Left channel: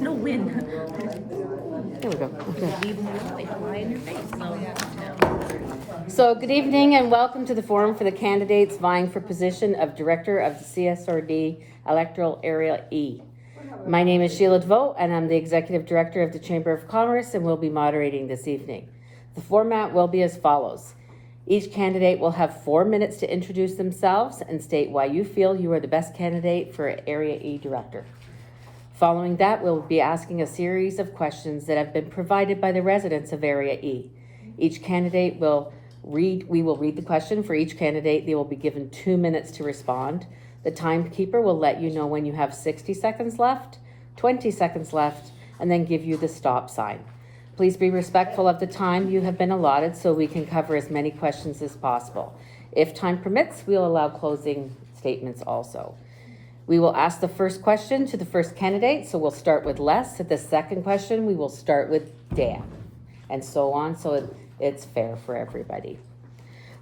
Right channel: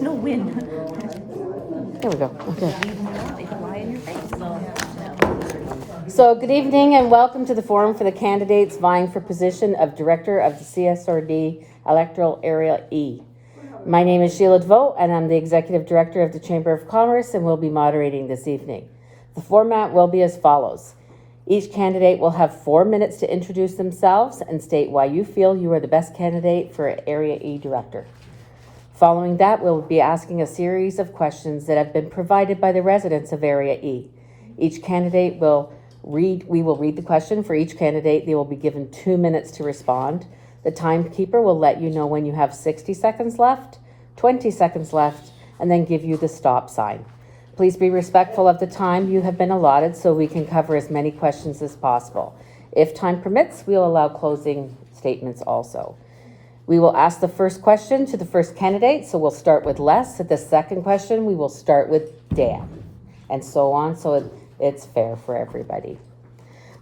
There's no wind. There we go. Okay. Leave them alone, they fly in your face. So good evening and welcome to the forum for the candidates vying for position of Director of the CSRD Electoral Area E. My name is Sheila DeVoe and I'm the Executive Director of the Chamber of Commerce and will be moderating this evening. The format will be as follows. Each candidate will have 4 minutes to introduce themselves and state why you feel you are the best candidate for Area E Director. Following that, we'll be asking a series of questions that have been provided by the residents of Area E. Each candidate we will read the question for each candidate. They will be given 2 minutes to respond. The timekeeper will let you know when you have 60 seconds left, 20 seconds left, and then give you the stop sign. Please be respectful of the time you have been allotted so we can cover as many questions as possible. If time permits, we'll allow closing statements also. We will ask the first question to the first candidate, so we'll start with Les. At the second question, we will start with Dan, and so on, so it's fair for everybody.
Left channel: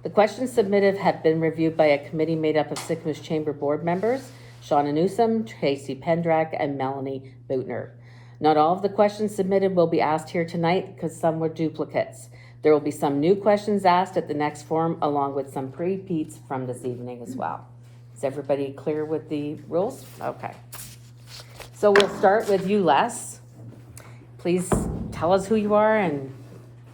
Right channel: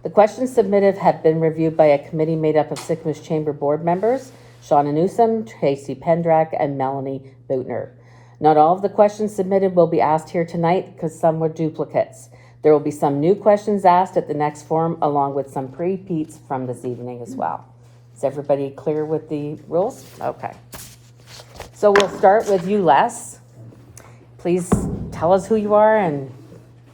The questions submitted have been reviewed by a committee made up of Sycamus Chamber board members, Shauna Newsom, Tracy Pendrak, and Melanie Boutner. Not all of the questions submitted will be asked here tonight because some were duplicates. There will be some new questions asked at the next forum, along with some repeats from this evening as well. Is everybody clear with the rules? Okay. So we'll start with you, Les. Please tell us who you are and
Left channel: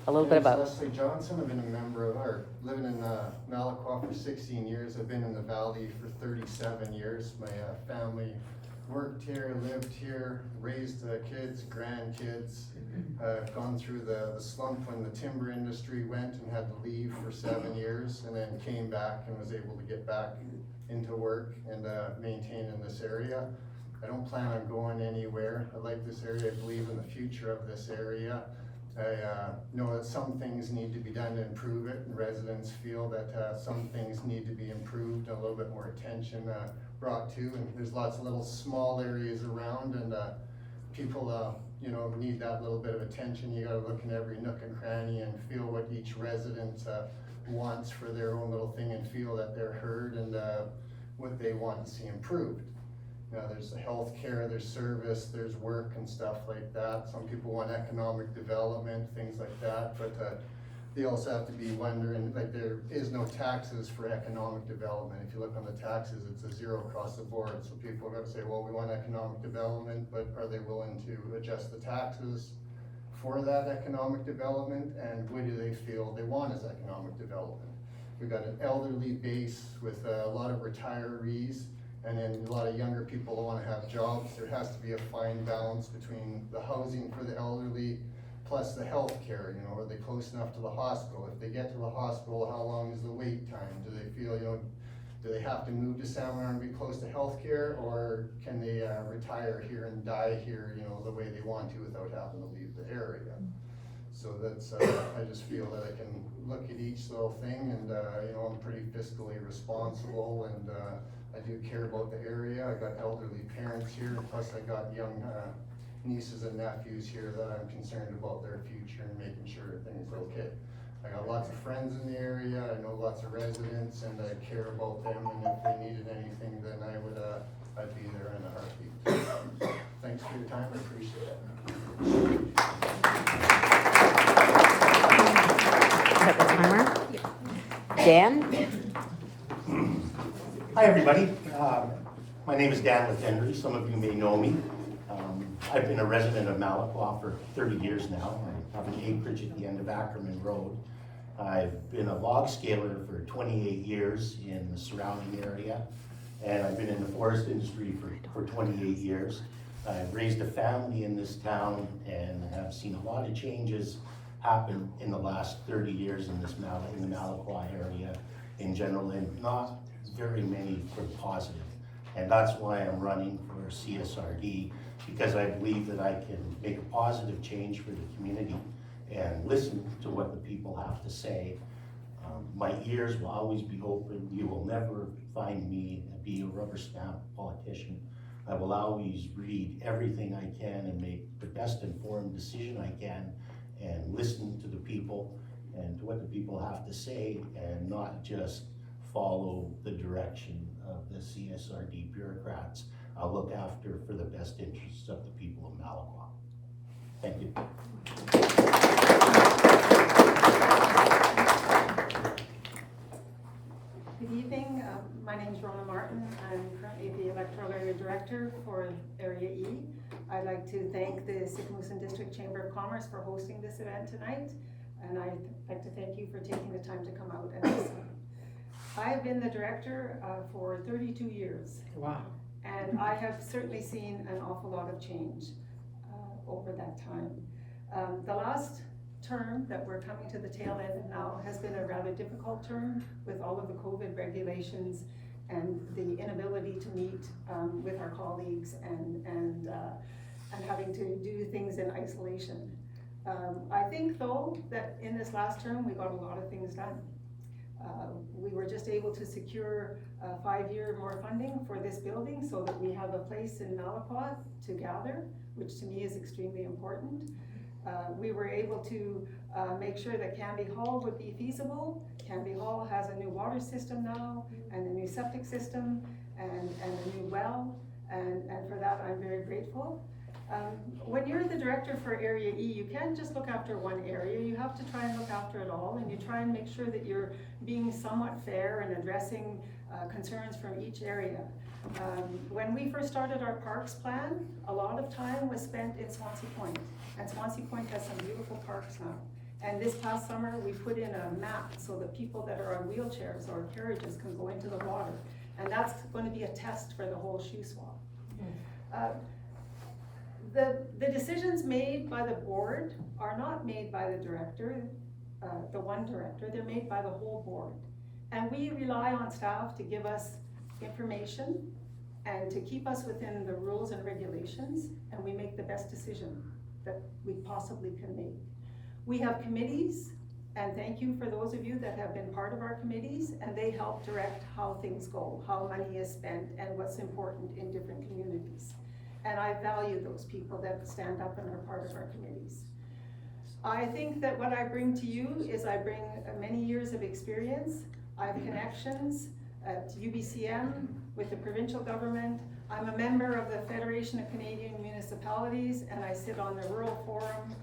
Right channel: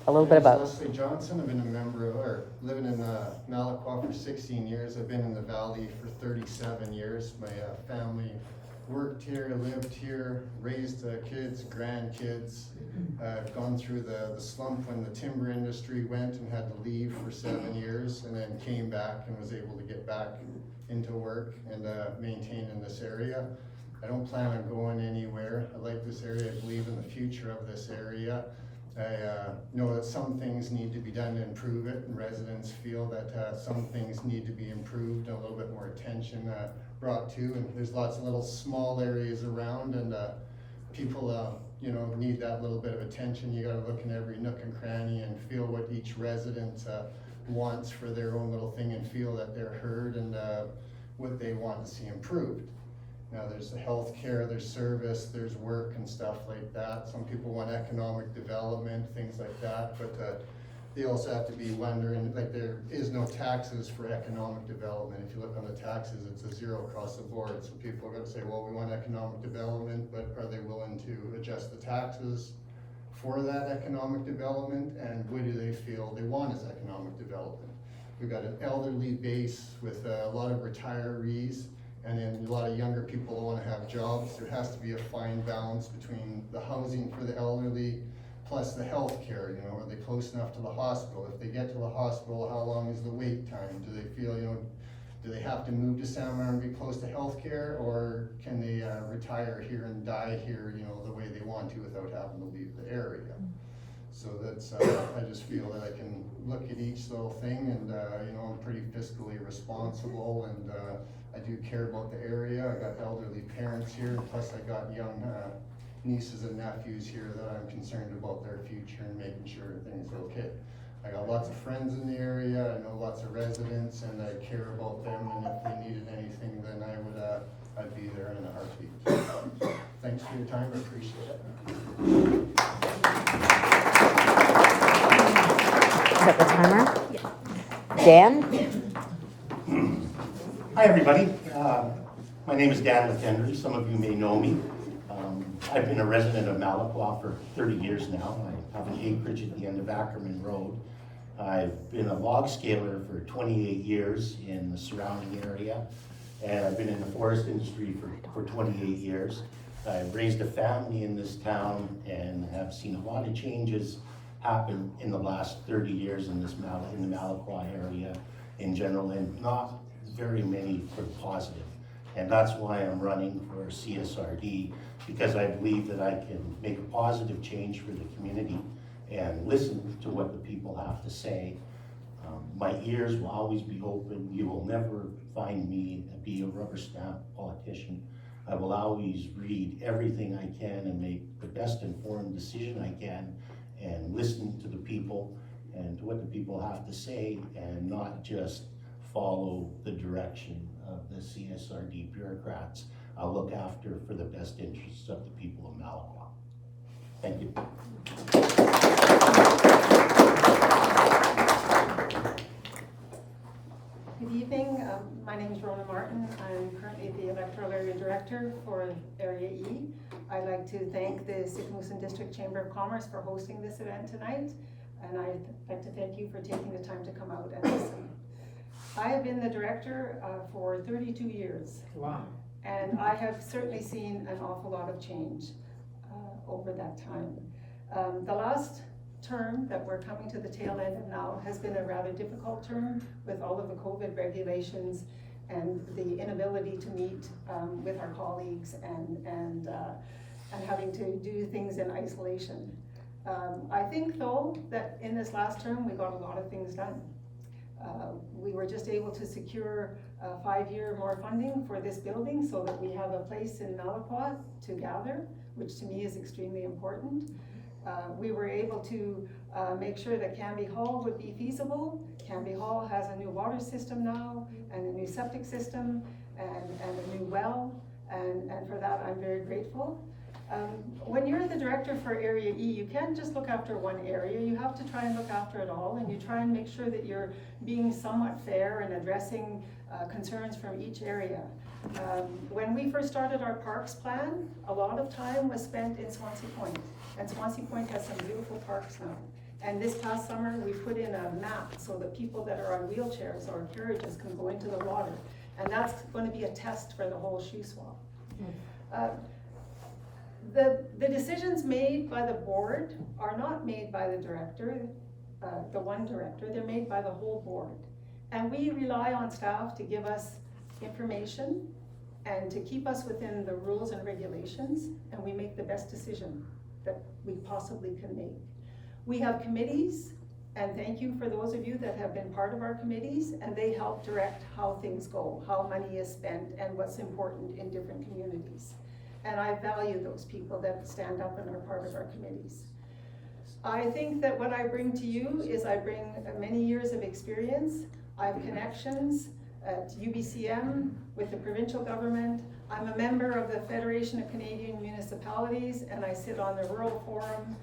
a little bit about. Leslie Johnson. I've been a member of, or living in Malaqua for 16 years. I've been in the valley for 37 years. My family worked here, lived here, raised kids, grandkids. I've gone through the slump when the timber industry went and had to leave for 7 years, and then came back and was able to get back into work and maintain in this area. I don't plan on going anywhere. I like this area. I believe in the future of this area. I know that some things need to be done to improve it, and residents feel that some things need to be improved and a little bit more attention brought to. And there's lots of little small areas around, and people need that little bit of attention. You gotta look in every nook and cranny and feel what each resident wants for their own little thing and feel that they're heard and what they want to see improved. Now there's the health care, there's service, there's work and stuff like that. Some people want economic development, things like that, but they also have to be wondering, like, there is no taxes for economic development. If you look on the taxes, it's a zero across the board. So people are gonna say, well, we want economic development, but are they willing to adjust the taxes for that economic development? And what do they feel they want as economic development? We've got an elderly base with a lot of retirees, and then a lot of younger people that want to have jobs. There has to be a fine balance between the housing for the elderly plus the health care. Are they close enough to the hospital? If they get to the hospital, how long is the wait time? Do they feel, do they have to move to San Marin and be close to health care, or can they retire here and die here, the way they want to without having to leave the area? So that's, I just feel that I can look at each little thing, and I'm pretty fiscally responsible, and I do care about the area. I got elderly parents here, plus I got young nieces and nephews here that I'm concerned about their future and making sure everything's okay. I got lots of friends in the area, I know lots of residents, and I care about them, and if they needed anything, then I'd be there in a heartbeat. Thanks for your time, I appreciate it. Dan? Hi everybody, my name is Dan Latendry. Some of you may know me. I've been a resident of Malaqua for 30 years now. I have an acreage at the end of Ackerman Road. I've been a log scaler for 28 years in the surrounding area, and I've been in the forest industry for 28 years. I've raised a family in this town and have seen a lot of changes happen in the last 30 years in the Malaqua area in general, and not very many for positive. And that's why I'm running for CSRD, because I believe that I can make a positive change for the community and listen to what the people have to say. My ears will always be open. You will never find me be a rubber stamp politician. I will always read everything I can and make the best informed decision I can, and listen to the people and to what the people have to say, and not just follow the direction of the CSRD bureaucrats. I'll look after for the best interests of the people of Malaqua. I'm currently the electoral area director for Area E. I'd like to thank the Sikamusin District Chamber of Commerce for hosting this event tonight, and I'd like to thank you for taking the time to come out and listen. I have been the director for 32 years. Wow. And I have certainly seen an awful lot of change over that time. The last term that we're coming to the tail end of now has been a rather difficult term with all of the COVID regulations and the inability to meet with our colleagues and having to do things in isolation. I think though that in this last term we got a lot of things done. We were just able to secure 5-year more funding for this building so that we have a place in Malakwa to gather, which to me is extremely important. We were able to make sure that Canby Hall would be feasible. Canby Hall has a new water system now and a new septic system and a new well, and for that I'm very grateful. When you're the director for Area E, you can't just look after one area, you have to try and look after it all, and you try and make sure that you're being somewhat fair and addressing concerns from each area. When we first started our parks plan, a lot of time was spent in Swansea Point, and Swansea Point has some beautiful parks now. And this past summer, we put in a map so that people that are on wheelchairs or carriages can go into the water, and that's going to be a test for the whole Shuswap. The decisions made by the board are not made by the director, the one director, they're made by the whole board. And we rely on staff to give us information and to keep us within the rules and regulations, and we make the best decision that we possibly can make. We have committees, and thank you for those of you that have been part of our committees, and they help direct how things go, how money is spent, and what's important in different communities. And I value those people that stand up and are part of our committees. I think that what I bring to you is I bring many years of experience. I have connections at UBCM with the provincial government. I'm a member of the Federation of Canadian Municipalities, and I sit on the Rural Forum,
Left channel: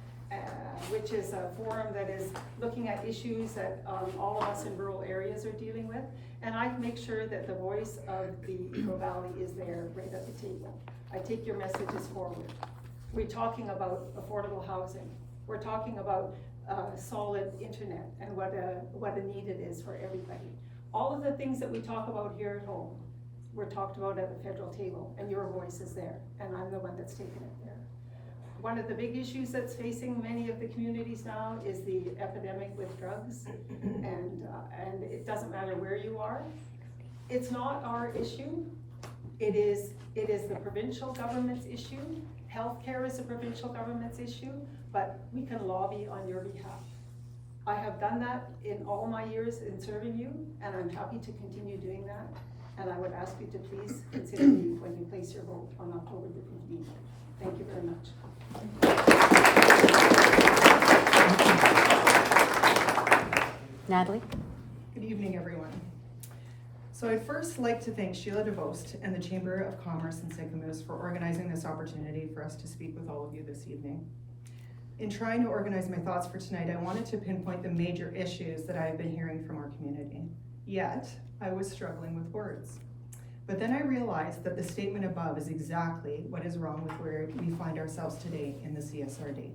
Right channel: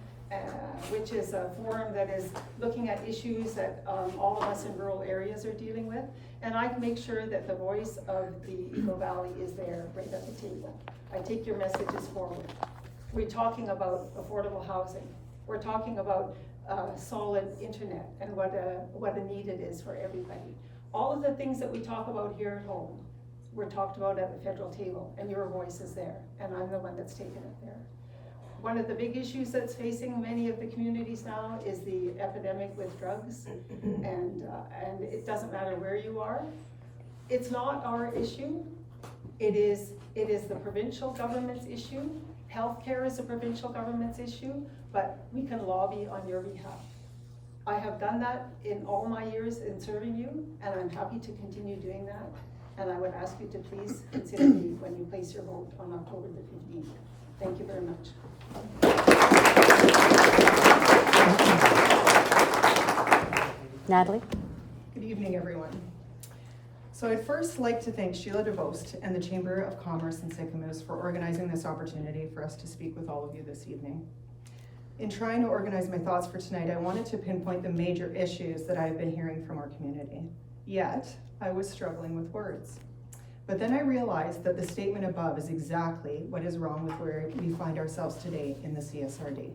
which is a forum that is looking at issues that all of us in rural areas are dealing with. And I make sure that the voice of the Eagle Valley is there right at the table. I take your messages forward. We're talking about affordable housing. We're talking about solid internet and what a need it is for everybody. All of the things that we talk about here at home were talked about at the federal table, and your voice is there, and I'm the one that's taken it there. One of the big issues that's facing many of the communities now is the epidemic with drugs, and it doesn't matter where you are. It's not our issue. It is the provincial government's issue. Healthcare is a provincial government's issue, but we can lobby on your behalf. I have done that in all my years in serving you, and I'm happy to continue doing that. And I would ask you to please consider me when you place your vote on October the 15th. Thank you very much. Natalie? Good evening, everyone. So I'd first like to thank Sheila DeVost and the Chamber of Commerce in Sicamous for organizing this opportunity for us to speak with all of you this evening. In trying to organize my thoughts for tonight, I wanted to pinpoint the major issues that I have been hearing from our community. Yet, I was struggling with words. But then I realized that the statement above is exactly what is wrong with where we find ourselves today in the CSRD.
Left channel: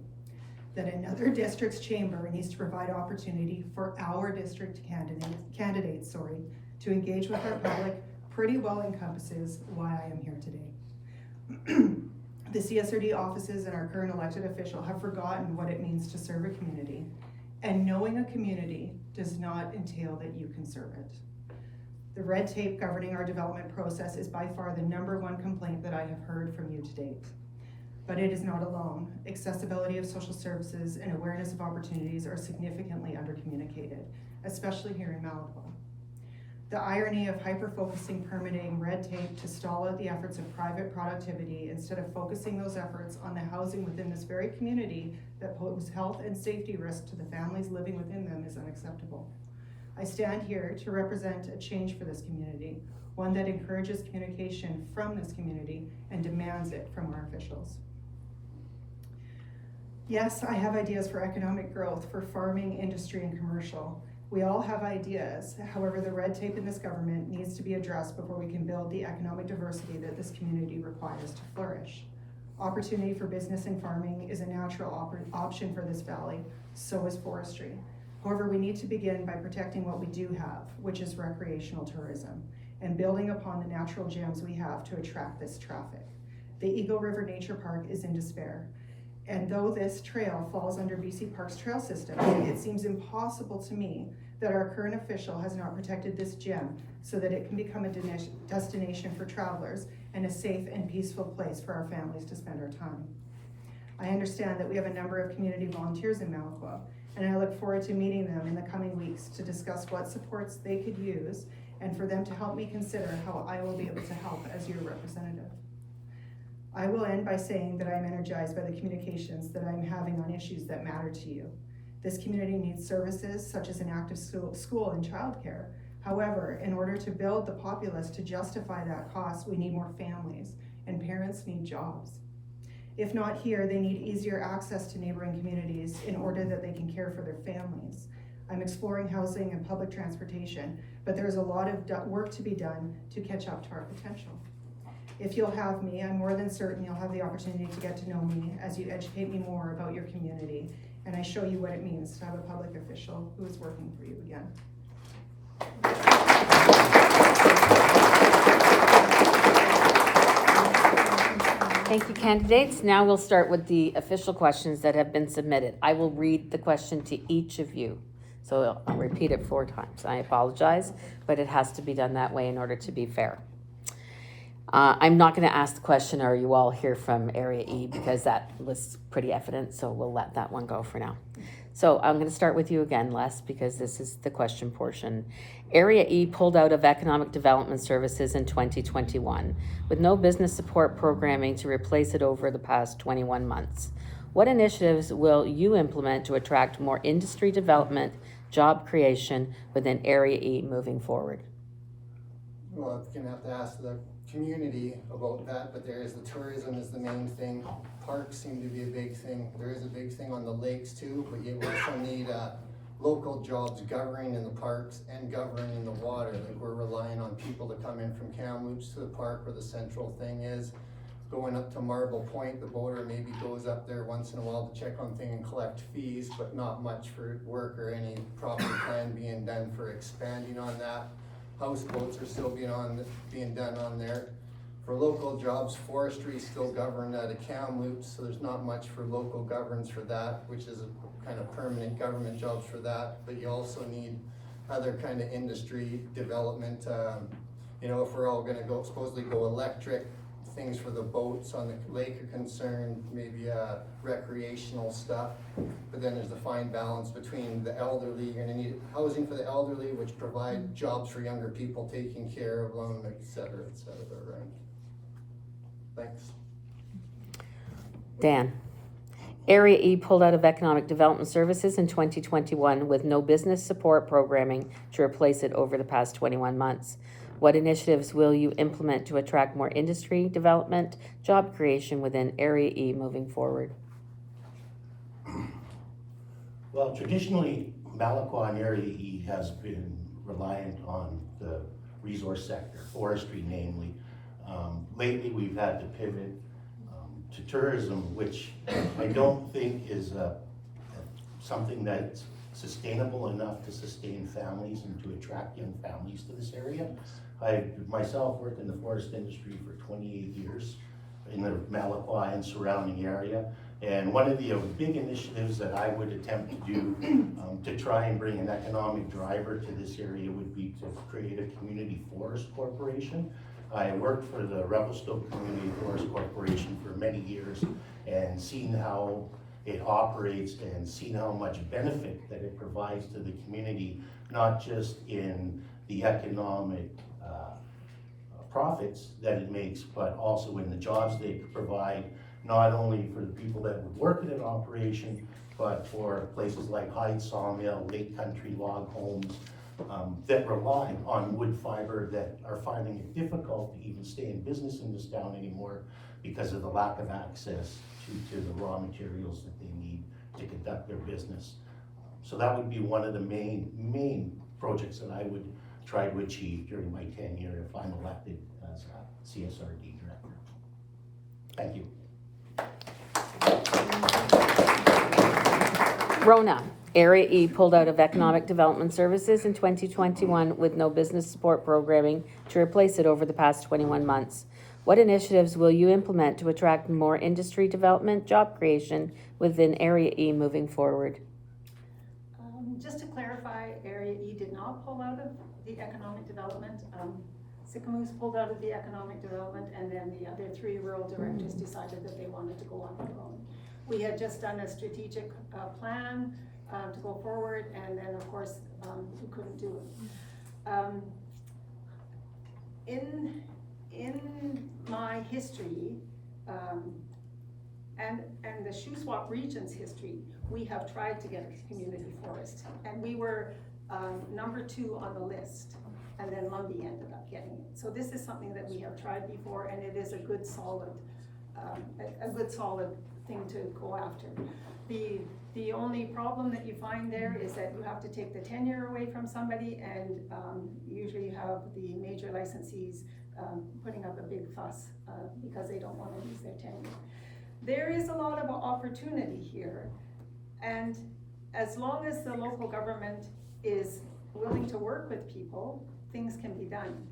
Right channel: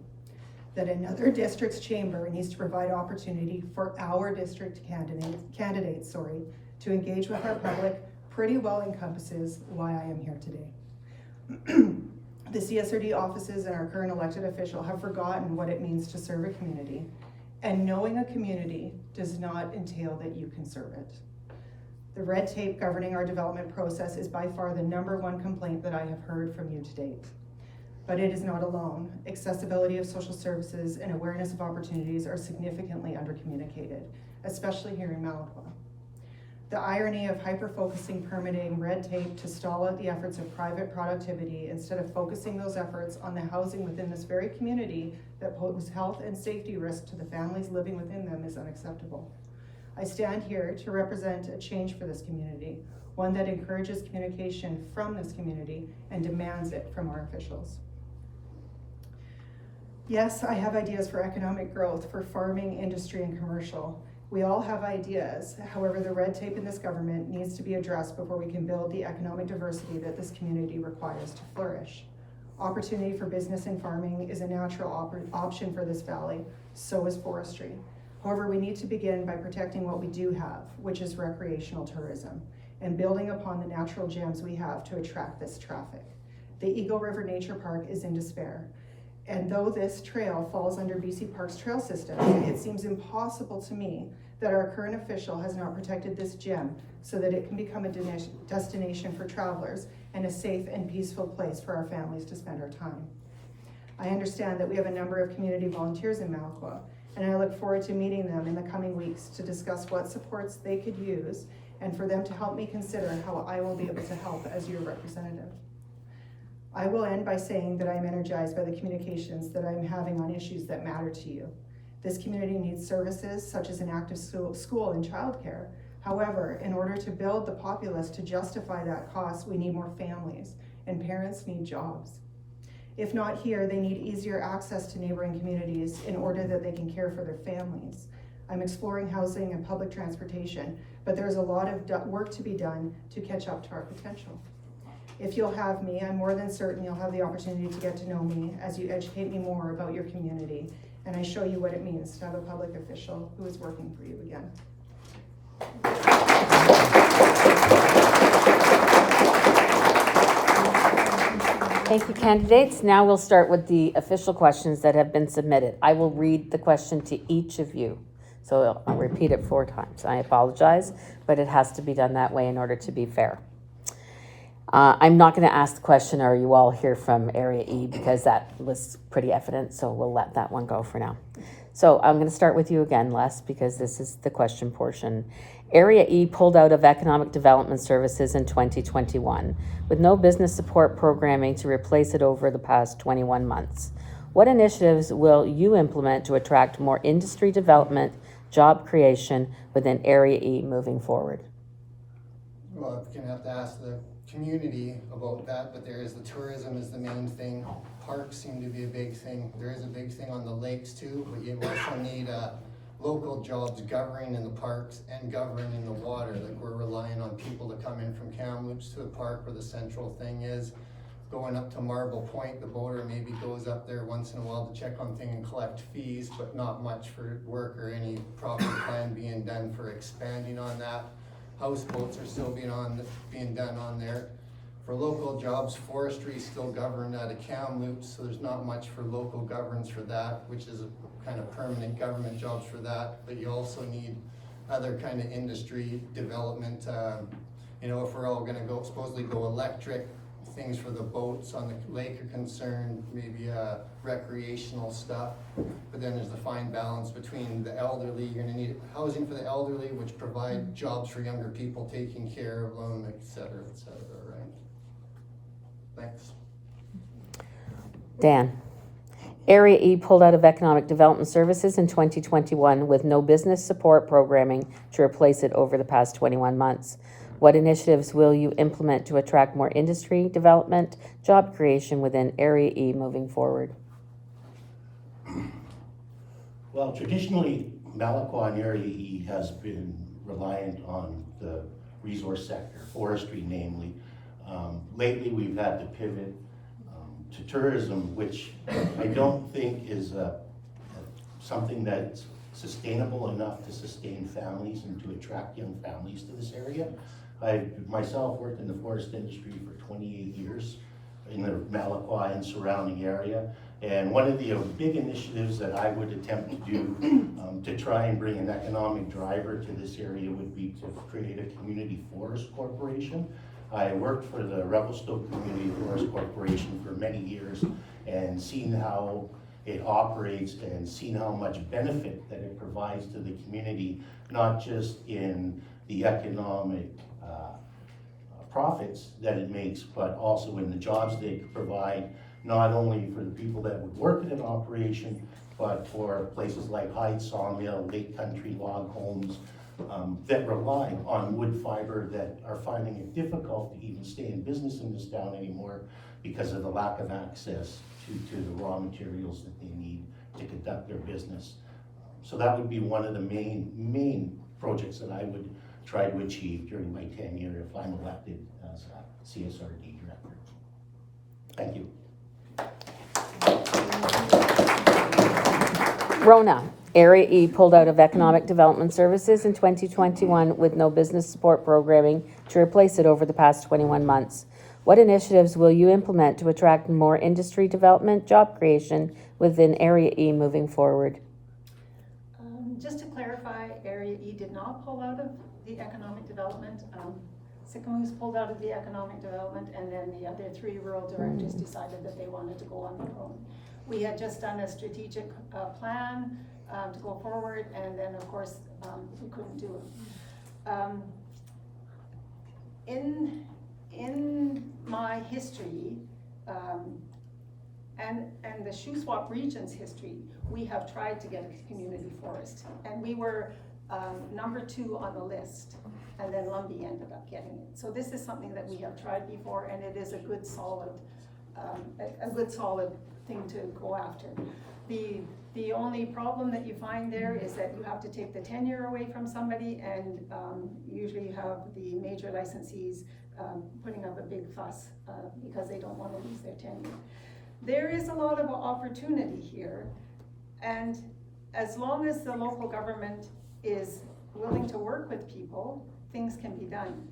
That another district's chamber needs to provide opportunity for our district candidates to engage with our public pretty well encompasses why I am here today. The CSRD offices and our current elected official have forgotten what it means to serve a community, and knowing a community does not entail that you can serve it. The red tape governing our development process is by far the #1 complaint that I have heard from you to date. But it is not alone. Accessibility of social services and awareness of opportunities are significantly undercommunicated, especially here in Malakwa. The irony of hyper-focusing permitting red tape to stall out the efforts of private productivity instead of focusing those efforts on the housing within this very community that pose health and safety risks to the families living within them is unacceptable. I stand here to represent a change for this community, one that encourages communication from this community and demands it from our officials. Yes, I have ideas for economic growth, for farming, industry, and commercial, We all have ideas, however, the red tape in this government needs to be addressed before we can build the economic diversity that this community requires to flourish. Opportunity for business and farming is a natural option for this valley, so is forestry. However, we need to begin by protecting what we do have, which is recreational tourism, and building upon the natural gems we have to attract this traffic. The Eagle River Nature Park is in despair. And though this trail falls under BC Parks Trail System, it seems impossible to me that our current official has not protected this gem so that it can become a destination for travelers and a safe and peaceful place for our families to spend our time. I understand that we have a number of community volunteers in Malaqua, and I look forward to meeting them in the coming weeks to discuss what supports they could use and for them to help me consider how I will be able to help as your representative. I will end by saying that I am energized by the communications that I'm having on issues that matter to you. This community needs services such as an active school and childcare. However, in order to build the populace to justify that cost, we need more families, and parents need jobs. If not here, they need easier access to neighboring communities in order that they can care for their families. I'm exploring housing and public transportation, but there's a lot of work to be done to catch up to our potential. If you'll have me, I'm more than certain you'll have the opportunity to get to know me as you educate me more about your community and I show you what it means to have a public official who is working for you again. Thank you, candidates. Now we'll start with the official questions that have been submitted. I will read the question to each of you. So I'll repeat it 4 times. I apologize, but it has to be done that way in order to be fair. I'm not going to ask the question, are you all here from Area E, because that was pretty evident, so we'll let that one go for now. So I'm going to start with you again, Les, because this is the question portion. Area E pulled out of economic development services in 2021 with no business support programming to replace it over the past 21 months. What initiatives will you implement to attract more industry development, job creation within Area E moving forward? Well, I'm gonna have to ask the community about that, but there is the tourism is the main thing. Parks seem to be a big thing. There is a big thing on the lakes too, but you also need local jobs governing in the parks and governing the water. Like we're relying on people to come in from Kamloops to the park where the central thing is. Going up to Marble Point, the boater maybe goes up there once in a while to check on things and collect fees, but not much for work or any proper plan being done for expanding on that. Houseboats are still being done on there. For local jobs, forestry is still governed out of Kamloops, so there's not much for local governance for that, which is a kind of permanent government jobs for that. But you also need other kind of industry development. You know, if we're all gonna supposedly go electric, things for the boats on the lake are concerned, maybe recreational stuff. But then there's the fine balance between the elderly. You're gonna need housing for the elderly, which provide jobs for younger people, taking care of them, et cetera, right? Thanks. Dan. Area E pulled out of economic development services in 2021 with no business support programming to replace it over the past 21 months. What initiatives will you implement to attract more industry development, job creation within Area E moving forward? Well, traditionally, Malaqua and Area E has been reliant on the resource sector, forestry namely. Lately, we've had to pivot to tourism, which I don't think is something that's sustainable enough to sustain families and to attract young families to this area. I myself worked in the forest industry for 28 years in the Malaqua and surrounding area. And one of the big initiatives that I would attempt to do to try and bring an economic driver to this area would be to create a community forest corporation. I worked for the Revelstoke Community Forest Corporation for many years and seen how it operates and seen how much benefit that it provides to the community, not just in the economic profits that it makes, but also in the jobs they provide, not only for the people that would work in an operation, but for places like Hyde Sawmill, Lake Country Log Homes, that rely on wood fiber that are finding it difficult to even stay in business in this town anymore because of the lack of access to the raw materials that they need to conduct their business. So that would be one of the main projects that I would try to achieve during my tenure if I'm elected as a CSRD director. Thank you. Rona, Area E pulled out of Economic Development Services in 2021 with no business support programming to replace it over the past 21 months. What initiatives will you implement to attract more industry development, job creation within Area E moving forward? Just to clarify, Area E did not pull out of the economic development. Sycamoose pulled out of the economic development, and then the other 3 rural directors decided that they wanted to go on their own. We had just done a strategic plan to go forward, and then of course we couldn't do it. In my history, and the Shuswap region's history, we have tried to get a community forest, and we were number 2 on the list, and then Lumbee ended up getting it. So this is something that we have tried before, and it is a good solid thing to go after. The only problem that you find there is that you have to take the tenure away from somebody, and usually you have the major licensees putting up a big fuss because they don't want to lose their tenure. There is a lot of opportunity here, and as long as the local government is willing to work with people, things can be done.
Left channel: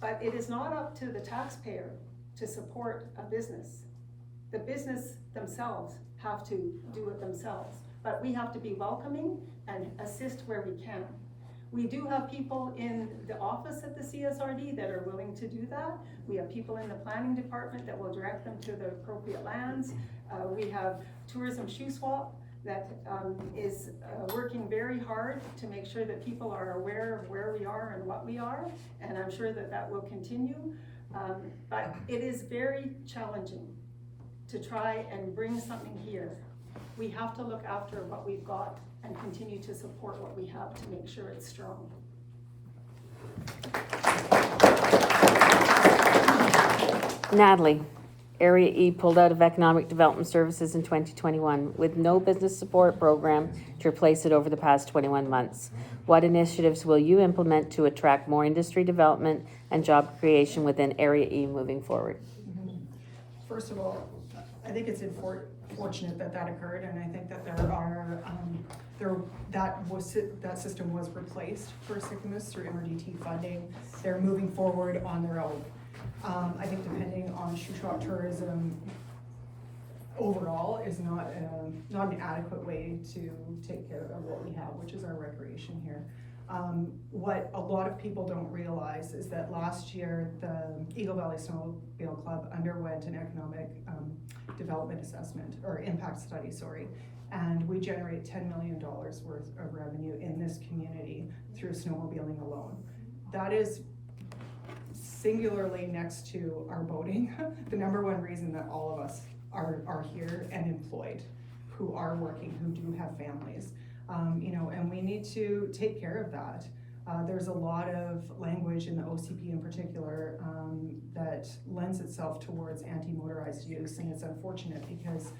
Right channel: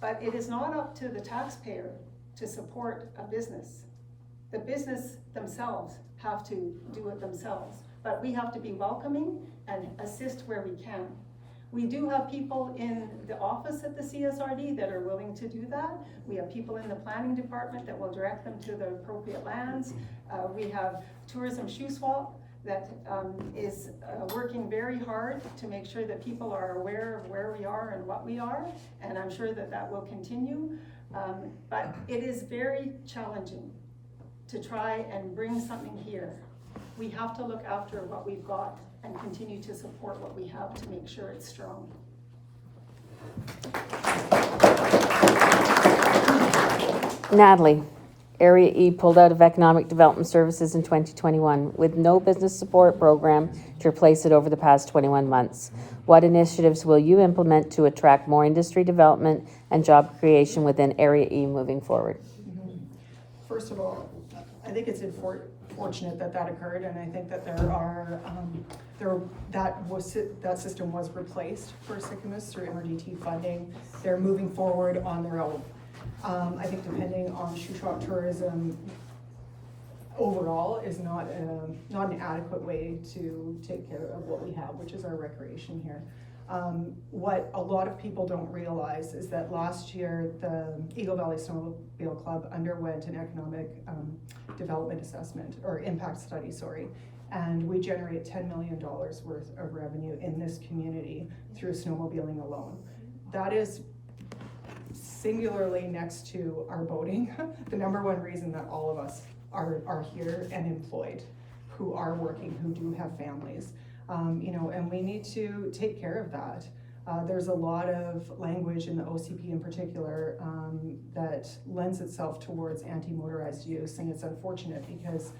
But it is not up to the taxpayer to support a business. The business themselves have to do it themselves, but we have to be welcoming and assist where we can. We do have people in the office at the CSRD that are willing to do that. We have people in the planning department that will direct them to the appropriate lands. We have Tourism Shuswap that is working very hard to make sure that people are aware of where we are and what we are, and I'm sure that that will continue. But it is very challenging to try and bring something here. We have to look after what we've got and continue to support what we have to make sure it's strong. Natalie, Area E pulled out of Economic Development Services in 2021 with no business support program to replace it over the past 21 months. What initiatives will you implement to attract more industry development and job creation within Area E moving forward? First of all, I think it's fortunate that that occurred, and I think that that system was replaced for Sycamoose through MRDT funding. They're moving forward on their own. I think depending on Shuswap tourism overall is not an adequate way to take care of what we have, which is our recreation here. What a lot of people don't realize is that last year the Eagle Valley Snowmobile Club underwent an economic development assessment, or impact study, sorry, and we generate $10 million worth of revenue in this community through snowmobiling alone. That is singularly next to our boating, the number one reason that all of us are here and employed, who are working, who do have families. And we need to take care of that. There's a lot of language in the OCP in particular that lends itself towards anti-motorized use, and it's unfortunate because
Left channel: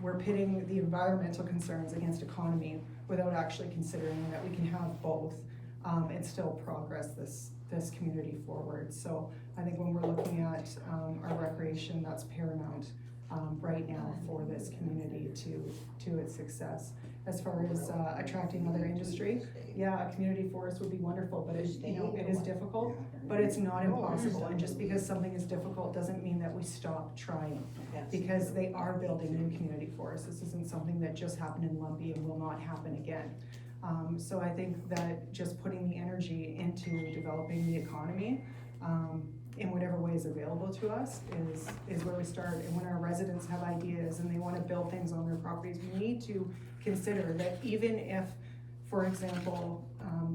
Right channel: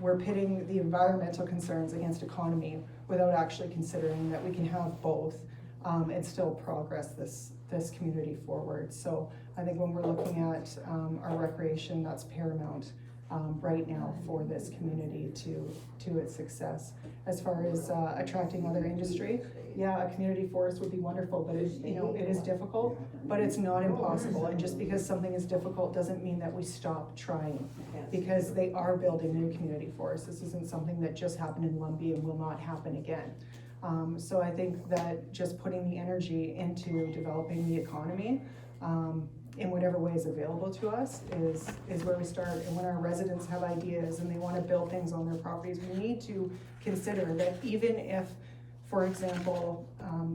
we're pitting the environmental concerns against economy without actually considering that we can have both and still progress this community forward. So I think when we're looking at our recreation, that's paramount right now for this community to its success. As far as attracting other industry, yeah, a community forest would be wonderful, but it is difficult, but it's not impossible. And just because something is difficult doesn't mean that we stop trying, because they are building new community forests. This isn't something that just happened in Lumbee and will not happen again. So I think that just putting the energy into developing the economy in whatever way is available to us is where we start. And when our residents have ideas and they want to build things on their properties, we need to consider that even if, for example,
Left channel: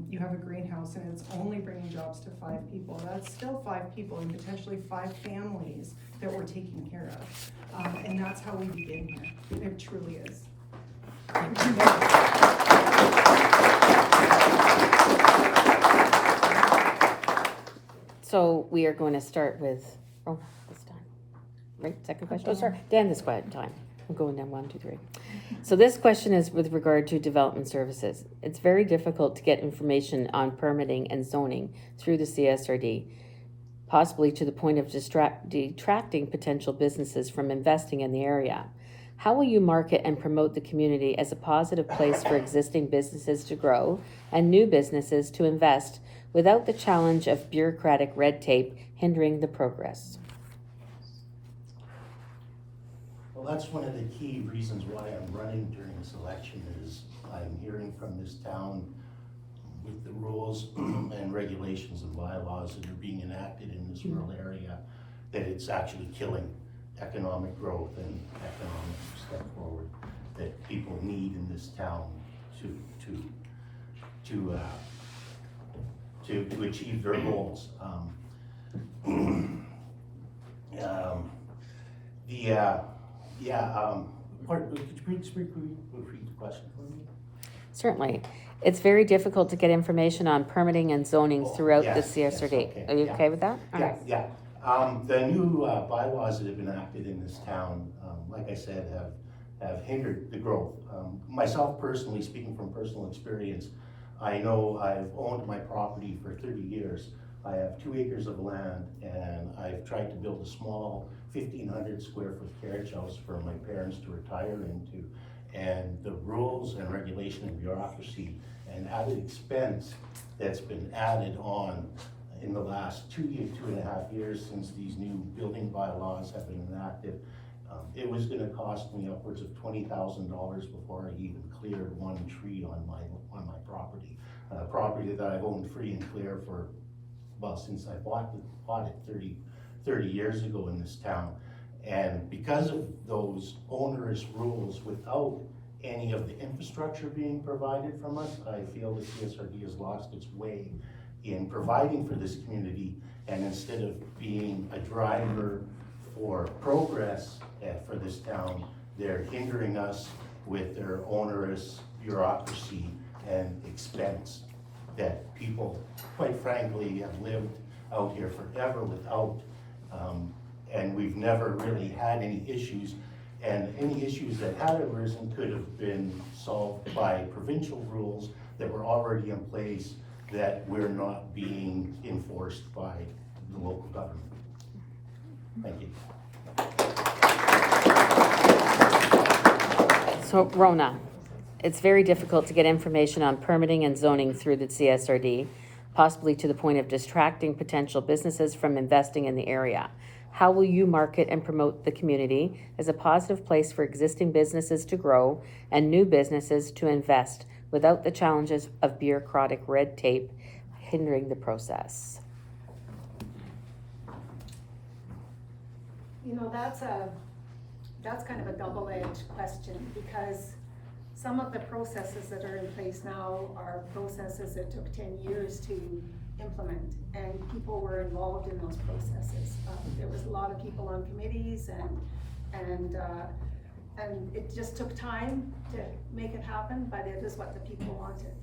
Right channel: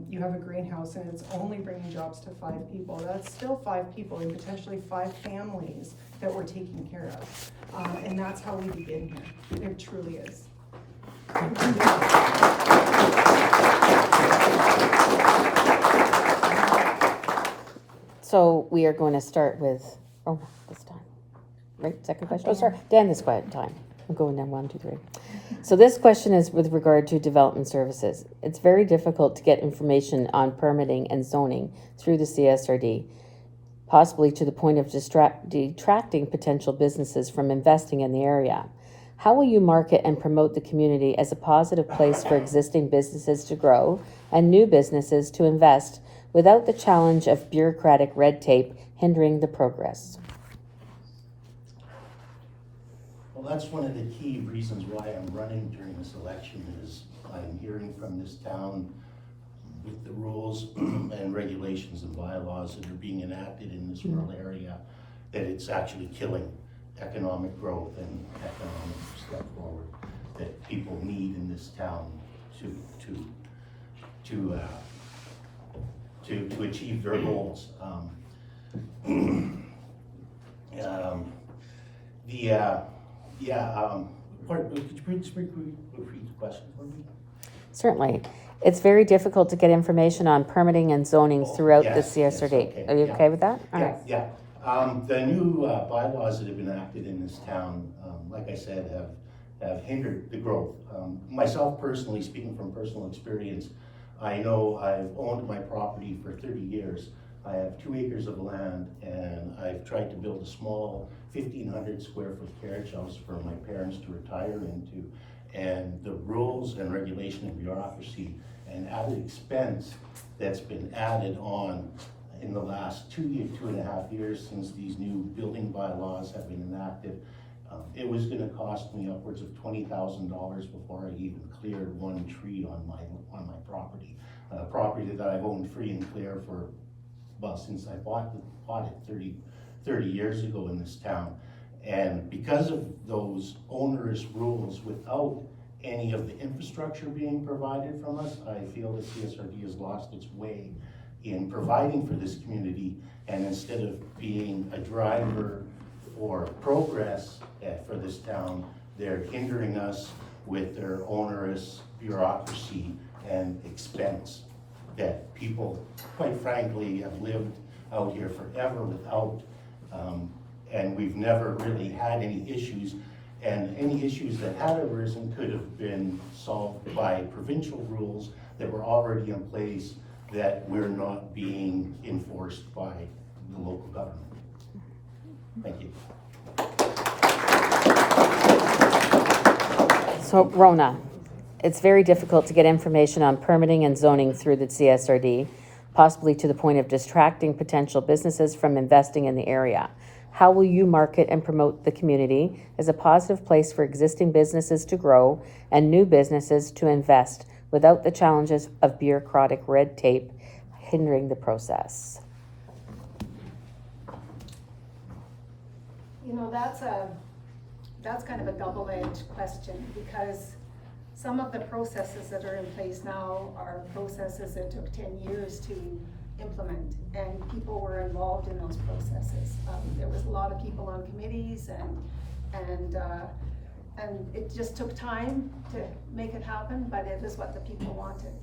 you have a greenhouse and it's only bringing jobs to 5 people, that's still 5 people and potentially 5 families that we're taking care of. And that's how we begin here. It truly is. So we are going to start with Rona this time. Right, second question? Oh, sorry, Dan this time. I'm going down 1, 2, 3. So this question is with regard to development services. It's very difficult to get information on permitting and zoning through the CSRD, possibly to the point of detracting potential businesses from investing in the area. How will you market and promote the community as a positive place for existing businesses to grow and new businesses to invest without the challenge of bureaucratic red tape hindering the progress? Well, that's one of the key reasons why I'm running during this election is I'm hearing from this town with the rules and regulations and bylaws that are being enacted in this rural area, that it's actually killing economic growth and economic step forward that people need in this town to achieve their goals. Could you repeat the question for me? Certainly. It's very difficult to get information on permitting and zoning throughout the Yes, yes, CSRD. okay, Are you yeah. okay with that? All right. Yeah. The new bylaws that have been enacted in this town, like I said, have hindered the growth. Myself personally, speaking from personal experience, I know I've owned my property for 30 years. I have 2 acres of land, and I've tried to build a small 1,500 square foot carriage house for my parents to retire into. And the rules and regulation and bureaucracy and added expense that's been added on in the last 2.5 years since these new building bylaws have been enacted, it was gonna cost me upwards of $20,000 before I even cleared one tree on my property. A property that I've owned free and clear for, well, since I bought it 30 years ago in this town. And because of those onerous rules, without any of the infrastructure being provided from us, I feel that CSRD has lost its way in providing for this community, and instead of being a driver for progress for this town, they're hindering us with their onerous bureaucracy and expense that people, quite frankly, have lived out here forever without, and we've never really had any issues, and any issues that had arisen could have been solved by provincial rules that were already in place that we're not being enforced by the local government. Thank you. So Rona, it's very difficult to get information on permitting and zoning through the CSRD, possibly to the point of distracting potential businesses from investing in the area. How will you market and promote the community as a positive place for existing businesses to grow and new businesses to invest without the challenges of bureaucratic red tape hindering the process? You know, that's kind of a double-edged question, because some of the processes that are in place now are processes that took 10 years to implement, and people were involved in those processes. There was a lot of people on committees, and it just took time to make it happen, but it is what the people wanted.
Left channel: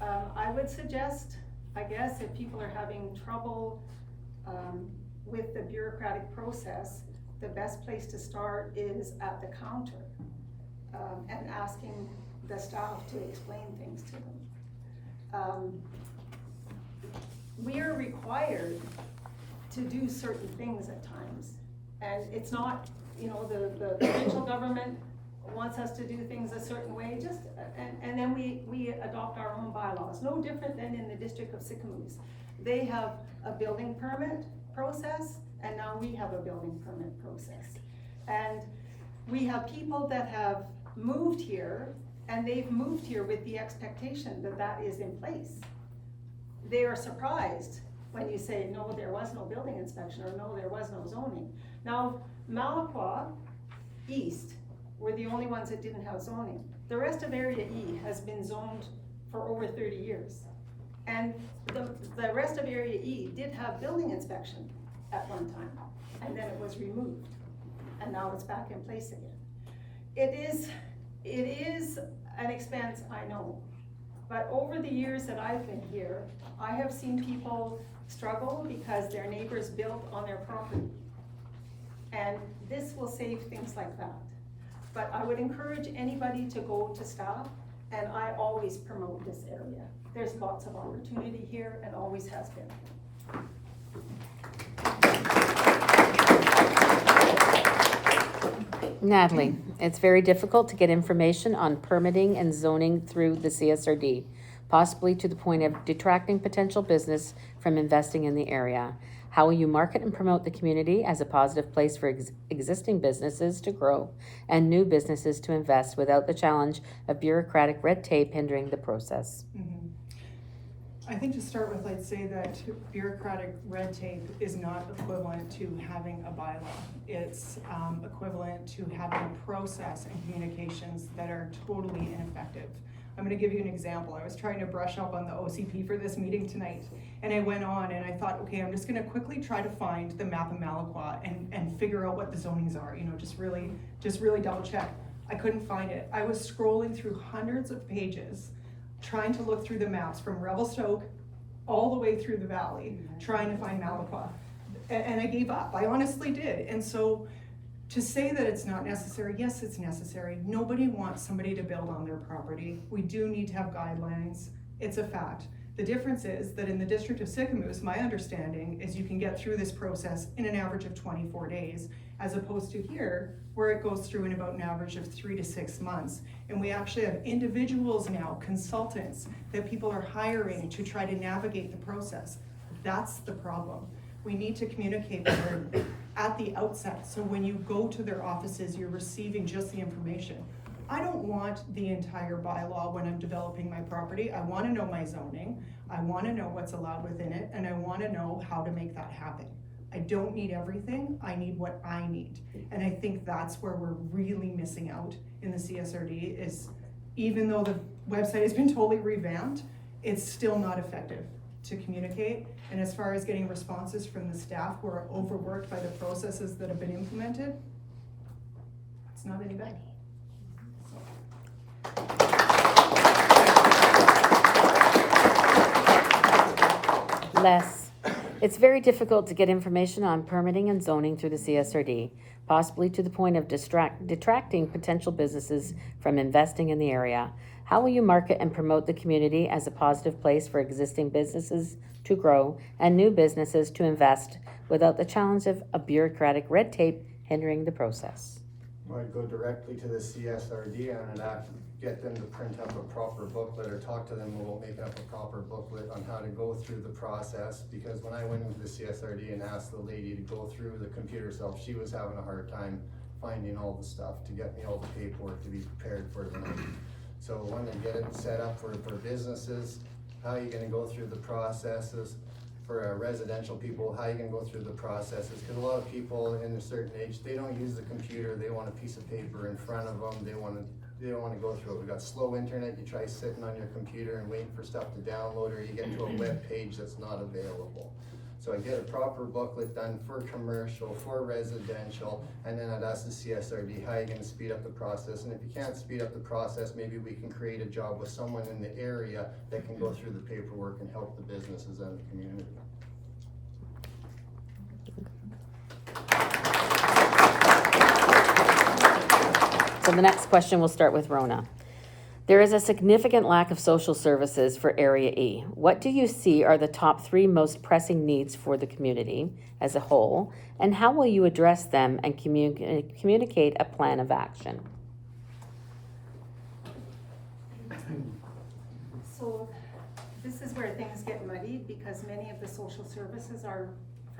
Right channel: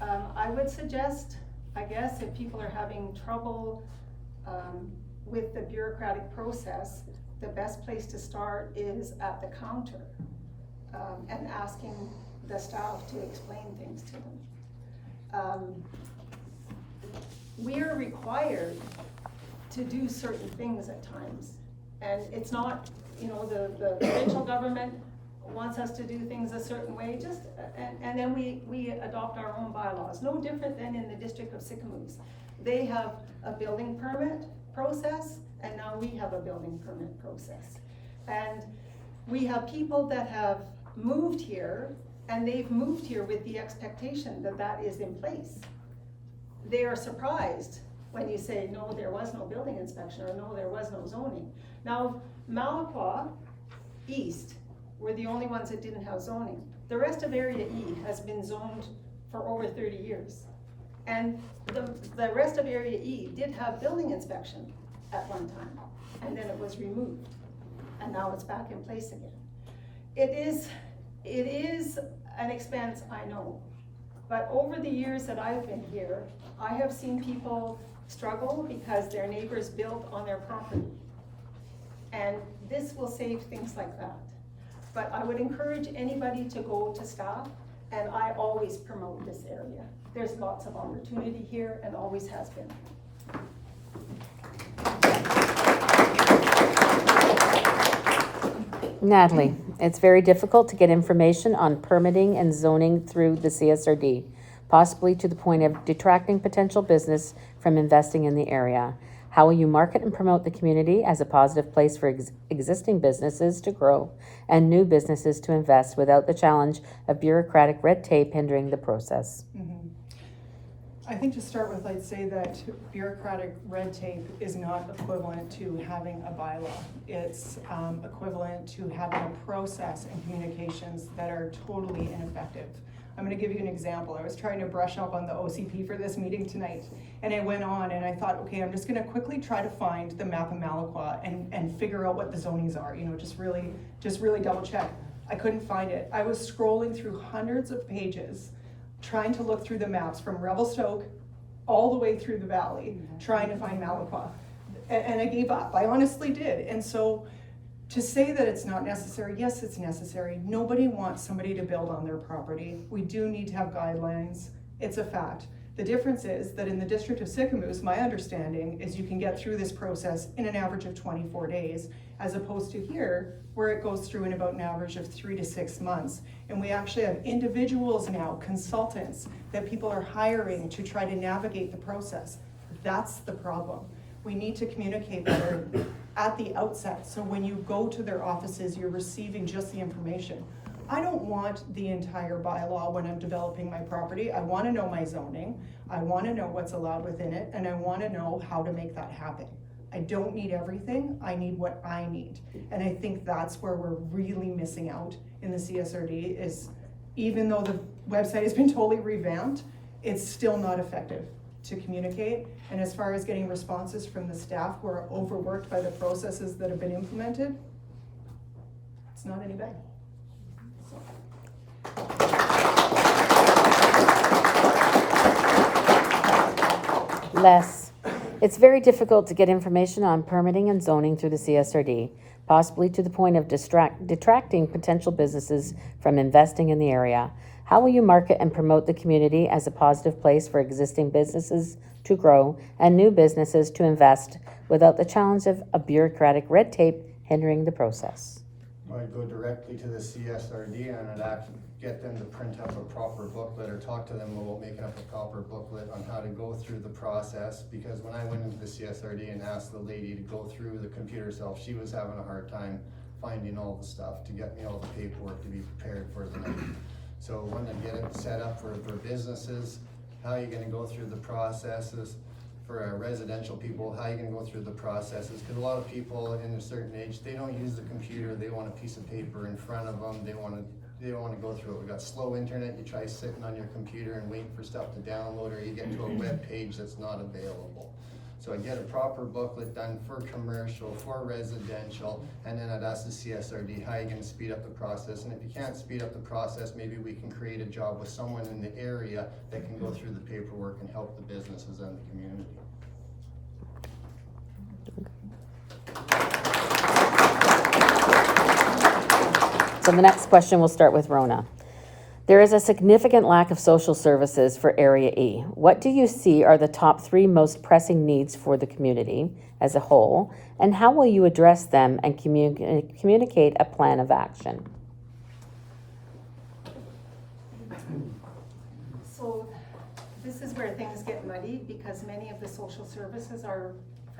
I would suggest, I guess, if people are having trouble with the bureaucratic process, the best place to start is at the counter, and asking the staff to explain things to them. We are required to do certain things at times, and it's not, you know, the provincial government wants us to do things a certain way, and then we adopt our own bylaws, no different than in the District of Sicamous. They have a building permit process, and now we have a building permit process. And we have people that have moved here, and they've moved here with the expectation that that is in place. They are surprised when you say, no, there was no building inspection, or no, there was no zoning. Now, Malaqua East were the only ones that didn't have zoning. The rest of Area E has been zoned for over 30 years. And the rest of Area E did have building inspection at one time, and then it was removed, and now it's back in place again. It is an expense, I know, but over the years that I've been here, I have seen people struggle because their neighbors built on their property, and this will save things like that. But I would encourage anybody to go to staff, and I always promote this area. There's lots of opportunity here and always has been. Natalie, it's very difficult to get information on permitting and zoning through the CSRD, possibly to the point of detracting potential business from investing in the area. How will you market and promote the community as a positive place for existing businesses to grow and new businesses to invest without the challenge of bureaucratic red tape hindering the process? I think to start with, I'd say that bureaucratic red tape is not equivalent to having a bylaw. It's equivalent to having a process and communications that are totally ineffective. I'm gonna give you an example. I was trying to brush up on the OCP for this meeting tonight, and I went on and I thought, okay, I'm just gonna quickly try to find the map of Malaqua and figure out what the zonings are, you know, just really double check. I couldn't find it. I was scrolling through hundreds of pages, trying to look through the maps from Revelstoke all the way through the valley, trying to find Malaqua. And I gave up, I honestly did. And so to say that it's not necessary, yes, it's necessary. Nobody wants somebody to build on their property. We do need to have guidelines. It's a fact. The difference is that in the District of Sicamous, my understanding is you can get through this process in an average of 24 days, as opposed to here, where it goes through in about an average of 3 to 6 months. And we actually have individuals now, consultants, that people are hiring to try to navigate the process. That's the problem. We need to communicate better at the outset, so when you go to their offices, you're receiving just the information. I don't want the entire bylaw when I'm developing my property. I wanna know my zoning, I wanna know what's allowed within it, and I wanna know how to make that happen. I don't need everything, I need what I need. And I think that's where we're really missing out in the CSRD, is even though the website has been totally revamped, it's still not effective to communicate. And as far as getting responses from the staff who are overworked by the processes that have been implemented, it's not any better. Les, it's very difficult to get information on permitting and zoning through the CSRD, possibly to the point of detracting potential businesses from investing in the area. How will you market and promote the community as a positive place for existing businesses to grow and new businesses to invest without the challenge of a bureaucratic red tape hindering the process? Well, I'd go directly to the CSRD and I'd get them to print up a proper booklet or talk to them about making up a proper booklet on how to go through the process. Because when I went into the CSRD and asked the lady to go through the computer herself, she was having a hard time finding all the stuff to get me all the paperwork to be prepared for the night. So when they get it set up for businesses, how are you gonna go through the processes? For residential people, how are you gonna go through the processes? Because a lot of people in a certain age, they don't use the computer, they want a piece of paper in front of them, they don't wanna go through it. We got slow internet, you try sitting on your computer and waiting for stuff to download, or you get to a web page that's not available. So I get a proper booklet done for commercial, for residential, and then I'd ask the CSRD, how are you gonna speed up the process? And if you can't speed up the process, maybe we can create a job with someone in the area that can go through the paperwork and help the businesses and the community. So the next question, we'll start with Rona. There is a significant lack of social services for Area E. What do you see are the top 3 most pressing needs for the community as a whole, and how will you address them and communicate a plan of action? So this is where things get muddy, because many of the social services are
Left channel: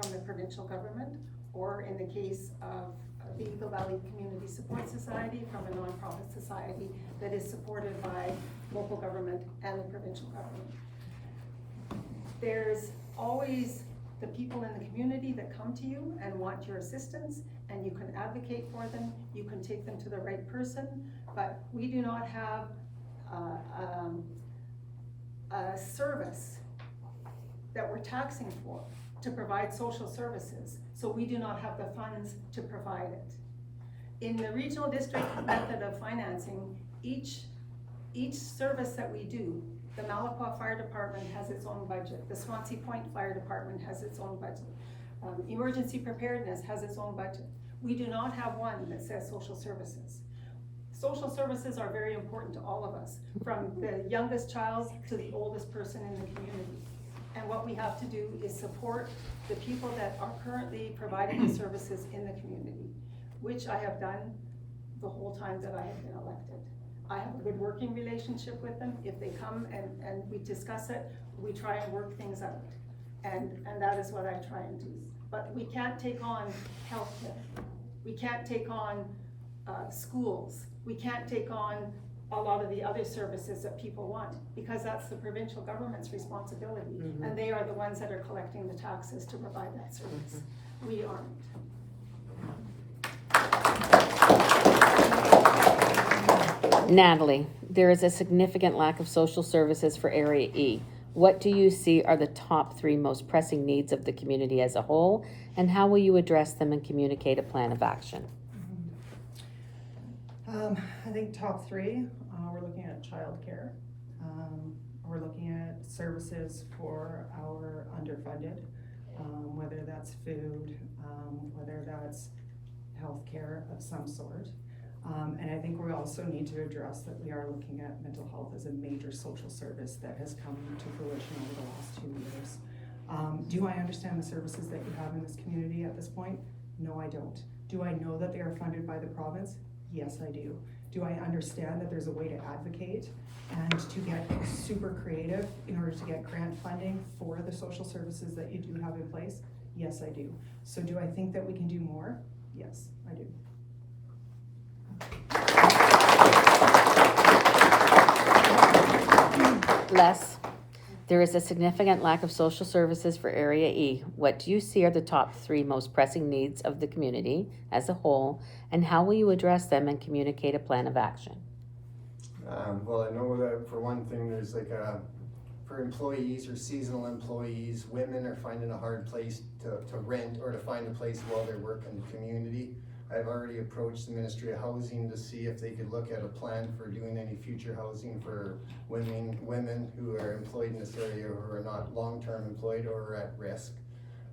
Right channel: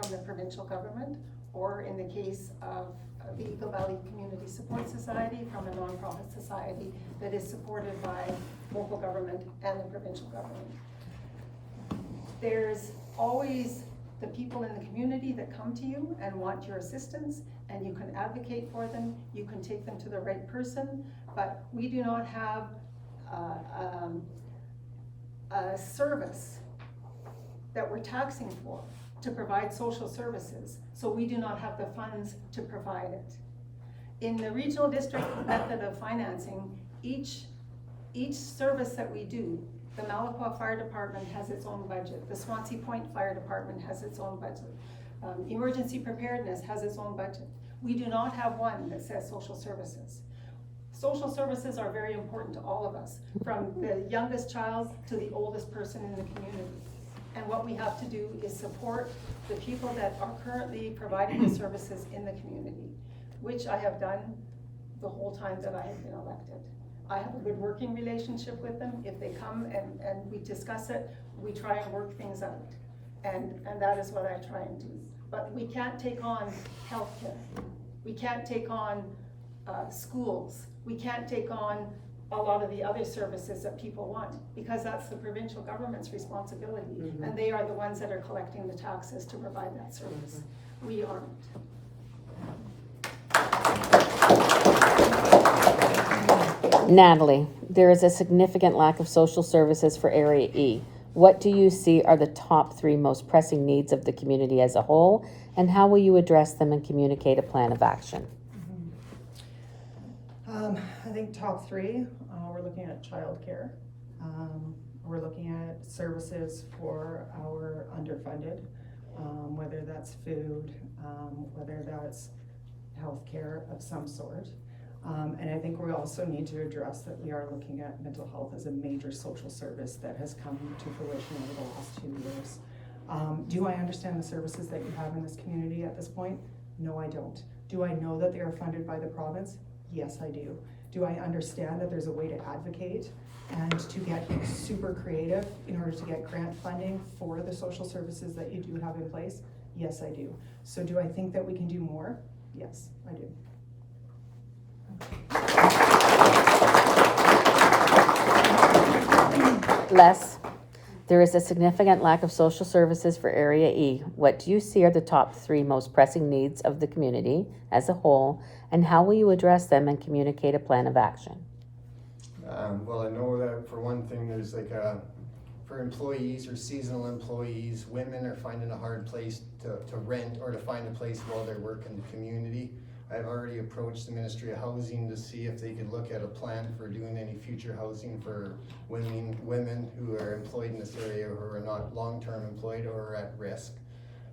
from the provincial government, or in the case of the Eagle Valley Community Support Society, from a nonprofit society that is supported by local government and the provincial government. There's always the people in the community that come to you and want your assistance, and you can advocate for them, you can take them to the right person, but we do not have a service that we're taxing for to provide social services, so we do not have the funds to provide it. In the regional district method of financing, each service that we do, the Malaqua Fire Department has its own budget, the Swansea Point Fire Department has its own budget, emergency preparedness has its own budget. We do not have one that says social services. Social services are very important to all of us, from the youngest child to the oldest person in the community. And what we have to do is support the people that are currently providing the services in the community, which I have done the whole time that I have been elected. I have a good working relationship with them. If they come and we discuss it, we try and work things out. And that is what I try and do. But we can't take on healthcare. We can't take on schools. We can't take on a lot of the other services that people want, because that's the provincial government's responsibility. And they are the ones that are collecting the taxes to provide that service. We aren't. Natalie, there is a significant lack of social services for Area E. What do you see are the top 3 most pressing needs of the community as a whole, and how will you address them and communicate a plan of action? I think top 3, we're looking at childcare. We're looking at services for our underfunded, whether that's food, whether that's healthcare of some sort. And I think we also need to address that we are looking at mental health as a major social service that has come to fruition over the last 2 years. Do I understand the services that you have in this community at this point? No, I don't. Do I know that they are funded by the province? Yes, I do. Do I understand that there's a way to advocate and to get super creative in order to get grant funding for the social services that you do have in place? Yes, I do. So do I think that we can do more? Yes, I do. Les, there is a significant lack of social services for Area E. What do you see are the top 3 most pressing needs of the community as a whole, and how will you address them and communicate a plan of action? Well, I know that for one thing, there's like for employees or seasonal employees, women are finding a hard place to rent or to find a place while they work in the community. I've already approached the Ministry of Housing to see if they could look at a plan for doing any future housing for women who are employed in this area who are not long-term employed or are at risk.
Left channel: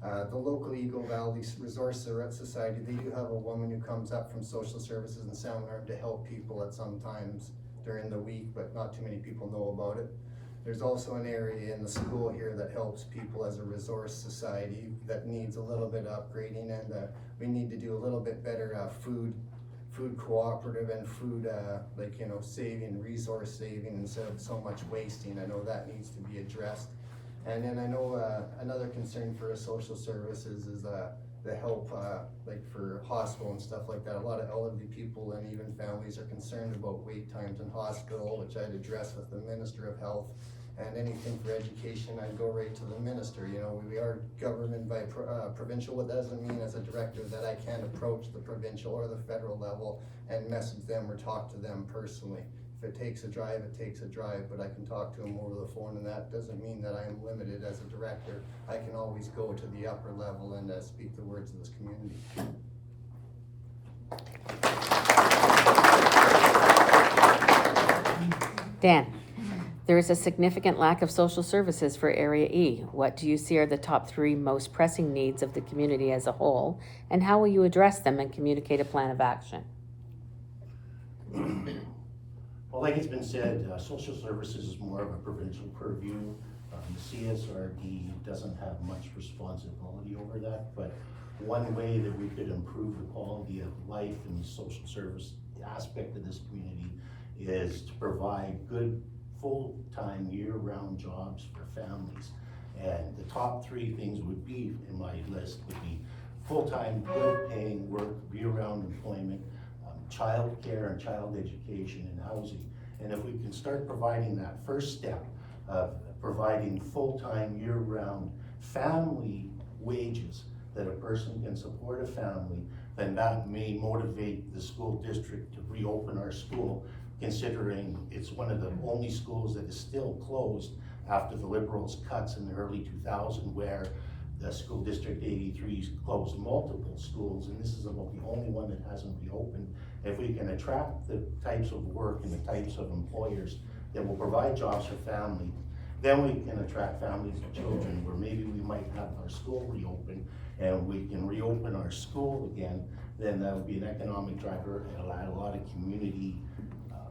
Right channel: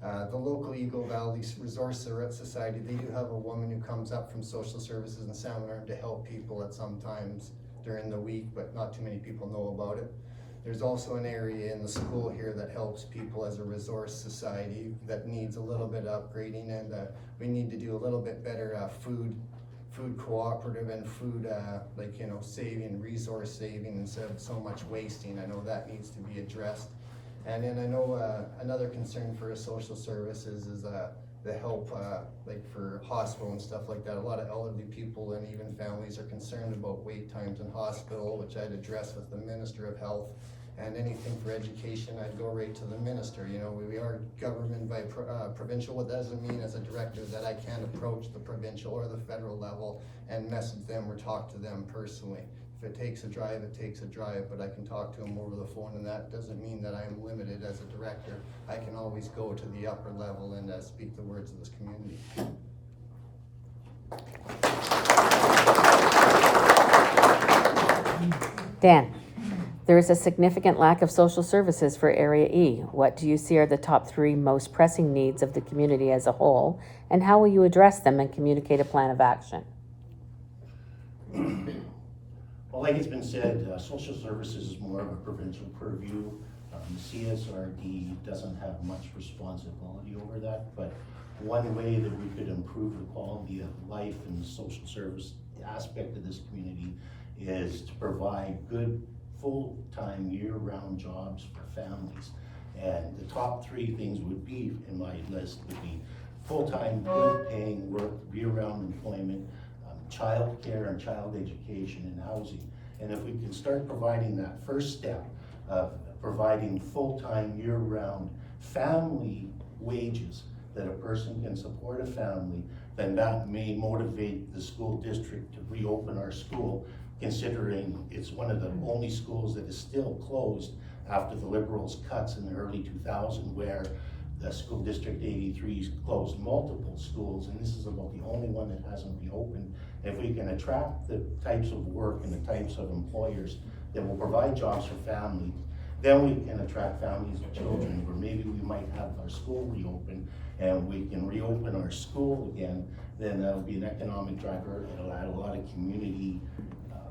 The local Eagle Valley Resource Society, they do have a woman who comes up from social services in San Bernardino to help people at some times during the week, but not too many people know about it. There's also an area in the school here that helps people as a resource society that needs a little bit of upgrading, and we need to do a little bit better food cooperative and food saving, resource saving instead of so much wasting. I know that needs to be addressed. And then I know another concern for social services is the help like for hospital and stuff like that. A lot of elderly people and even families are concerned about wait times in hospital, which I'd address with the Minister of Health. And anything for education, I'd go right to the minister. You know, we are government by provincial. What doesn't mean as a director that I can't approach the provincial or the federal level and message them or talk to them personally. If it takes a drive, it takes a drive, but I can talk to them over the phone, and that doesn't mean that I am limited as a director. I can always go to the upper level and speak the words of this community. Dan, there is a significant lack of social services for Area E. What do you see are the top 3 most pressing needs of the community as a whole, and how will you address them and communicate a plan of action? Well, like it's been said, social services is more of a provincial purview. CSRD doesn't have much responsibility over that, but one way that we could improve the quality of life in the social service aspect of this community is to provide good full-time year-round jobs for families. And the top 3 things would be, in my list, would be full-time, good-paying work, year-round employment, child care and child education and housing. And if we can start providing that first step of providing full-time year-round family wages that a person can support a family, then that may motivate the school district to reopen our school, considering it's one of the only schools that is still closed after the Liberals' cuts in the early 2000s, where the school district 83 closed multiple schools, and this is about the only one that hasn't reopened. If we can attract the types of work and the types of employers that will provide jobs for families, then we can attract families with children, where maybe we might have our school reopen and we can reopen our school again. Then that would be an economic driver. It'll add a lot of community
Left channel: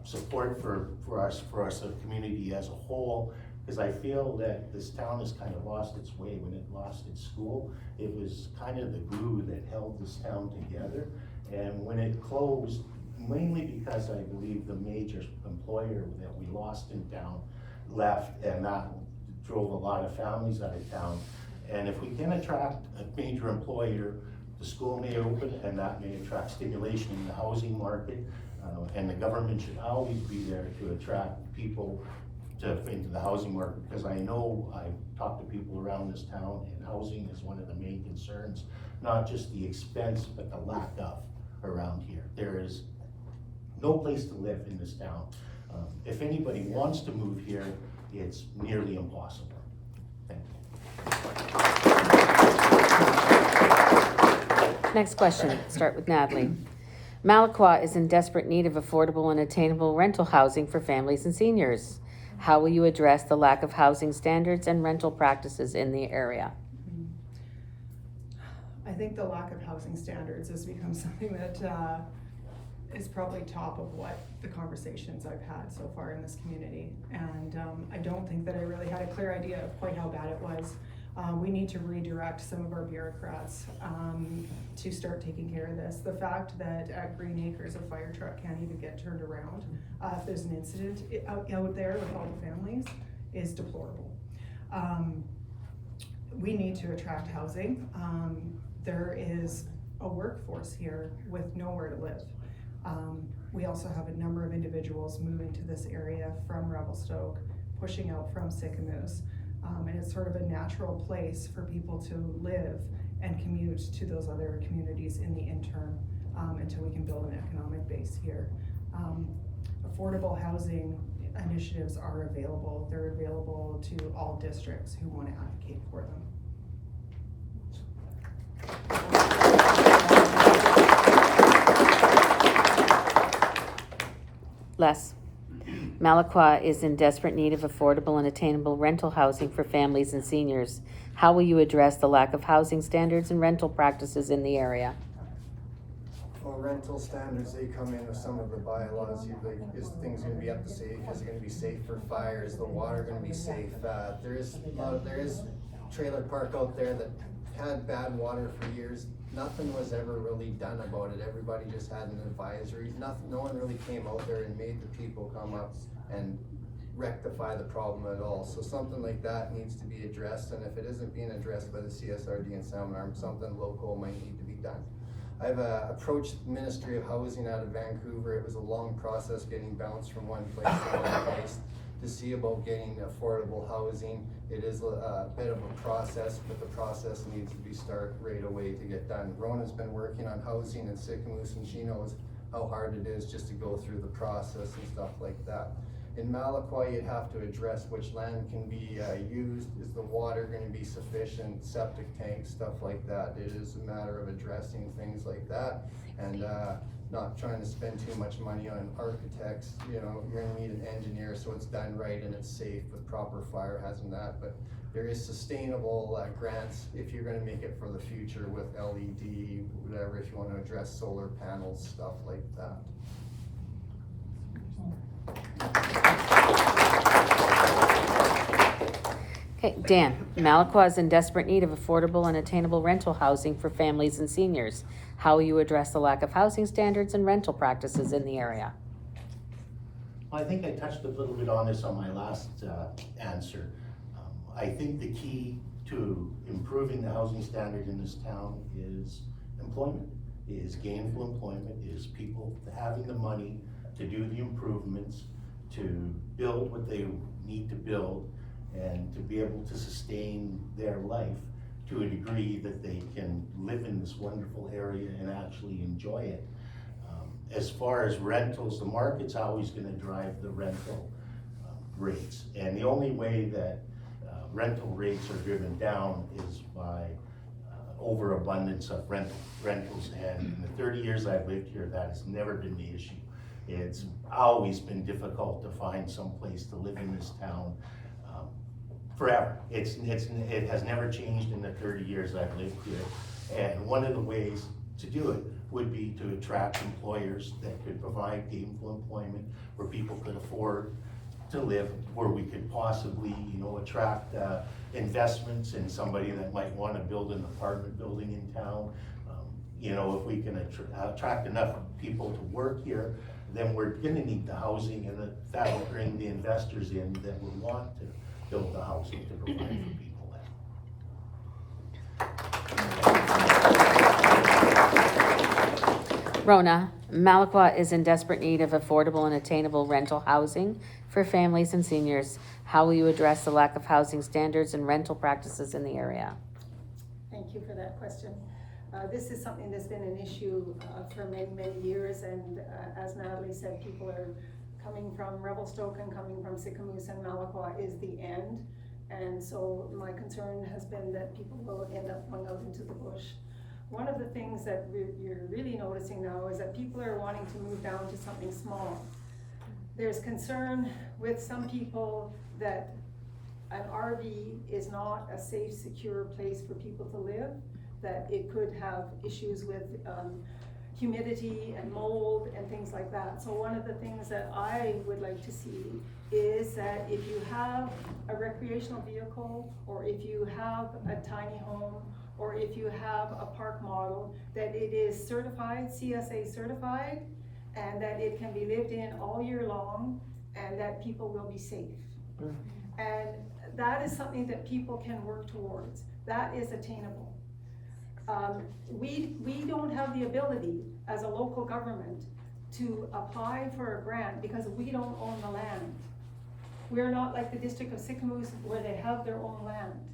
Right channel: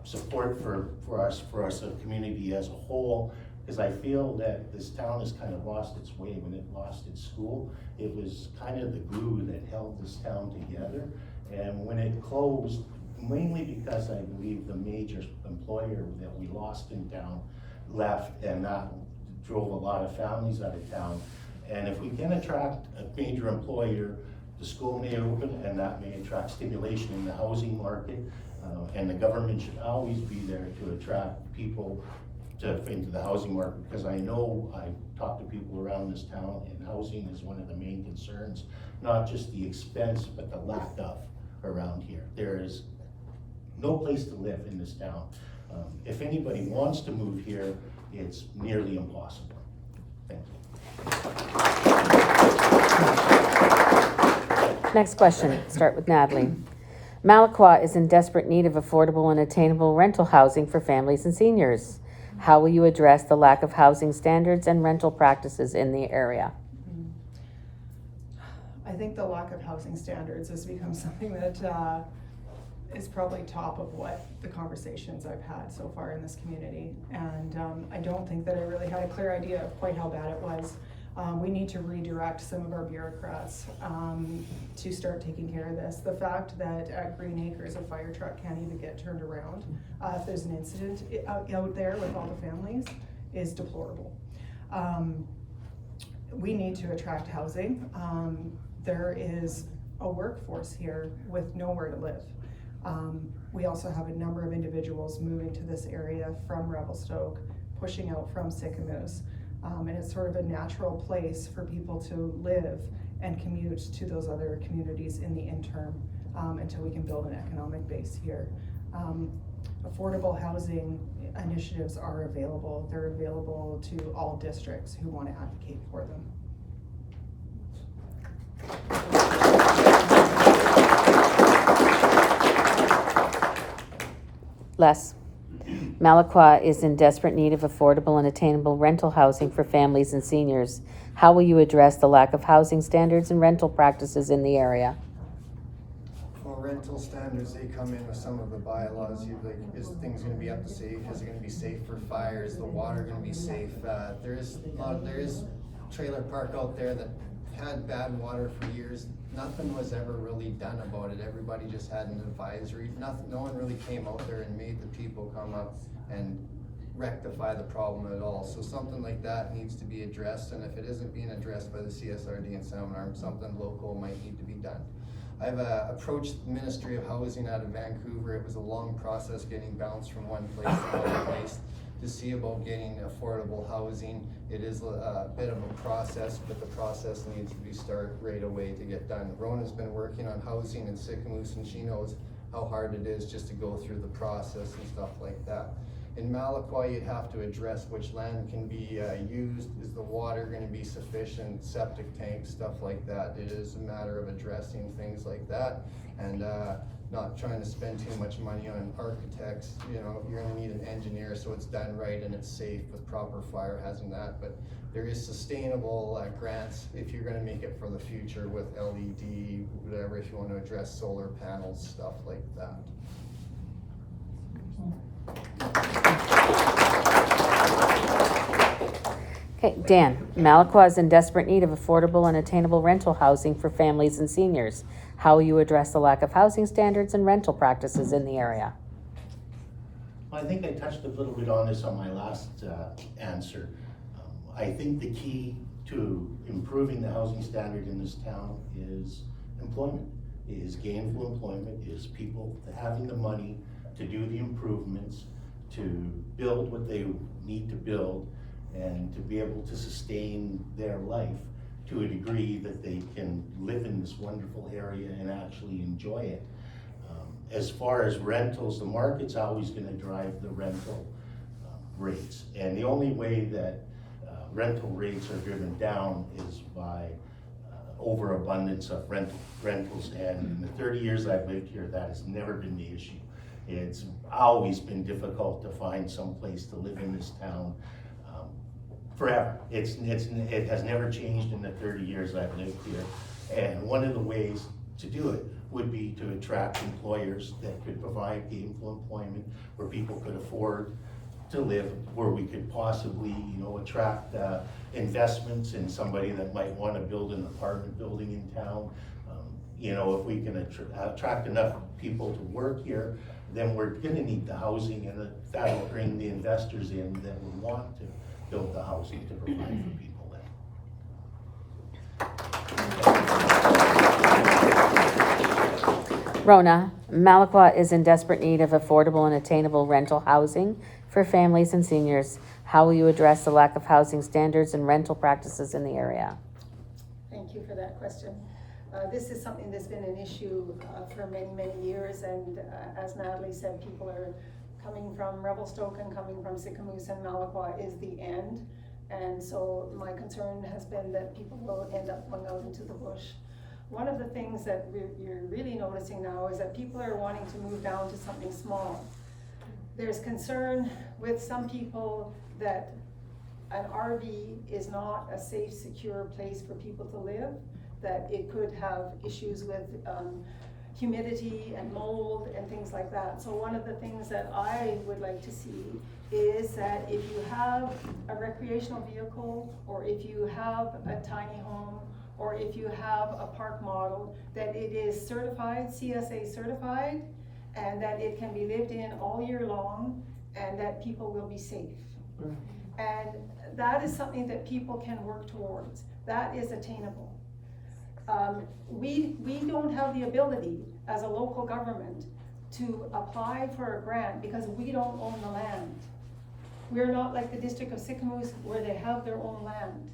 support for us as a community as a whole, because I feel that this town has kind of lost its way. When it lost its school, it was kind of the glue that held this town together. And when it closed, mainly because I believe the major employer that we lost in town left, and that drove a lot of families out of town. And if we can attract a major employer, the school may open, and that may attract stimulation in the housing market. And the government should always be there to attract people into the housing market, because I know I've talked to people around this town, and housing is one of the main concerns, not just the expense, but the lack of around here. There is no place to live in this town. If anybody wants to move here, it's nearly impossible. Thank you. Next question, start with Natalie. Malaqua is in desperate need of affordable and attainable rental housing for families and seniors. How will you address the lack of housing standards and rental practices in the area? I think the lack of housing standards has become something that is probably top of what the conversations I've had so far in this community. And I don't think that I really had a clear idea of quite how bad it was. We need to redirect some of our bureaucrats to start taking care of this. The fact that at Green Acres, a fire truck can't even get turned around if there's an incident out there with all the families is deplorable. We need to attract housing. There is a workforce here with nowhere to live. We also have a number of individuals moving to this area from Revelstoke, pushing out from Sicamous. And it's sort of a natural place for people to live and commute to those other communities in the interim until we can build an economic base here. Affordable housing initiatives are available. They're available to all districts who want to advocate for them. Les. Malaqua is in desperate need of affordable and attainable rental housing for families and seniors. How will you address the lack of housing standards and rental practices in the area? Well, rental standards, they come in with some of the bylaws. Is things gonna be up to safe? Is it gonna be safe for fires? The water gonna be safe? There is trailer park out there that had bad water for years. Nothing was ever really done about it. Everybody just had an advisory. No one really came out there and made the people come up and rectify the problem at all. So something like that needs to be addressed, and if it isn't being addressed by the CSRD and Salmon Arm, something local might need to be done. I've approached Ministry of Housing out of Vancouver. It was a long process getting bounced from one place to another place to see about getting affordable housing. It is a bit of a process, but the process needs to be started right away to get done. Rona's been working on housing in Sicamous, and she knows how hard it is just to go through the process and stuff like that. In Malaqua, you'd have to address which land can be used. Is the water going to be sufficient? Septic tanks, stuff like that. It is a matter of addressing things like that, and not trying to spend too much money on architects. You know, you're going to need an engineer so it's done right and it's safe with proper fire hazard and that. But there is sustainable grants if you're going to make it for the future with LED, whatever, if you want to address solar panels, stuff like that. Okay, Dan. Malaqua is in desperate need of affordable and attainable rental housing for families and seniors. How will you address the lack of housing standards and rental practices in the area? I think I touched a little bit on this on my last answer. I think the key to improving the housing standard in this town is employment, is gainful employment, is people having the money to do the improvements, to build what they need to build, and to be able to sustain their life to a degree that they can live in this wonderful area and actually enjoy it. As far as rentals, the market's always gonna drive the rental rates. And the only way that rental rates are driven down is by overabundance of rentals. And in the 30 years I've lived here, that has never been the issue. It's always been difficult to find some place to live in this town forever. It has never changed in the 30 years I've lived here. And one of the ways to do it would be to attract employers that could provide gainful employment where people could afford to live, where we could possibly, attract investments in somebody that might want to build an apartment building in town. If we can attract enough people to work here, then we're gonna need the housing, and that'll bring the investors in that would want to build the housing to provide for people then. Rona, Malaqua is in desperate need of affordable and attainable rental housing for families and seniors. How will you address the lack of housing standards and rental practices in the area? Thank you for that question. This is something that's been an issue for many, many years, and as Natalie said, people are coming from Revelstoke and coming from Sicamous, and Malaqua is the end. And so my concern has been that people will end up going out into the bush. One of the things that you're really noticing now is that people are wanting to move down to something small. There's concern with some people that an RV is not a safe, secure place for people to live, that it could have issues with humidity and mold and things like that. So one of the things that I would like to see is that if you have a recreational vehicle, or if you have a tiny home, or if you have a park model, that it is certified, CSA certified, and that it can be lived in all year long, and that people will be safe. And that is something that people can work towards. That is attainable. We don't have the ability as a local government to apply for a grant because we don't own the land. We're not like the District of Sicamous where they have their own land.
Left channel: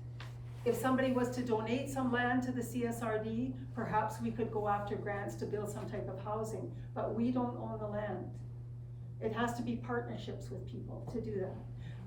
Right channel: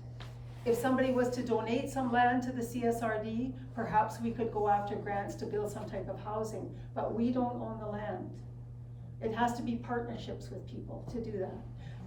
If somebody was to donate some land to the CSRD, perhaps we could go after grants to build some type of housing, but we don't own the land. It has to be partnerships with people to do that.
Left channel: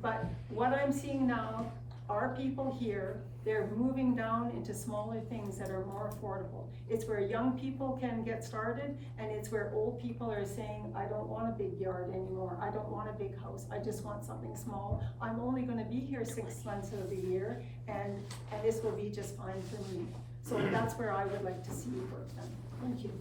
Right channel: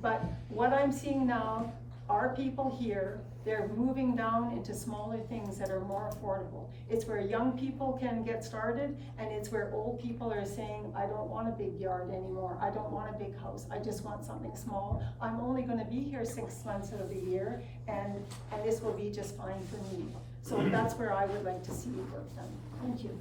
But what I'm seeing now, our people here, they're moving down into smaller things that are more affordable. It's where young people can get started, and it's where old people are saying, I don't want a big yard anymore. I don't want a big house. I just want something small. I'm only gonna be here 6 months of the year, and this will be just fine for me. So that's where I would like to see work done. Thank you.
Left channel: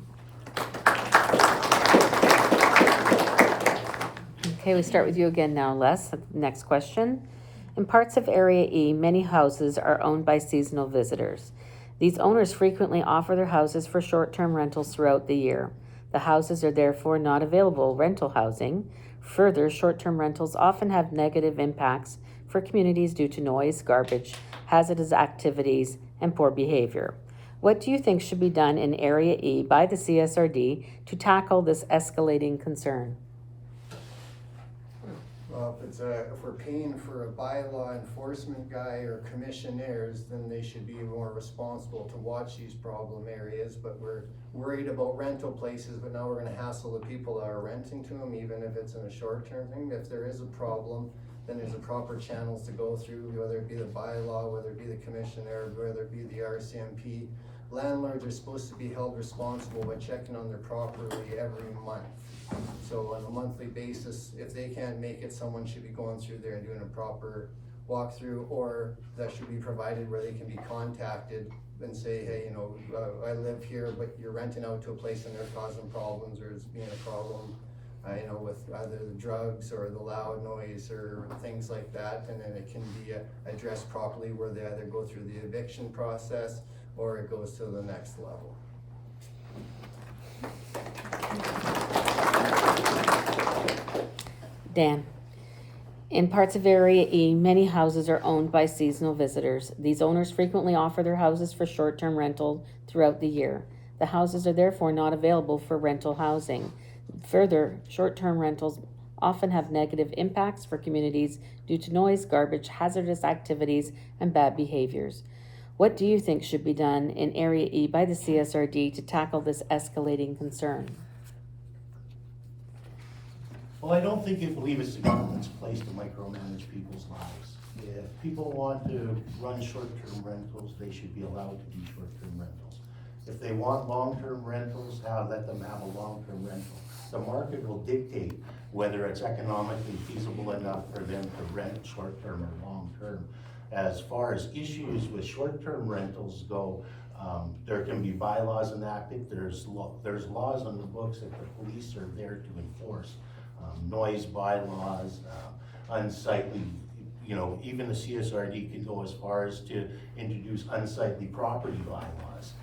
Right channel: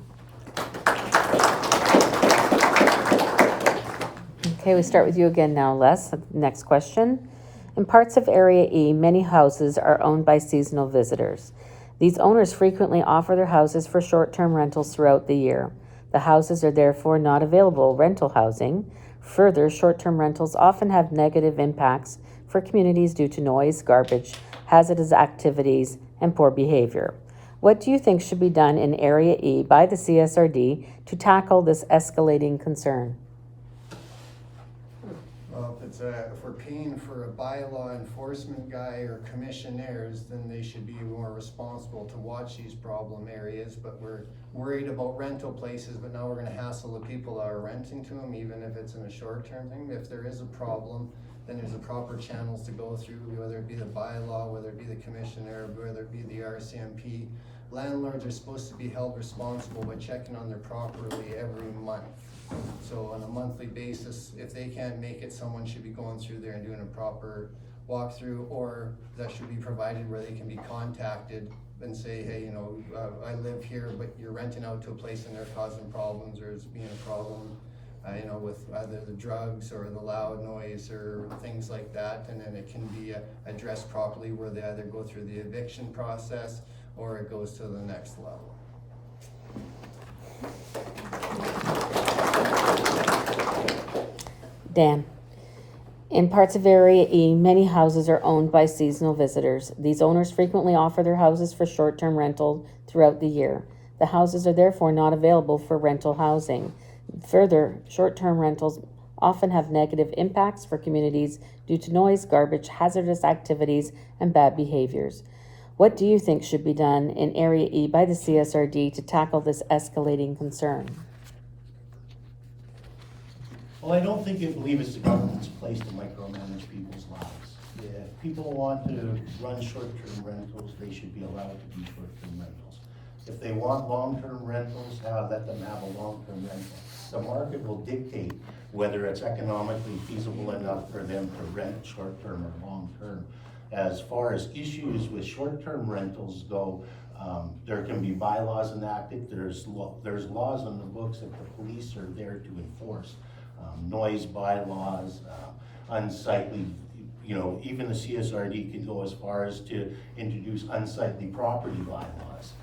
Okay, we start with you again now, Les. Next question. In parts of Area E, many houses are owned by seasonal visitors. These owners frequently offer their houses for short-term rentals throughout the year. The houses are therefore not available rental housing. Further, short-term rentals often have negative impacts for communities due to noise, garbage, hazardous activities, and poor behavior. What do you think should be done in Area E by the CSRD to tackle this escalating concern? Well, if we're paying for a bylaw enforcement guy or commissionaires, then they should be more responsible to watch these problem areas. But we're worried about rental places, but now we're gonna hassle the people that are renting to them, even if it's in a short-term thing. If there is a problem, then there's the proper channels to go through, whether it be the bylaw, whether it be the commissioner, whether it be the RCMP. Landlords are supposed to be held responsible by checking on their property every month. So on a monthly basis, if they can't make it, someone should be going through there and doing a proper walkthrough, or that should be provided where they can be contacted and say, hey, I live here, but you're renting out to a place and they're causing problems, or it's being a problem, with either the drugs or the loud noise or things like that. And then it can be addressed properly where they either go through the eviction process or it goes to the next level. Dan. In parts of Area E, many houses are owned by seasonal visitors. These owners frequently offer their houses for short-term rental throughout the year. The houses are therefore not available for rental housing. Further, short-term rentals often have negative impacts for communities due to noise, garbage, hazardous activities, and bad behaviors. What do you think should be done in Area E by the CSRD to tackle this escalating concern? Well, I don't believe it's the government's place to micromanage people's lives. If people want to run short-term rentals, they should be allowed to be short-term rentals. If they want long-term rentals, let them have a long-term rental. The market will dictate whether it's economically feasible enough for them to rent short-term or long-term. As far as issues with short-term rentals go, There can be bylaws enacted, there's laws on the books that the police are there to enforce. Noise bylaws, unsightly, you know, even the CSRD can go as far as to introduce unsightly property bylaws.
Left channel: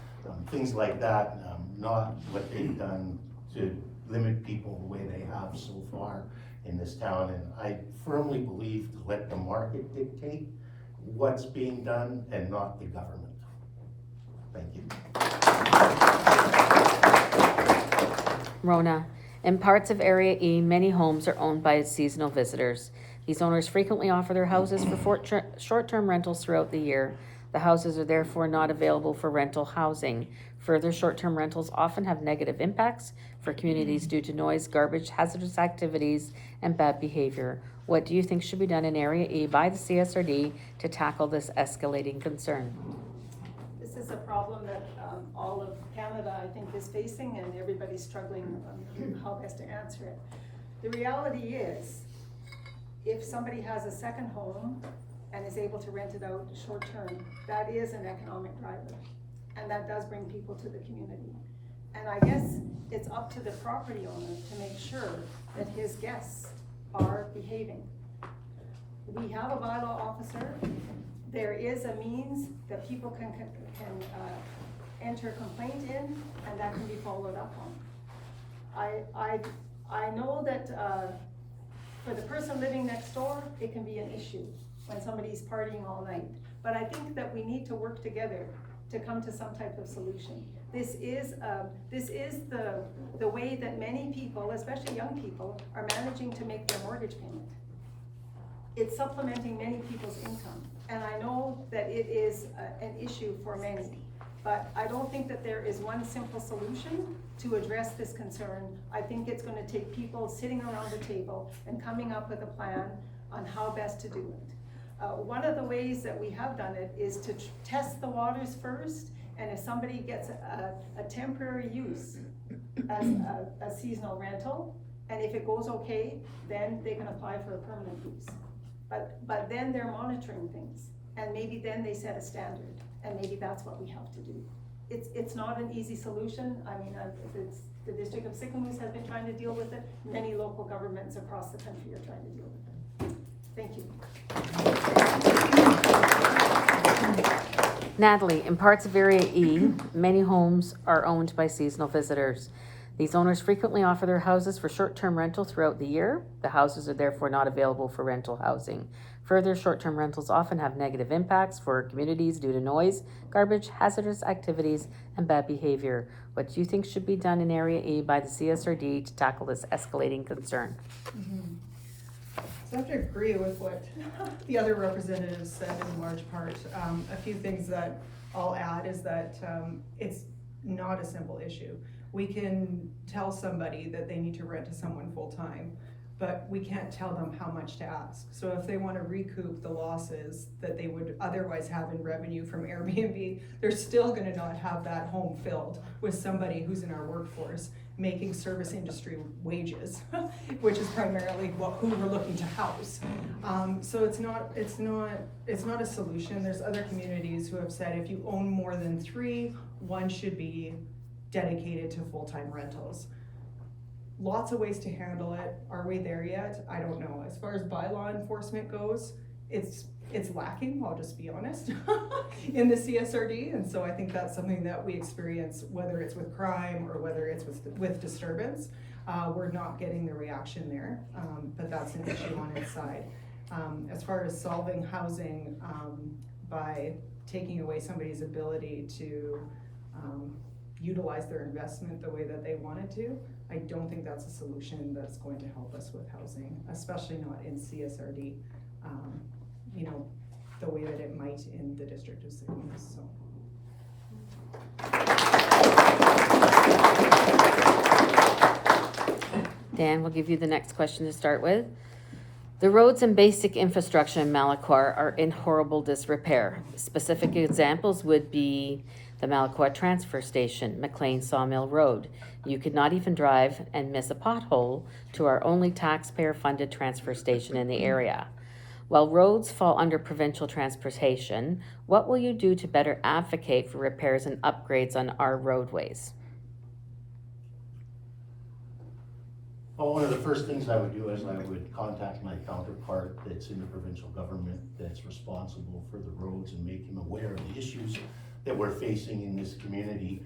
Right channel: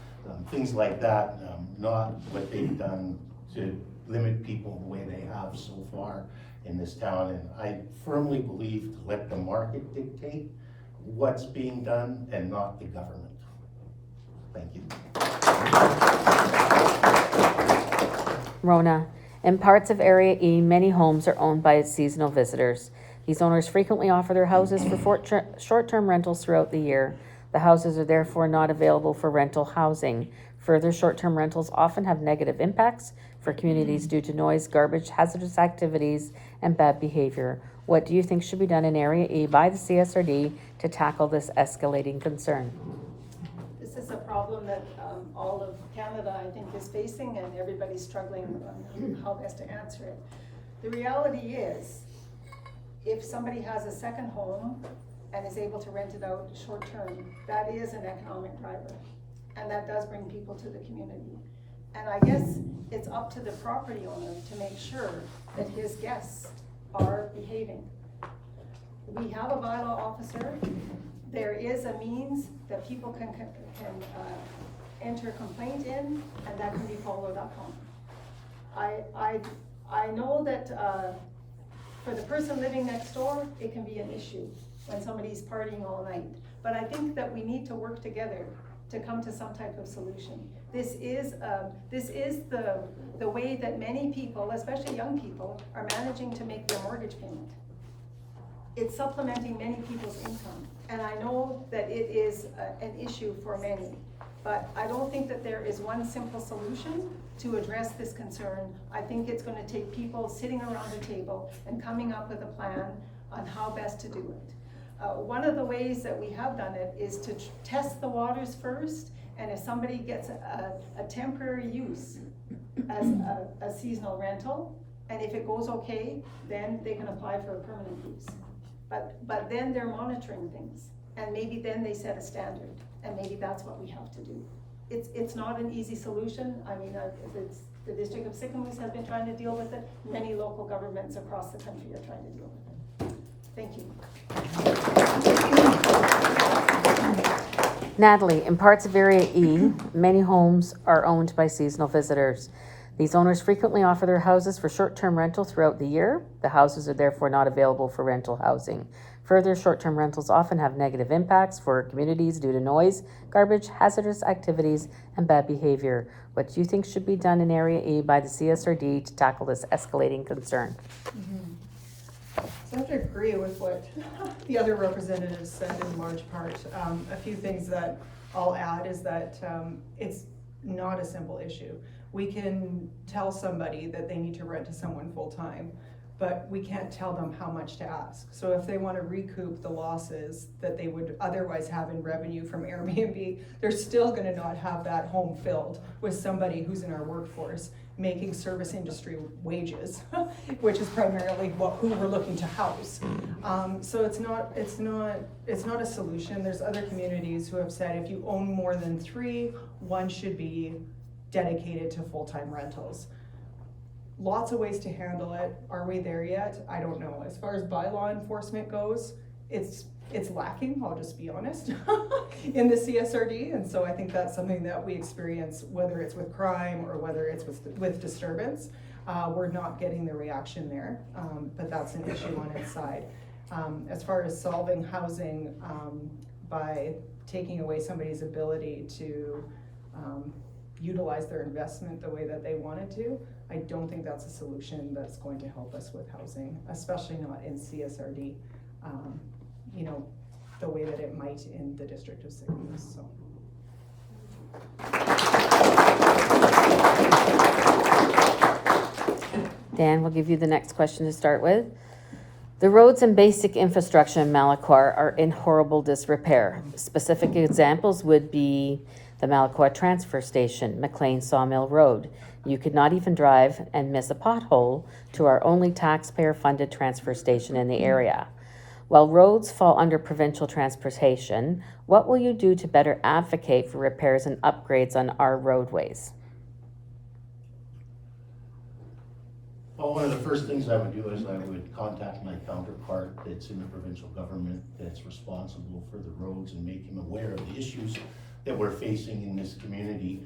Things like that, not what they've done to limit people the way they have so far in this town. And I firmly believe to let the market dictate what's being done and not the government. Thank you. Rona, in parts of Area E, many homes are owned by seasonal visitors. These owners frequently offer their houses for short-term rentals throughout the year. The houses are therefore not available for rental housing. Further, short-term rentals often have negative impacts for communities due to noise, garbage, hazardous activities, and bad behavior. What do you think should be done in Area E by the CSRD to tackle this escalating concern? This is a problem that all of Canada, I think, is facing, and everybody's struggling on how best to answer it. The reality is, if somebody has a second home and is able to rent it out short term, that is an economic driver, and that does bring people to the community. And I guess it's up to the property owner to make sure that his guests are behaving. We have a bylaw officer. There is a means that people can enter a complaint in, and that can be followed up on. I know that for the person living next door, it can be an issue when somebody's partying all night. But I think that we need to work together to come to some type of solution. This is the way that many people, especially young people, are managing to make their mortgage payment. It's supplementing many people's income. And I know that it is an issue for many, but I don't think that there is one simple solution to address this concern. I think it's gonna take people sitting around a table and coming up with a plan on how best to do it. One of the ways that we have done it is to test the waters first, and if somebody gets a temporary use as a seasonal rental, and if it goes okay, then they can apply for a permanent use. But then they're monitoring things, and maybe then they set a standard, and maybe that's what we have to do. It's not an easy solution. I mean, the District of Sicamous has been trying to deal with it. Many local governments across the country are trying to deal with it. Thank you. Natalie, in parts of Area E, many homes are owned by seasonal visitors. These owners frequently offer their houses for short-term rental throughout the year. The houses are therefore not available for rental housing. Further, short-term rentals often have negative impacts for communities due to noise, garbage, hazardous activities, and bad behavior. What do you think should be done in Area E by the CSRD to tackle this escalating concern? So I have to agree with what the other representatives said in large part. A few things that I'll add is that it's not a simple issue. We can tell somebody that they need to rent to someone full-time, but we can't tell them how much to ask. So if they want to recoup the losses that they would otherwise have in revenue from Airbnb, they're still going to not have that home filled with somebody who's in our workforce making service industry wages, which is primarily who we're looking to house. So it's not a solution. There's other communities who have said if you own more than 3, one should be dedicated to full-time rentals. Lots of ways to handle it. Are we there yet? I don't know. As far as bylaw enforcement goes, it's lacking, I'll just be honest, in the CSRD. And so I think that's something that we experience, whether it's with crime or whether it's with disturbance. We're not getting the reaction there, but that's an issue on its side. As far as solving housing by taking away somebody's ability to utilize their investment the way that they wanted to, I don't think that's a solution that's going to help us with housing, especially not in CSRD, you know, the way that it might in the District of Sicamous, so. Dan, we'll give you the next question to start with. The roads and basic infrastructure in Malacqua are in horrible disrepair. Specific examples would be the Malacqua Transfer Station, McLean Sawmill Road. You could not even drive and miss a pothole to our only taxpayer-funded transfer station in the area. While roads fall under provincial transportation, what will you do to better advocate for repairs and upgrades on our roadways? Well, one of the first things I would do is I would contact my counterpart that's in the provincial government that's responsible for the roads and make him aware of the issues that we're facing in this community.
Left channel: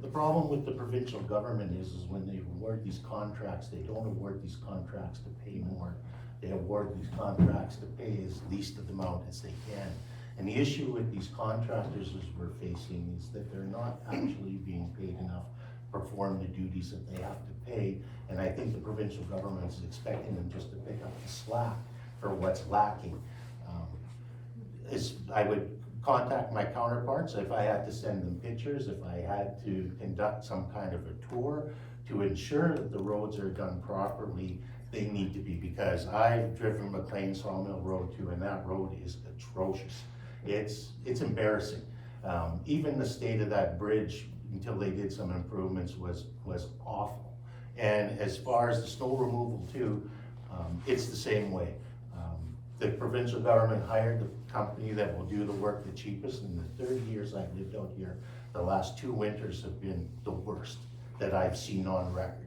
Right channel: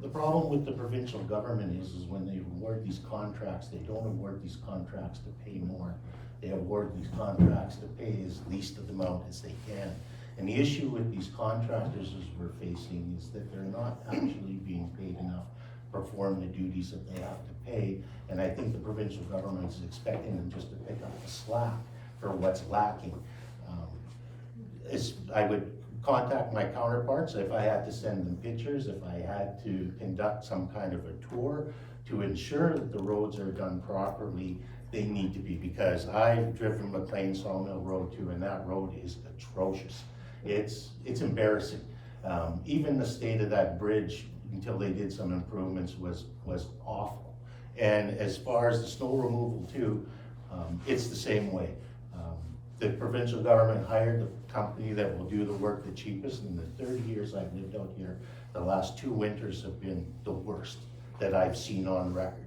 The problem with the provincial government is when they award these contracts, they don't award these contracts to pay more. They award these contracts to pay as least of the amount as they can. And the issue with these contractors as we're facing is that they're not actually being paid enough to perform the duties that they have to pay. And I think the provincial government is expecting them just to pick up the slack for what's lacking. I would contact my counterparts if I had to send them pictures, if I had to conduct some kind of a tour to ensure that the roads are done properly. They need to be, because I've driven McLean Sawmill Road too, and that road is atrocious. It's embarrassing. Even the state of that bridge, until they did some improvements, was awful. And as far as the snow removal too, it's the same way. The provincial government hired the company that will do the work the cheapest. In the 30 years I've lived out here, the last 2 winters have been the worst that I've seen on record.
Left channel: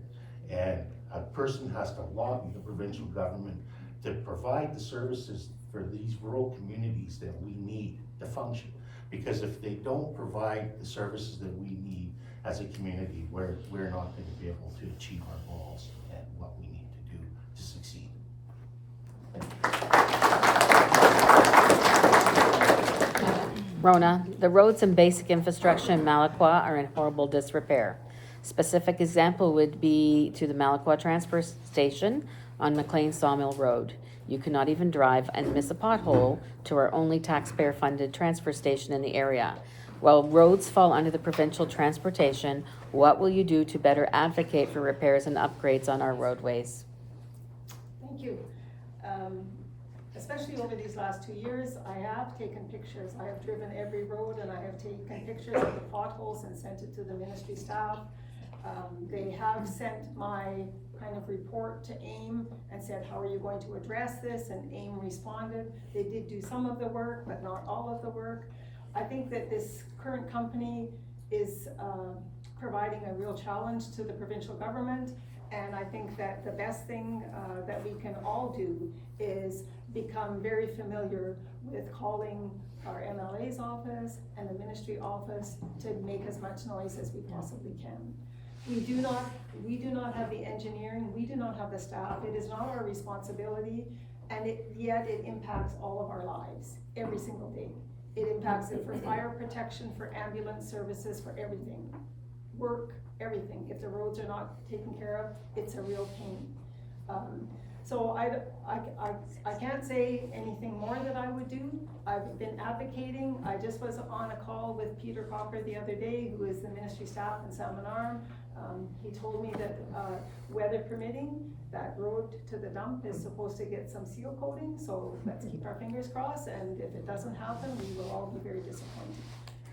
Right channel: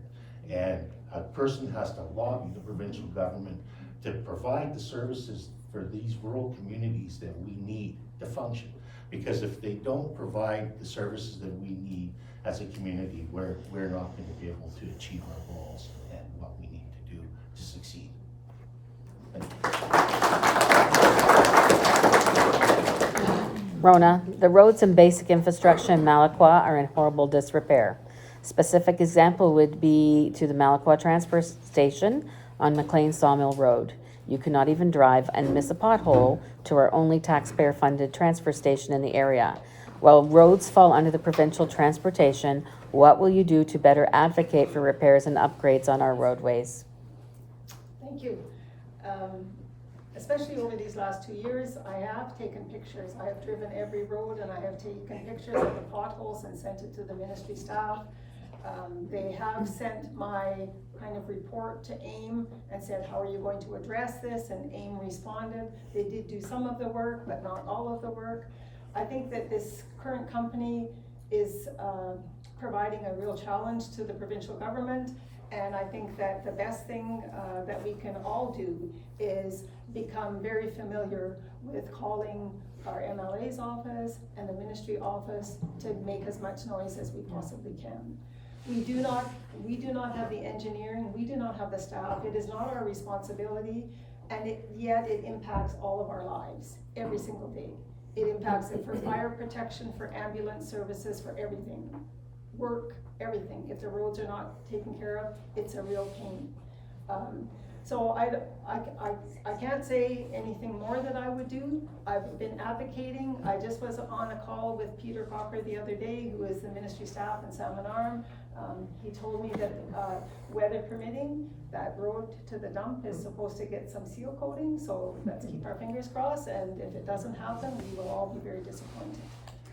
And a person has to lobby the provincial government to provide the services for these rural communities that we need to function. Because if they don't provide the services that we need as a community, we're not going to be able to achieve our goals and what we need to do to succeed. Rona, the roads and basic infrastructure in Malaqua are in horrible disrepair. Specific example would be to the Malaqua transfer station on McLean Sawmill Road. You cannot even drive and miss a pothole to our only taxpayer-funded transfer station in the area. While roads fall under the provincial transportation, what will you do to better advocate for repairs and upgrades on our roadways? Thank you. Especially over these last 2 years, I have taken pictures. I have driven every road and I have taken pictures of the potholes and sent it to the ministry staff. They have sent my kind of report to AIM and said, how are you going to address this? And AIM responded. They did do some of the work, but not all of the work. I think that this current company is providing a real challenge to the provincial government. And I think that the best thing that we can all do is become very familiar with calling our MLA's office and the ministry office to make as much noise as we possibly can. We do not have the engineering, we do not have the staff, it is not our responsibility, and yet it impacts all of our lives every single day. It impacts it for fire protection, for ambulance services, for everything. Work, everything. If the roads are not taken care of, it's a real pain. So I can't say anything more that I would do. I've been advocating. I just was on a call with Peter Cocker the other day, who is the ministry staff in Salmon Arm. He told me that weather permitting, that road to the dump is supposed to get some seal coating, so let's keep our fingers crossed, and if it doesn't happen, we will all be very disappointed.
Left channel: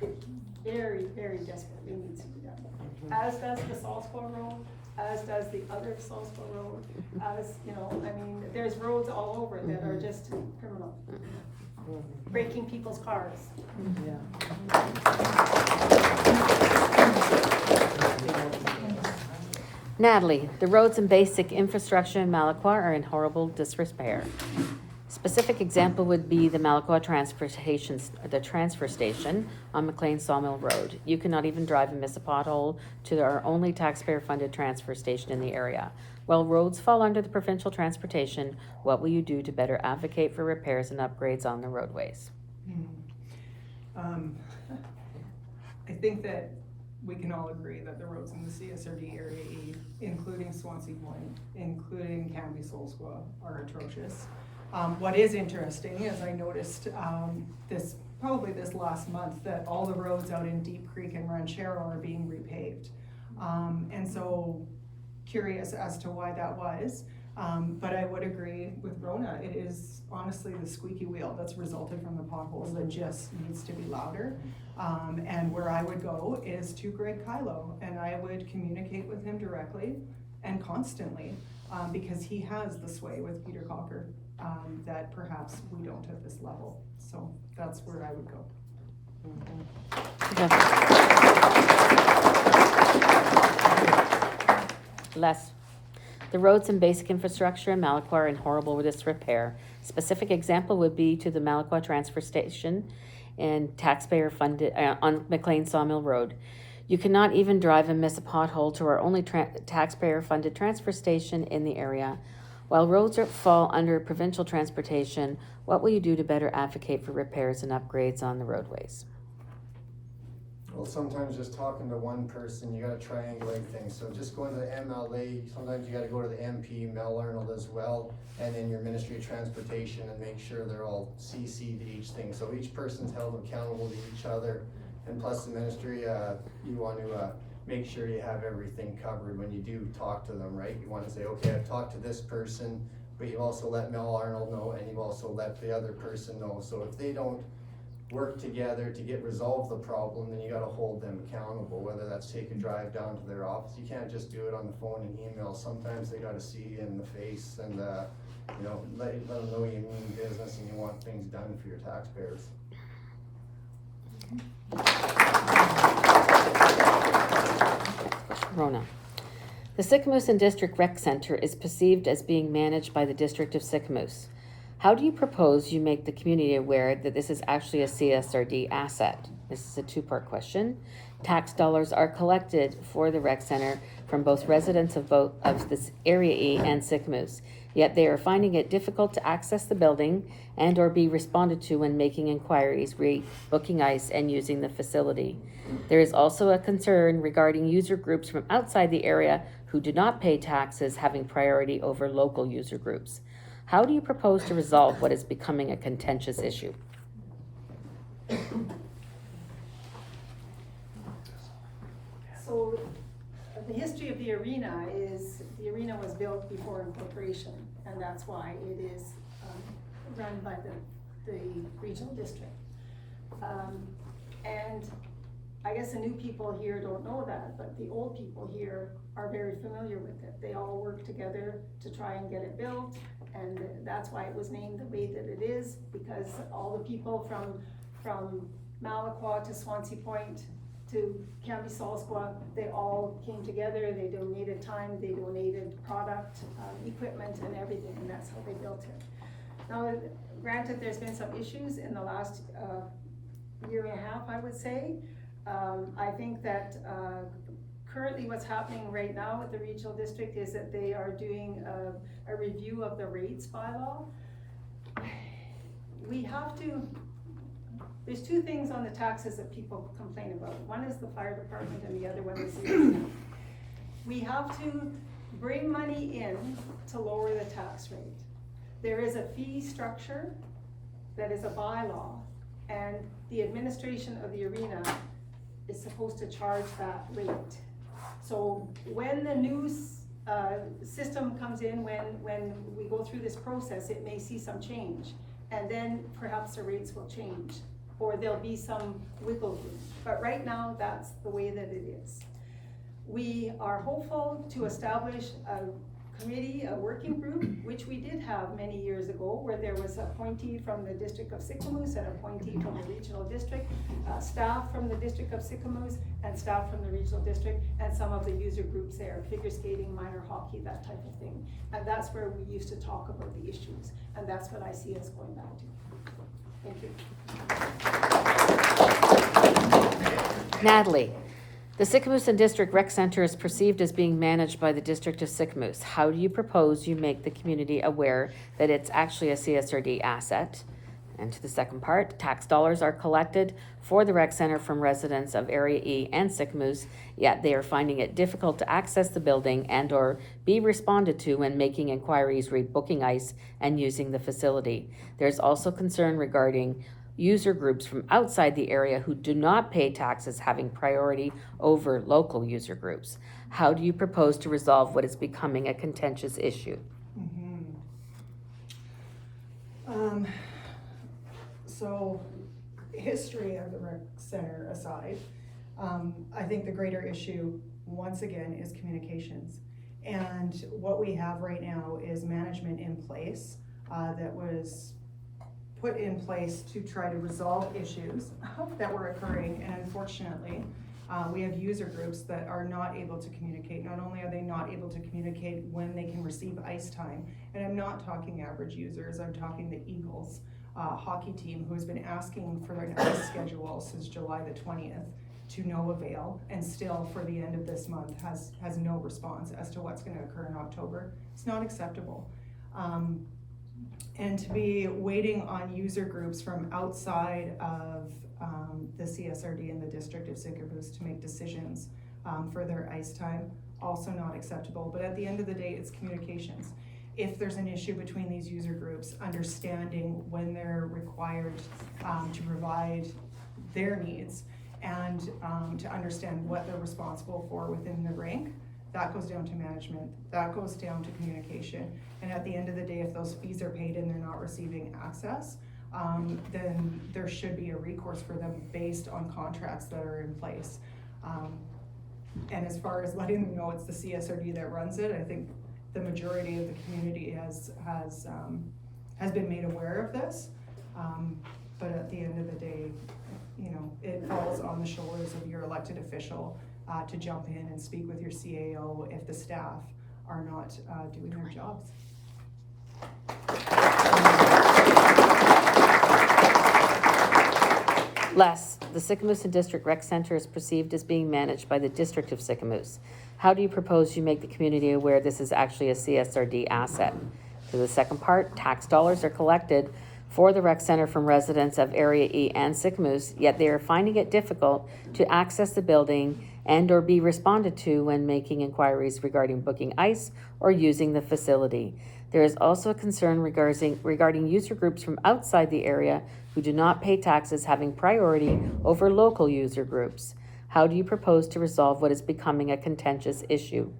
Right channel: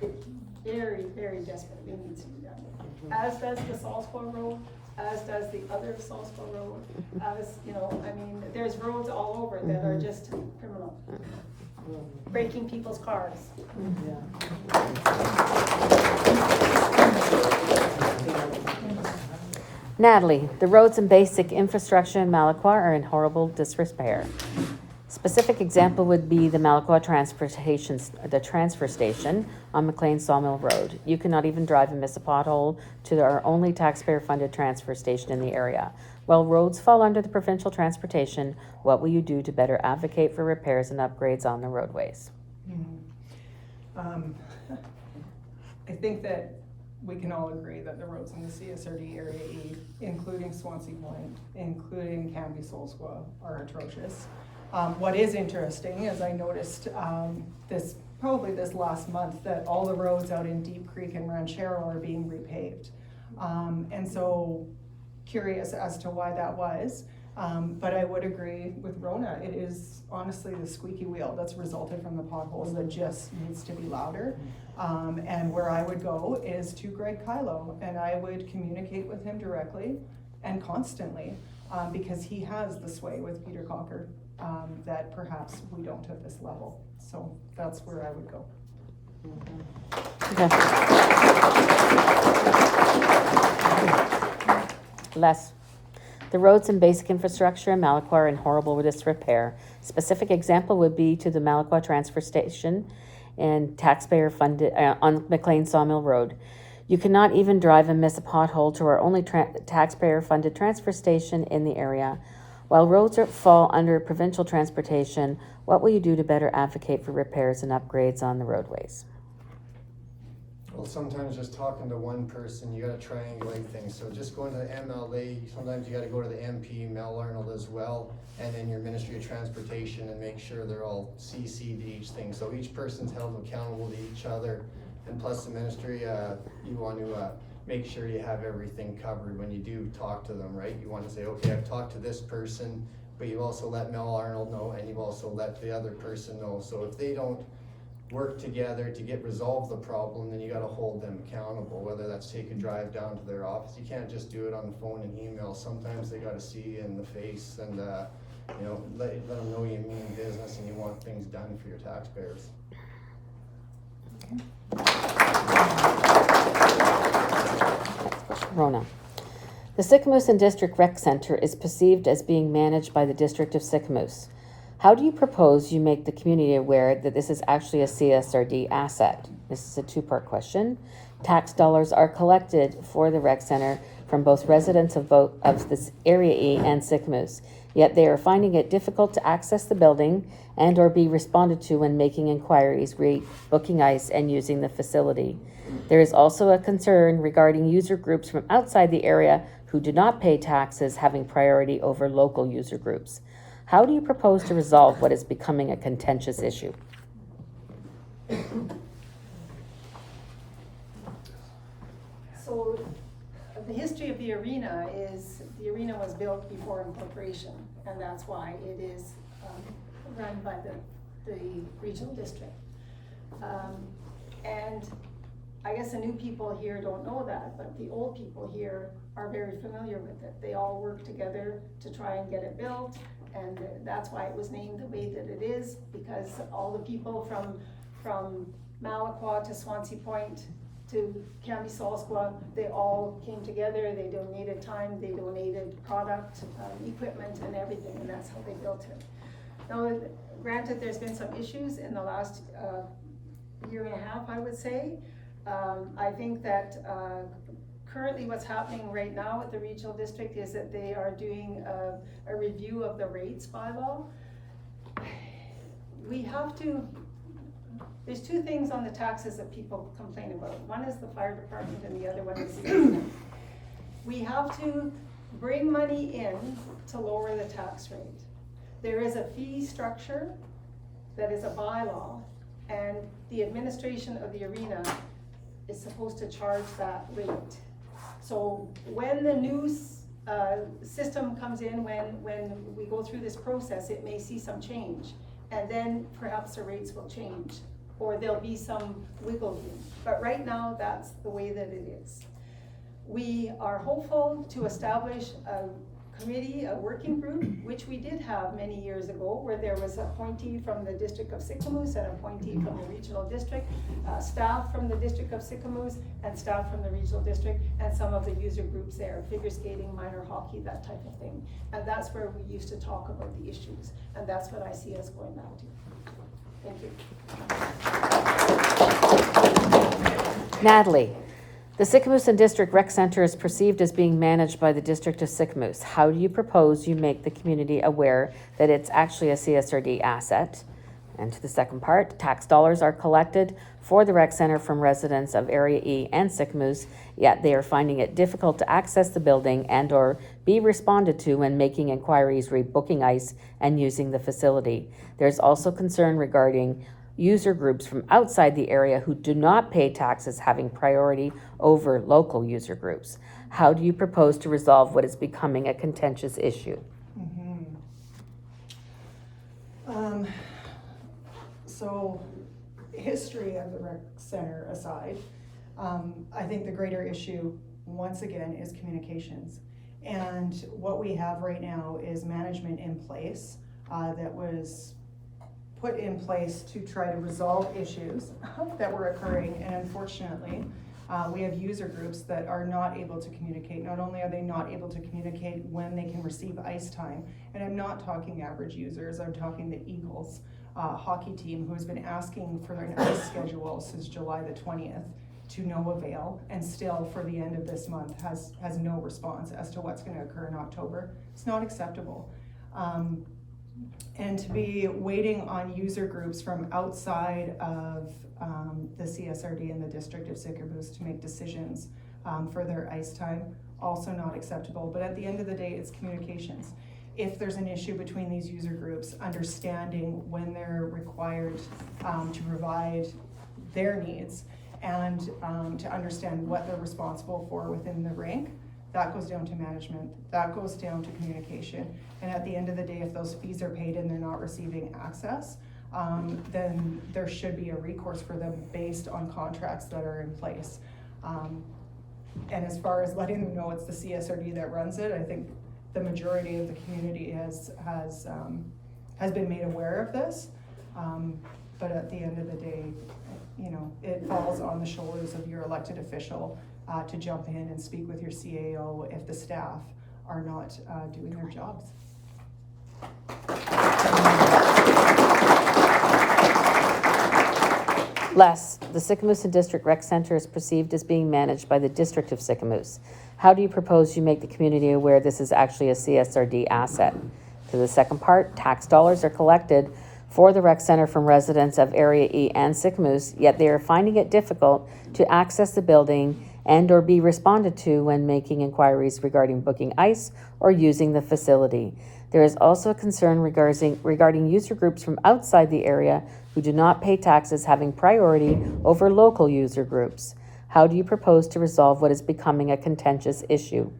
It very, very desperately needs to be done. As does the Salsqua Road, as does the other Salsqua Road, as, you know, I mean, there's roads all over that are just criminal. Breaking people's cars. Natalie, the roads and basic infrastructure in Malaqua are in horrible disrepair. Specific example would be the Malaqua transfer station on McLean Sawmill Road. You cannot even drive and miss a pothole to our only taxpayer-funded transfer station in the area. While roads fall under the provincial transportation, what will you do to better advocate for repairs and upgrades on the roadways? I think that we can all agree that the roads in the CSRD Area E, including Swansea Point, including Cambie-Solsqua, are atrocious. What is interesting is I noticed probably this last month that all the roads out in Deep Creek and Ranchero are being repaved. And so curious as to why that was. But I would agree with Rona. It is honestly the squeaky wheel that's resulting from the potholes that just needs to be louder. And where I would go is to Greg Kylo, and I would communicate with him directly and constantly because he has the sway with Peter Cocker, that perhaps we don't at this level. So that's where I would go. Les. The roads and basic infrastructure in Malaqua are in horrible disrepair. Specific example would be to the Malaqua transfer station and taxpayer funded on McLean Sawmill Road. You cannot even drive and miss a pothole to our only taxpayer funded transfer station in the area. While roads fall under provincial transportation, what will you do to better advocate for repairs and upgrades on the roadways? Well, sometimes just talking to one person, you gotta triangulate things, so just going to the MLA, sometimes you gotta go to the MP, Mel Arnold as well, and then your Ministry of Transportation, and make sure they're all CC'd to each thing, so each person's held accountable to each other, and plus the ministry, you want to make sure you have everything covered when you do talk to them, right? You wanna say, okay, I've talked to this person, but you've also let Mel Arnold know, and you've also let the other person know, so if they don't work together to resolve the problem, then you gotta hold them accountable, whether that's take a drive down to their office. You can't just do it on the phone and email. Sometimes they gotta see you in the face and, you know, let them know you mean business and you want things done for your taxpayers. Rona. The Sicamous District Rec Center is perceived as being managed by the District of Sicamous. How do you propose you make the community aware that this is actually a CSRD asset? This is a two-part question. Tax dollars are collected for the rec center from both residents of this Area E and Sicamous, yet they are finding it difficult to access the building and or be responded to when making inquiries, booking ice, and using the facility. There is also a concern regarding user groups from outside the area who do not pay taxes having priority over local user groups. How do you propose to resolve what is becoming a contentious issue? So the history of the arena is, the arena was built before incorporation, and that's why it is run by the regional district. And I guess the new people here don't know that, but the old people here are very familiar with it. They all work together to try and get it built, and that's why it was named the way that it is, because all the people from Malaqua to Swansea Point to Cambie-Solsqua, they all came together, they donated time, they donated product, equipment and everything, and that's how they built it. Now, granted, there's been some issues in the last year and a half, I would say. I think that currently what's happening right now at the regional district is that they are doing a review of the rates bylaw. We have to, there's two things on the taxes that people complain about. One is the fire department and the other one is the arena. We have to bring money in to lower the tax rate. There is a fee structure that is a bylaw, and the administration of the arena is supposed to charge that rate. So when the new system comes in, when we go through this process, it may see some change, and then perhaps the rates will change, or there'll be some wiggle room. But right now, that's the way that it is. We are hopeful to establish a committee, a working group, which we did have many years ago, where there was an appointee from the District of Sicamous and an appointee from the regional district, staff from the District of Sicamous and staff from the regional district, and some of the user groups there, figure skating, minor hockey, that type of thing. And that's where we used to talk about the issues, and that's what I see us going back to. Thank you. Natalie. The Sicamous District Rec Center is perceived as being managed by the District of Sicamous. How do you propose you make the community aware that it's actually a CSRD asset? And to the second part, tax dollars are collected for the rec center from residents of Area E and Sicamous, yet they are finding it difficult to access the building and or be responded to when making inquiries, rebooking ice, and using the facility. There's also concern regarding user groups from outside the area who do not pay taxes having priority over local user groups. How do you propose to resolve what is becoming a contentious issue? So, history of the rec center aside, I think the greater issue, once again, is communications. And what we have right now is management in place that was put in place to try to resolve issues that were occurring. And unfortunately, we have user groups that are not able to communicate. Not only are they not able to communicate when they can receive ice time, and I'm not talking average users, I'm talking the Eagles hockey team, who has been asking for an ice schedule since July the 20th to no avail, and still for the end of this month has no response as to what's gonna occur in October. It's not acceptable. And to be waiting on user groups from outside of the CSRD and the District of Sicamous to make decisions for their ice time, also not acceptable. But at the end of the day, it's communications. If there's an issue between these user groups, understanding when they're required to provide their needs and to understand what they're responsible for within the rink, that goes down to management, that goes down to communication. And at the end of the day, if those fees are paid and they're not receiving access, then there should be a recourse for them based on contracts that are in place. And as far as letting them know it's the CSRD that runs it, I think the majority of the community has been made aware of this. But at the end of the day, you know, it falls on the shoulders of your elected official to jump in and speak with your CAO if the staff are not doing their jobs. Les, the Sicamous District Rec Center is perceived as being managed by the District of Sicamous. How do you propose you make the community aware this is actually a CSRD asset? To the second part, tax dollars are collected for the rec center from residents of Area E and Sicamous, yet they are finding it difficult to access the building and or be responded to when making inquiries regarding booking ice or using the facility. There is also a concern regarding user groups from outside the area who do not pay taxes having priority over local user groups. How do you propose to resolve what is becoming a contentious issue?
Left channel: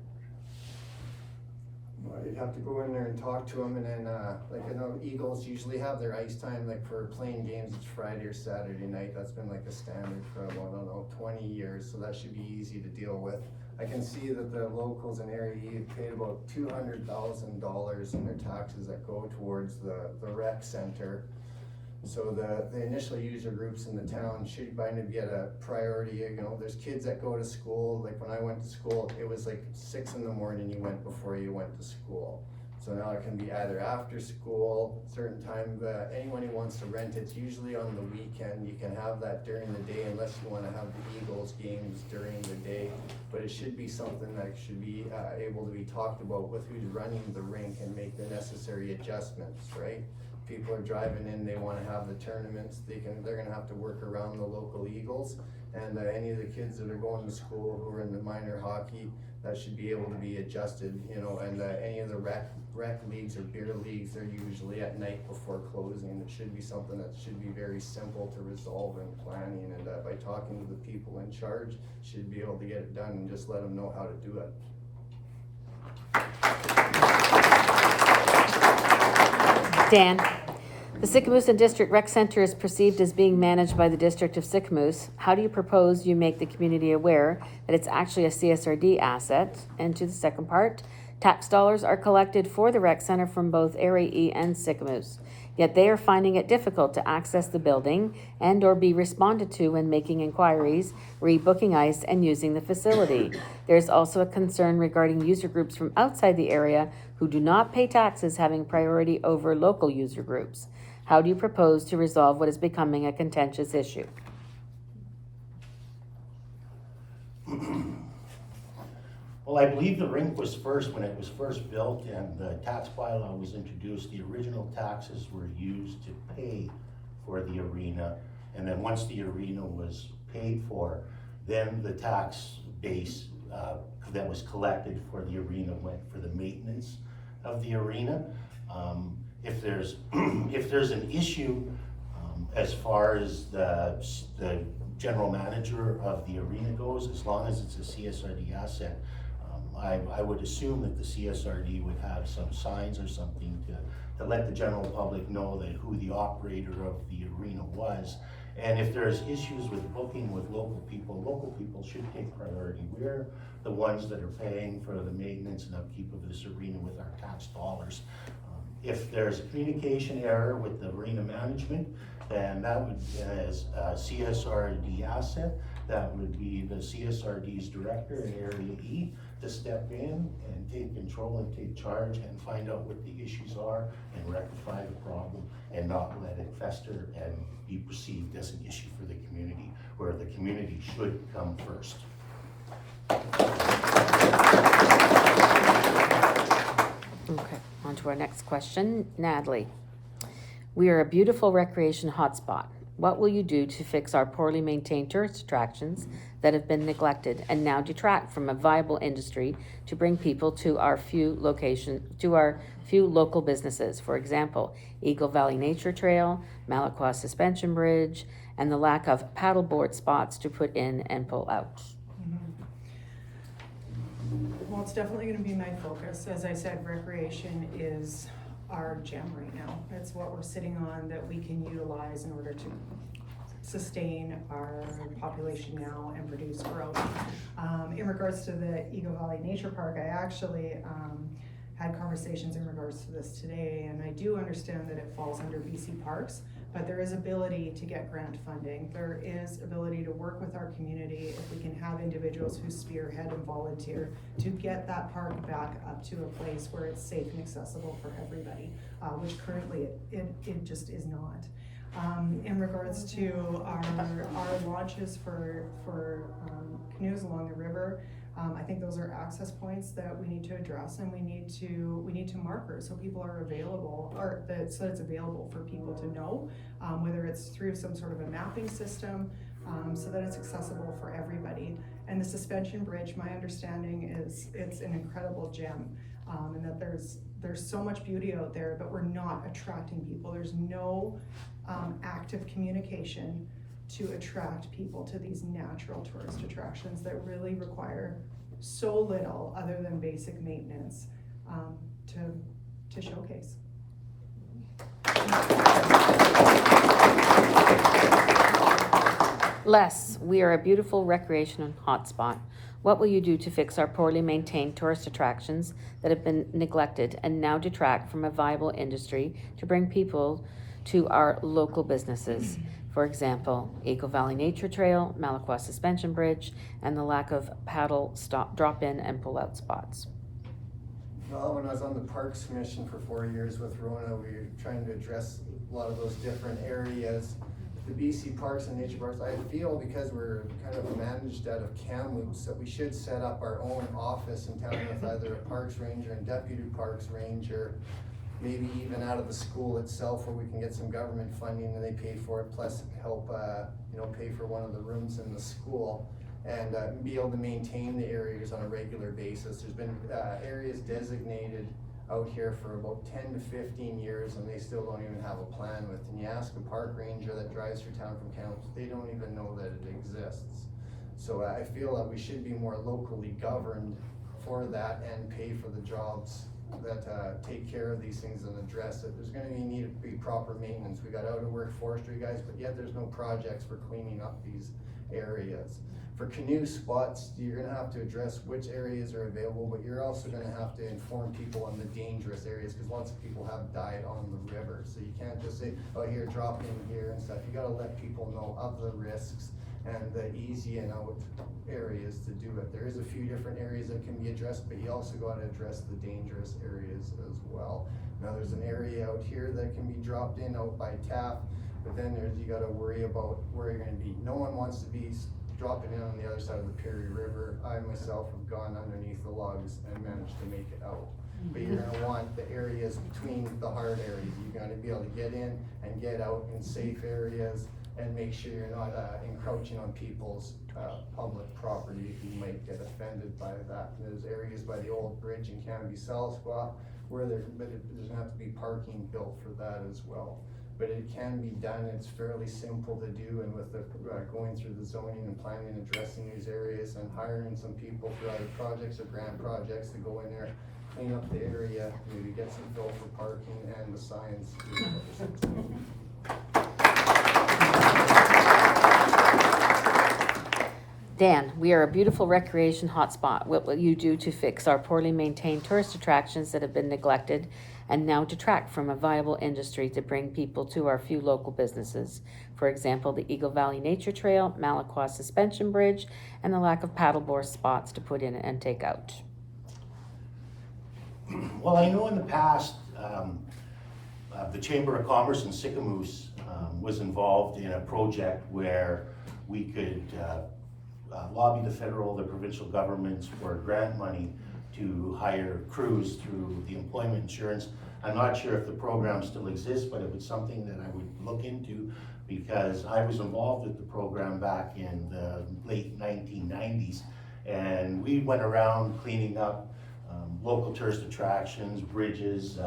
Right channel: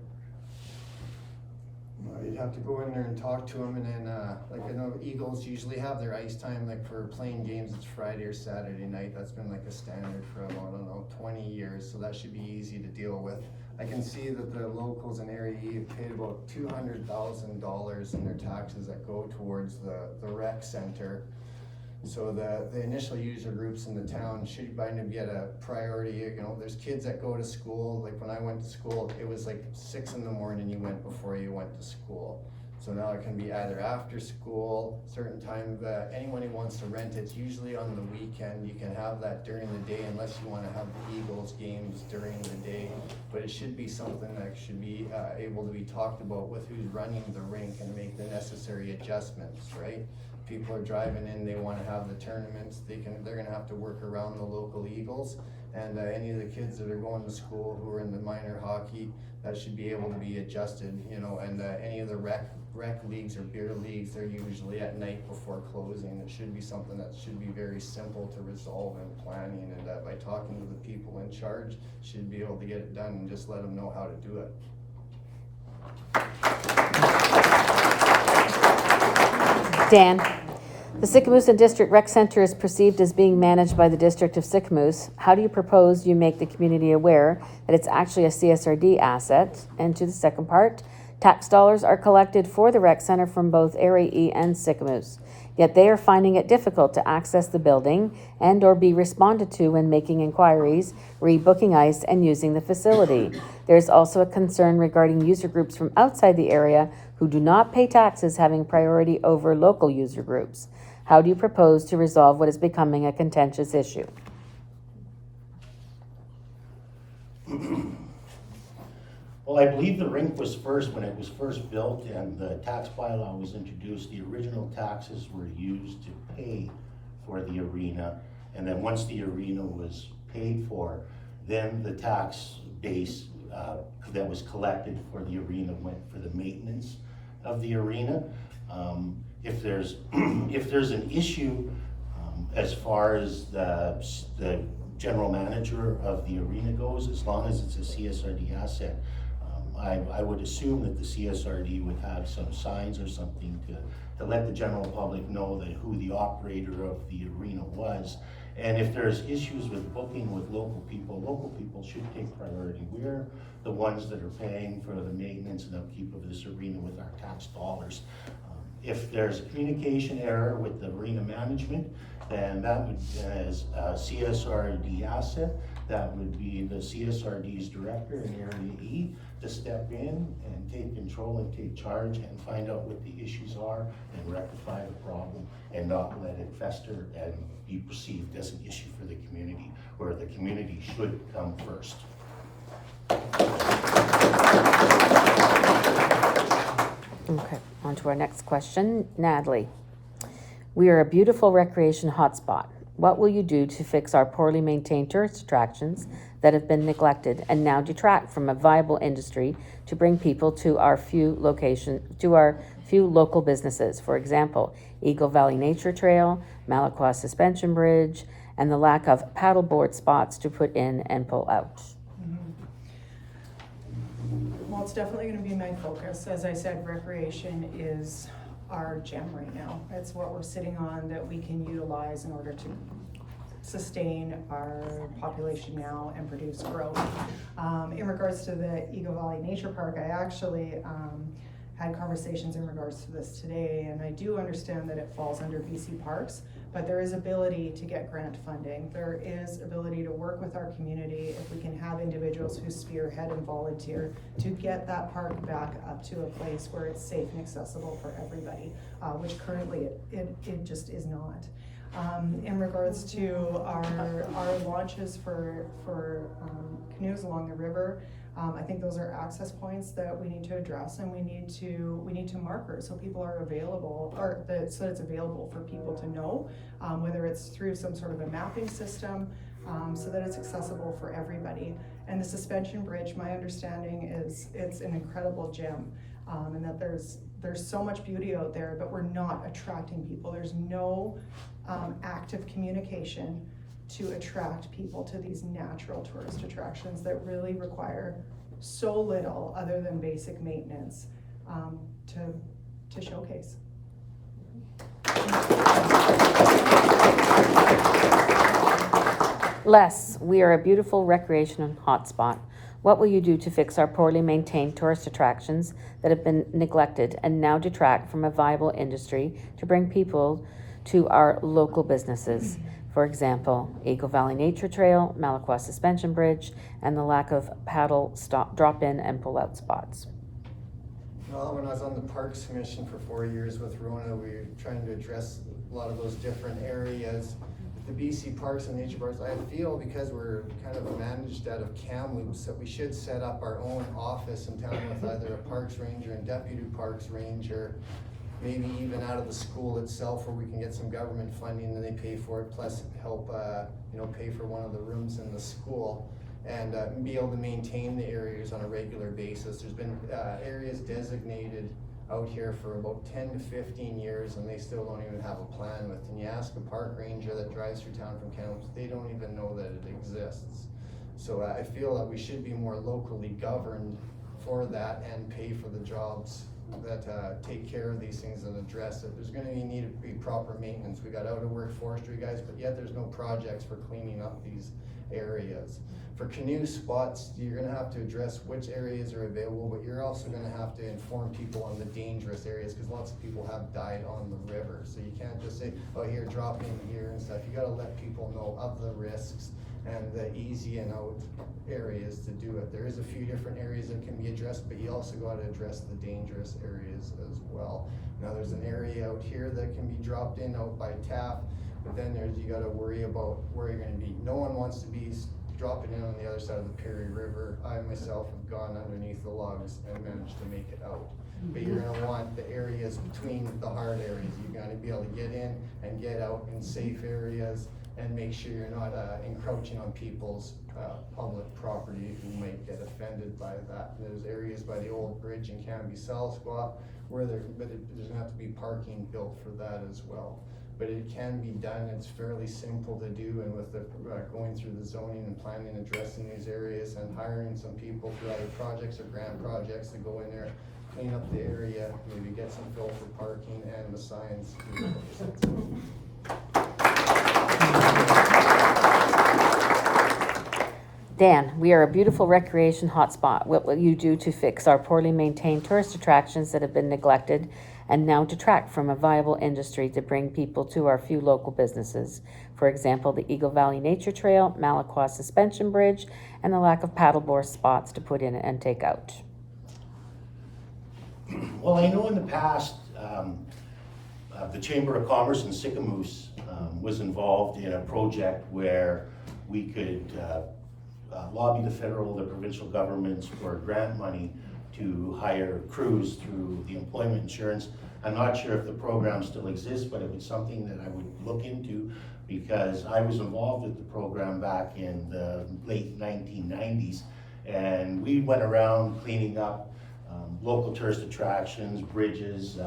Well, you'd have to go in there and talk to them, and then, like, I know Eagles usually have their ice time, like, for playing games, it's Friday or Saturday night. That's been like a standard for about, I don't know, 20 years, so that should be easy to deal with. I can see that the locals in Area E have paid about $200,000 in their taxes that go towards the rec center. So the initial user groups in the town should kind of get a priority. You know, there's kids that go to school, like when I went to school, it was like 6 in the morning you went before you went to school. So now it can be either after school, certain time, anyone who wants to rent, it's usually on the weekend. You can have that during the day unless you want to have the Eagles games during the day. But it should be something that should be able to be talked about with who's running the rink and make the necessary adjustments, right? People are driving in, they want to have the tournaments, they're going to have to work around the local Eagles. And any of the kids that are going to school who are in the minor hockey, that should be able to be adjusted, you know, and any of the rec leagues or beer leagues, they're usually at night before closing. It should be something that should be very simple to resolve in planning, and by talking to the people in charge, should be able to get it done and just let them know how to do it. Dan, the Sicamous District Rec Center is perceived as being managed by the District of Sicamous. How do you propose you make the community aware that it's actually a CSRD asset? And to the second part, tax dollars are collected for the rec center from both Area E and Sicamous, yet they are finding it difficult to access the building and or be responded to when making inquiries, rebooking ice, and using the facility. There is also a concern regarding user groups from outside the area who do not pay taxes having priority over local user groups. How do you propose to resolve what is becoming a contentious issue? Well, I believe the rink was when it was first built and the tax bylaw was introduced, the original taxes were used to pay for the arena. And then once the arena was paid for, then the tax base that was collected for the arena went for the maintenance of the arena. If there's an issue as far as the general manager of the arena goes, as long as it's a CSRD asset, I would assume that the CSRD would have some signs or something to let the general public know that who the operator of the arena was, And if there's issues with booking with local people should take priority. We're the ones that are paying for the maintenance and upkeep of this arena with our tax dollars. If there's a communication error with the arena management, then that would, as a CSRD asset, that would be the CSRD's director in Area E to step in and take control and take charge and find out what the issues are and rectify the problem and not let it fester and be perceived as an issue for the community, where the community should come first. Okay, on to our next question. Natalie, we are a beautiful recreation hotspot. What will you do to fix our poorly maintained tourist attractions that have been neglected and now detract from a viable industry to bring people to our few local businesses? For example, Eagle Valley Nature Trail, Malacqua Suspension Bridge, and the lack of paddleboard spots to put in and pull out. Well, it's definitely gonna be my focus. As I said, recreation is our gem right now. It's what we're sitting on that we can utilize in order to sustain our population now and produce growth. In regards to the Eagle Valley Nature Park, I actually had conversations in regards to this today, and I do understand that it falls under BC Parks, but there is ability to get grant funding. There is ability to work with our community if we can have individuals who spearhead and volunteer to get that park back up to a place where it's safe and accessible for everybody, which currently it just is not. In regards to our launches for canoes along the river, I think those are access points that we need to address, and we need to marker so people are available, so it's available for people to know, whether it's through some sort of a mapping system, so that it's accessible for everybody. And the suspension bridge, my understanding is it's an incredible gem, and that there's so much beauty out there, but we're not attracting people. There's no active communication to attract people to these natural tourist attractions that really require so little other than basic maintenance to showcase. Les, we are a beautiful recreation hotspot. What will you do to fix our poorly maintained tourist attractions that have been neglected and now detract from a viable industry to bring people to our local businesses? For example, Eagle Valley Nature Trail, Malacqua Suspension Bridge, and the lack of paddle stop, drop-in and pull-out spots. Well, when I was on the Parks Commission for 4 years with Rona, we were trying to address a lot of those different areas. With the BC Parks and Nature Parks, I feel because we're kind of managed out of Kamloops that we should set up our own office in town with either a Parks Ranger and Deputy Parks Ranger, maybe even out of the school itself where we can get some government funding and they pay for it, plus help pay for one of the rooms in the school, and be able to maintain the areas on a regular basis. There's been areas designated out here for about 10 to 15 years and they still don't even have a plan with. And you ask a park ranger that drives through town from Kamloops, they don't even know that it exists. So I feel that we should be more locally governed for that and pay for the jobs that take care of these things and address it. There's gonna need to be proper maintenance. We got out of work forestry guys, but yet there's no projects for cleaning up these areas. For canoe spots, you're gonna have to address which areas are available, but you're also gonna have to inform people on the dangerous areas, because lots of people have died on the river. So you can't just say, oh, here, drop in here and stuff. You gotta let people know of the risks and the easy and out areas to do it. There is a few different areas that can be addressed, but you also gotta address the dangerous areas as well. Now there's an area out here that can be dropped in out by Taft, but then you gotta worry about where you're gonna be. No one wants to be dropping in on the other side of the Perry River. I myself have gone underneath the logs and managed to make it out. But you're gonna want the areas between the hard areas. You gotta be able to get in and get out in safe areas and make sure you're not encroaching on people's public property who might get offended by that. And there's areas by the old bridge in Canby-Salsqua where there's gonna have to be parking built for that as well. But it can be done, it's fairly simple to do, and with the going through the zoning and planning, addressing these areas and hiring some people through either projects or grant projects to go in there, clean up the area, maybe get some fill for parking and the signs. Dan, we are a beautiful recreation hotspot. What will you do to fix our poorly maintained tourist attractions that have been neglected and now detract from a viable industry to bring people to our few local businesses? For example, the Eagle Valley Nature Trail, Malaqua Suspension Bridge, and the lack of paddleboard spots to put in and take out. Well, I know in the past, the Chamber of Commerce in Sicamous was involved in a project where we could lobby the federal, the provincial governments for grant money to hire crews through the employment insurance. I'm not sure if the program still exists, but it was something that I would look into because I was involved with the program back in the late 1990s. And we went around cleaning up local tourist attractions, bridges.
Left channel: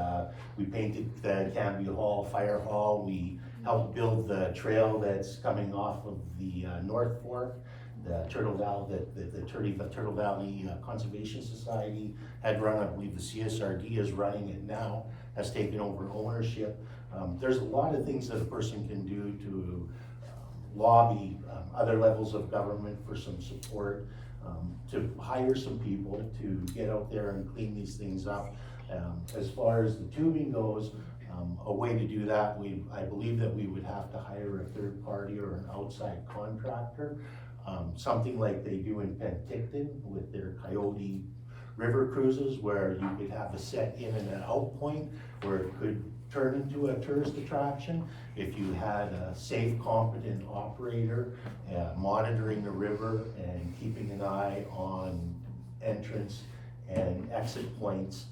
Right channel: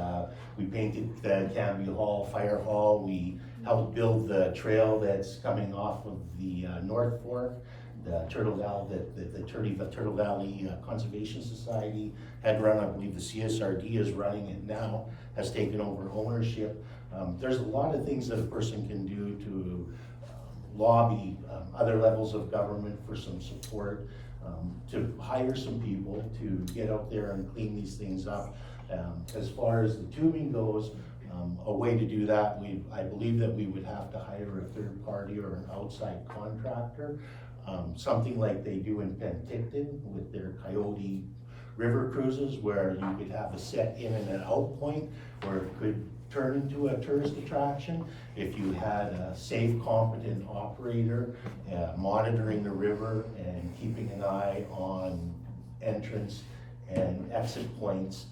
We painted the Canby Hall, Fire Hall. We helped build the trail that's coming off of the North Fork, the Turtle Valley, the Turtle Valley Conservation Society had run. I believe the CSRD is running it now, has taken over ownership. There's a lot of things that a person can do to lobby other levels of government for some support, to hire some people to get out there and clean these things up. As far as the tubing goes, a way to do that, I believe that we would have to hire a third party or an outside contractor, something like they do in Penticton with their Coyote River cruises, where you could have a set in and an out point where it could turn into a tourist attraction. If you had a safe, competent operator monitoring the river and keeping an eye on entrance and exit points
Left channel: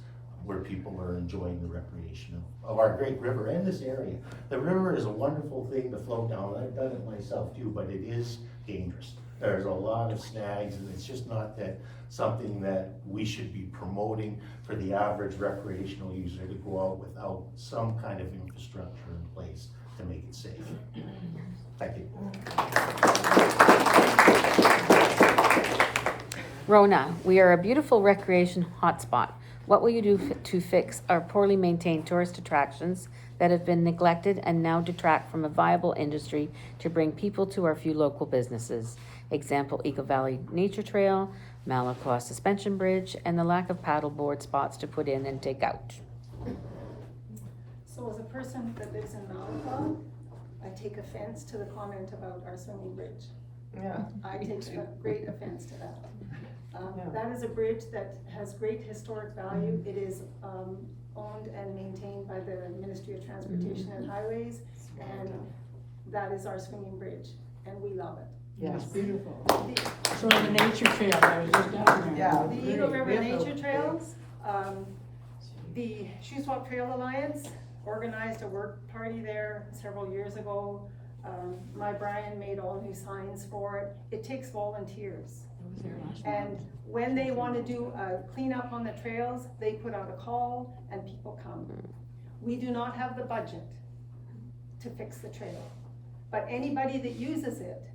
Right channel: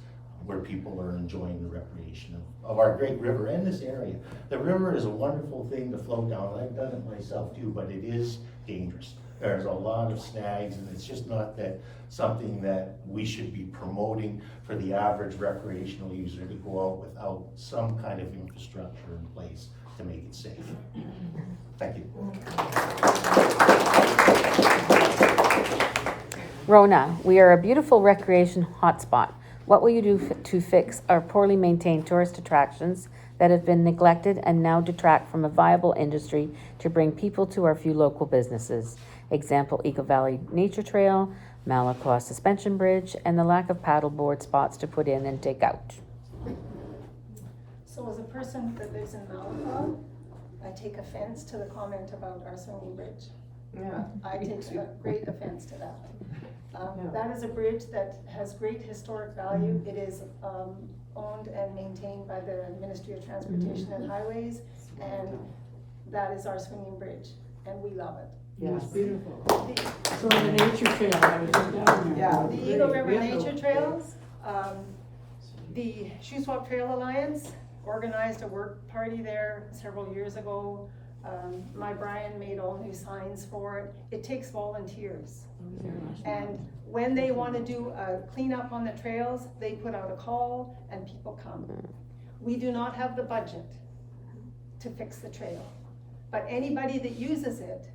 where people are enjoying the recreation of our great river and this area. The river is a wonderful thing to float down. I've done it myself too, but it is dangerous. There's a lot of snags, and it's just not that something that we should be promoting for the average recreational user to go out without some kind of infrastructure in place to make it safe. Thank you. Rona, we are a beautiful recreation hotspot. What will you do to fix our poorly maintained tourist attractions that have been neglected and now detract from a viable industry to bring people to our few local businesses? Example, Eagle Valley Nature Trail, Malaqua Suspension Bridge, and the lack of paddleboard spots to put in and take out. So as a person that lives in Malaqua, I take offense to the comment about our swinging bridge. Yeah. I take a great offense to that. That is a bridge that has great historic value. It is owned and maintained by the Ministry of Transportation and Highways, and that is our swinging bridge, and we love it. Yes, beautiful. The- So the nature trail, I was just down there. Yeah. The Eagle River Nature Trail, the Shuswap Trail Alliance organized a work party there several years ago. My Brian made all new signs for it. It takes volunteers. And when they want to do a cleanup on the trails, they put out a call and people come. We do not have the budget to fix the trail, but anybody that uses it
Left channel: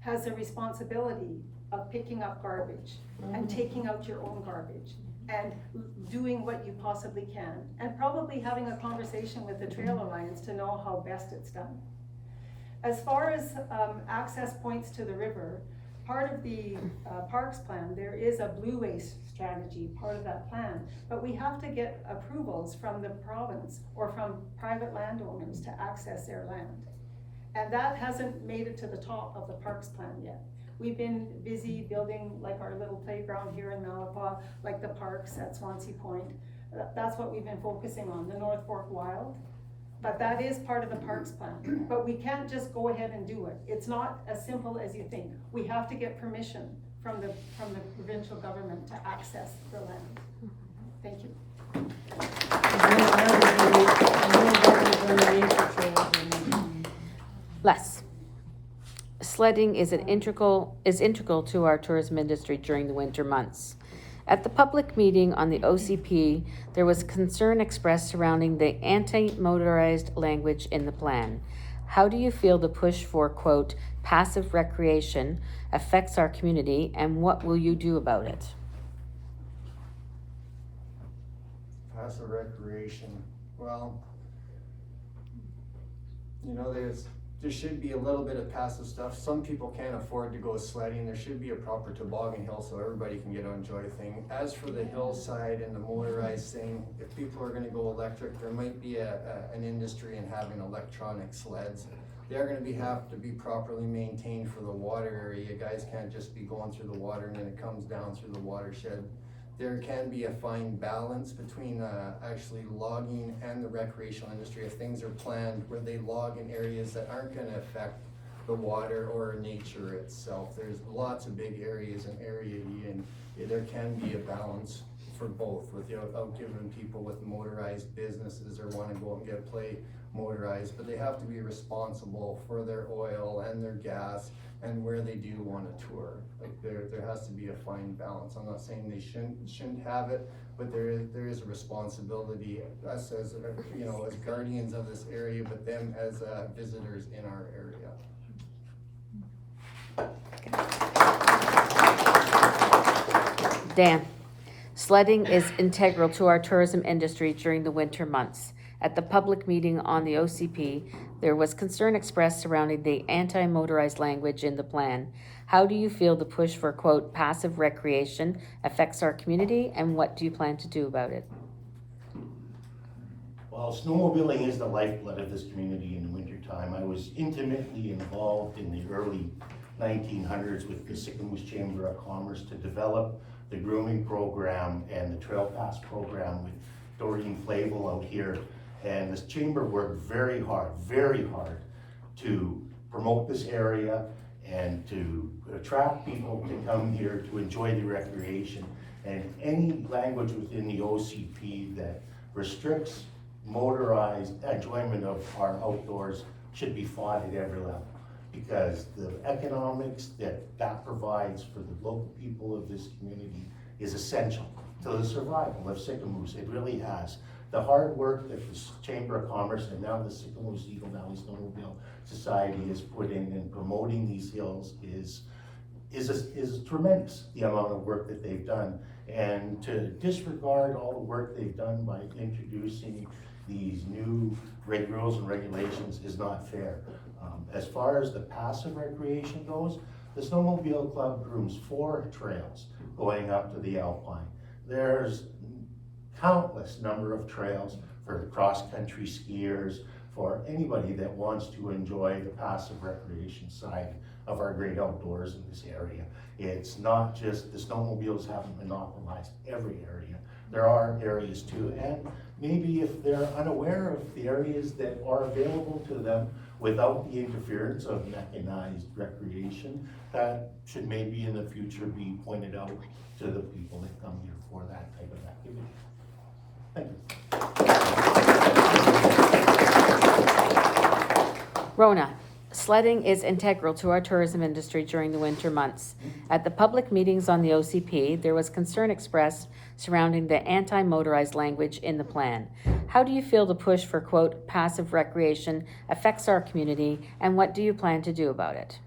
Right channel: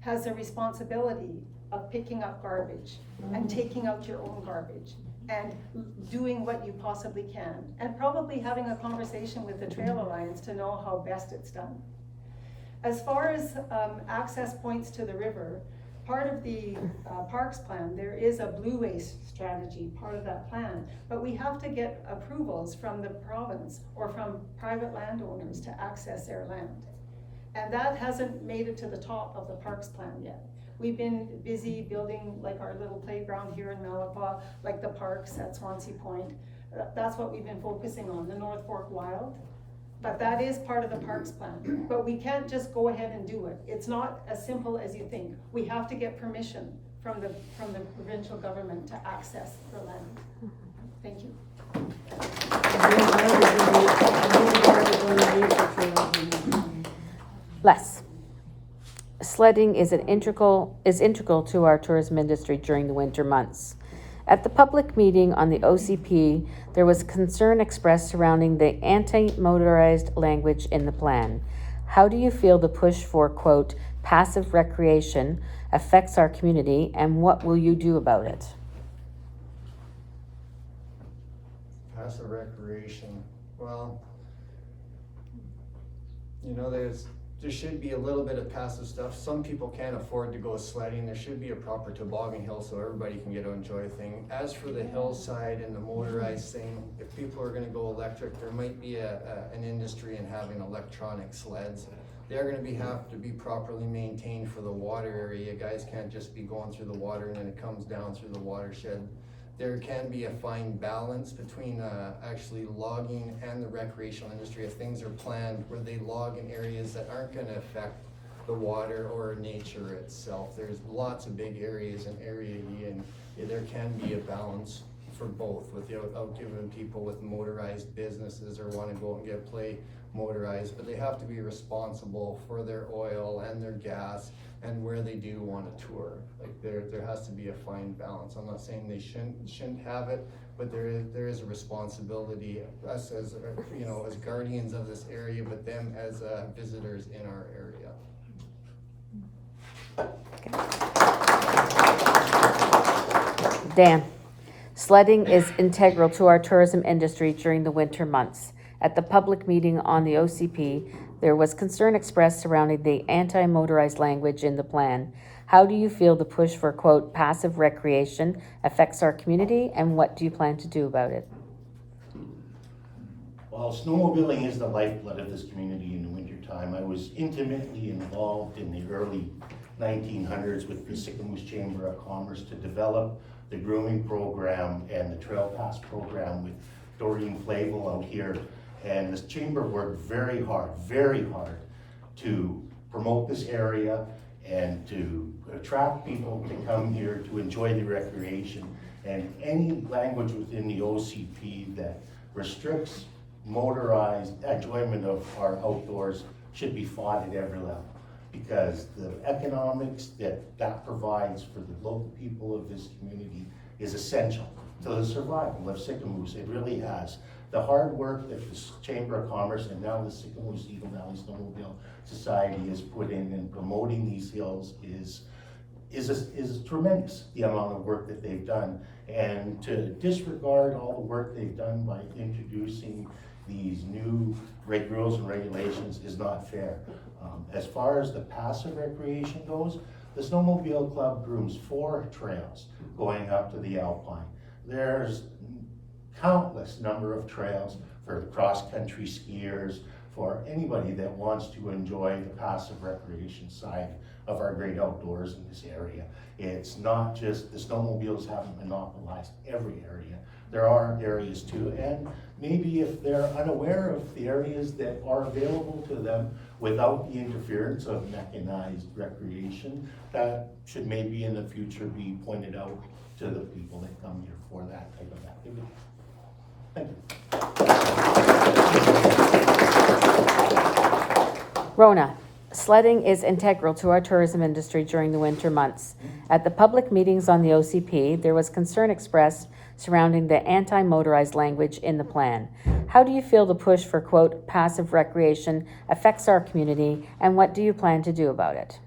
has a responsibility of picking up garbage and taking out your own garbage and doing what you possibly can, and probably having a conversation with the Trail Alliance to know how best it's done. As far as access points to the river, part of the parks plan, there is a blue waste strategy, part of that plan, but we have to get approvals from the province or from private landowners to access their land. And that hasn't made it to the top of the parks plan yet. We've been busy building like our little playground here in Malaqua, like the parks at Swansea Point. That's what we've been focusing on, the North Fork Wild. But that is part of the parks plan. But we can't just go ahead and do it. It's not as simple as you think. We have to get permission from the provincial government to access the land. Thank you. Les. Sledding is integral to our tourism industry during the winter months. At the public meeting on the OCP, there was concern expressed surrounding the anti-motorized language in the plan. How do you feel the push for, quote, passive recreation affects our community, and what will you do about it? Passive recreation, well, you know, there's there should be a little bit of passive stuff. Some people can't afford to go sledding. There should be a proper toboggan hill so everybody can get to enjoy a thing. As for the hillside and the motorized thing, if people are gonna go electric, there might be an industry in having electronic sleds. They're gonna have to be properly maintained for the water area. Guys can't just be going through the water and then it comes down through the watershed. There can be a fine balance between actually logging and the recreational industry if things are planned where they log in areas that aren't gonna affect the water or nature itself. There's lots of big areas in Area E, and there can be a balance for both without giving people with motorized businesses or wanna go and play motorized, but they have to be responsible for their oil and their gas and where they do want to tour. Like there has to be a fine balance. I'm not saying they shouldn't have it, but there is a responsibility, us as as guardians of this area, but them as visitors in our area. Dan, sledding is integral to our tourism industry during the winter months. At the public meeting on the OCP, there was concern expressed surrounding the anti-motorized language in the plan. How do you feel the push for, quote, passive recreation affects our community, and what do you plan to do about it? While snowmobiling is the lifeblood of this community in the wintertime, I was intimately involved in the early 1900s with the Sicamous Chamber of Commerce to develop the grooming program and the Trail Pass program with Doreen Flavel out here. And this chamber worked very hard to promote this area and to attract people to come here to enjoy the recreation. And any language within the OCP that restricts motorized enjoyment of our outdoors should be fought at every level, because the economics that provides for the local people of this community is essential to the survival of Sicamous. It really has. The hard work that the Chamber of Commerce and now the Sicamous Eagle Valley Snowmobile Society has put in promoting these hills is tremendous, the amount of work that they've done. And to disregard all the work they've done by introducing these new rules and regulations is not fair. As far as the passive recreation goes, the Snowmobile Club grooms 4 trails going up to the Alpine. There's countless number of trails for cross-country skiers, for anybody that wants to enjoy the passive recreation side of our great outdoors in this area. It's not just the snowmobiles haven't monopolized every area. There are areas too, and maybe if they're unaware of the areas that are available to them without the interference of mechanized recreation, that should maybe in the future be pointed out to the people that come here for that type of activity. Thank you. Rona, sledding is integral to our tourism industry during the winter months. At the public meetings on the OCP, there was concern expressed surrounding the anti-motorized language in the plan. How do you feel the push for, quote, passive recreation affects our community, and what do you plan to do about it?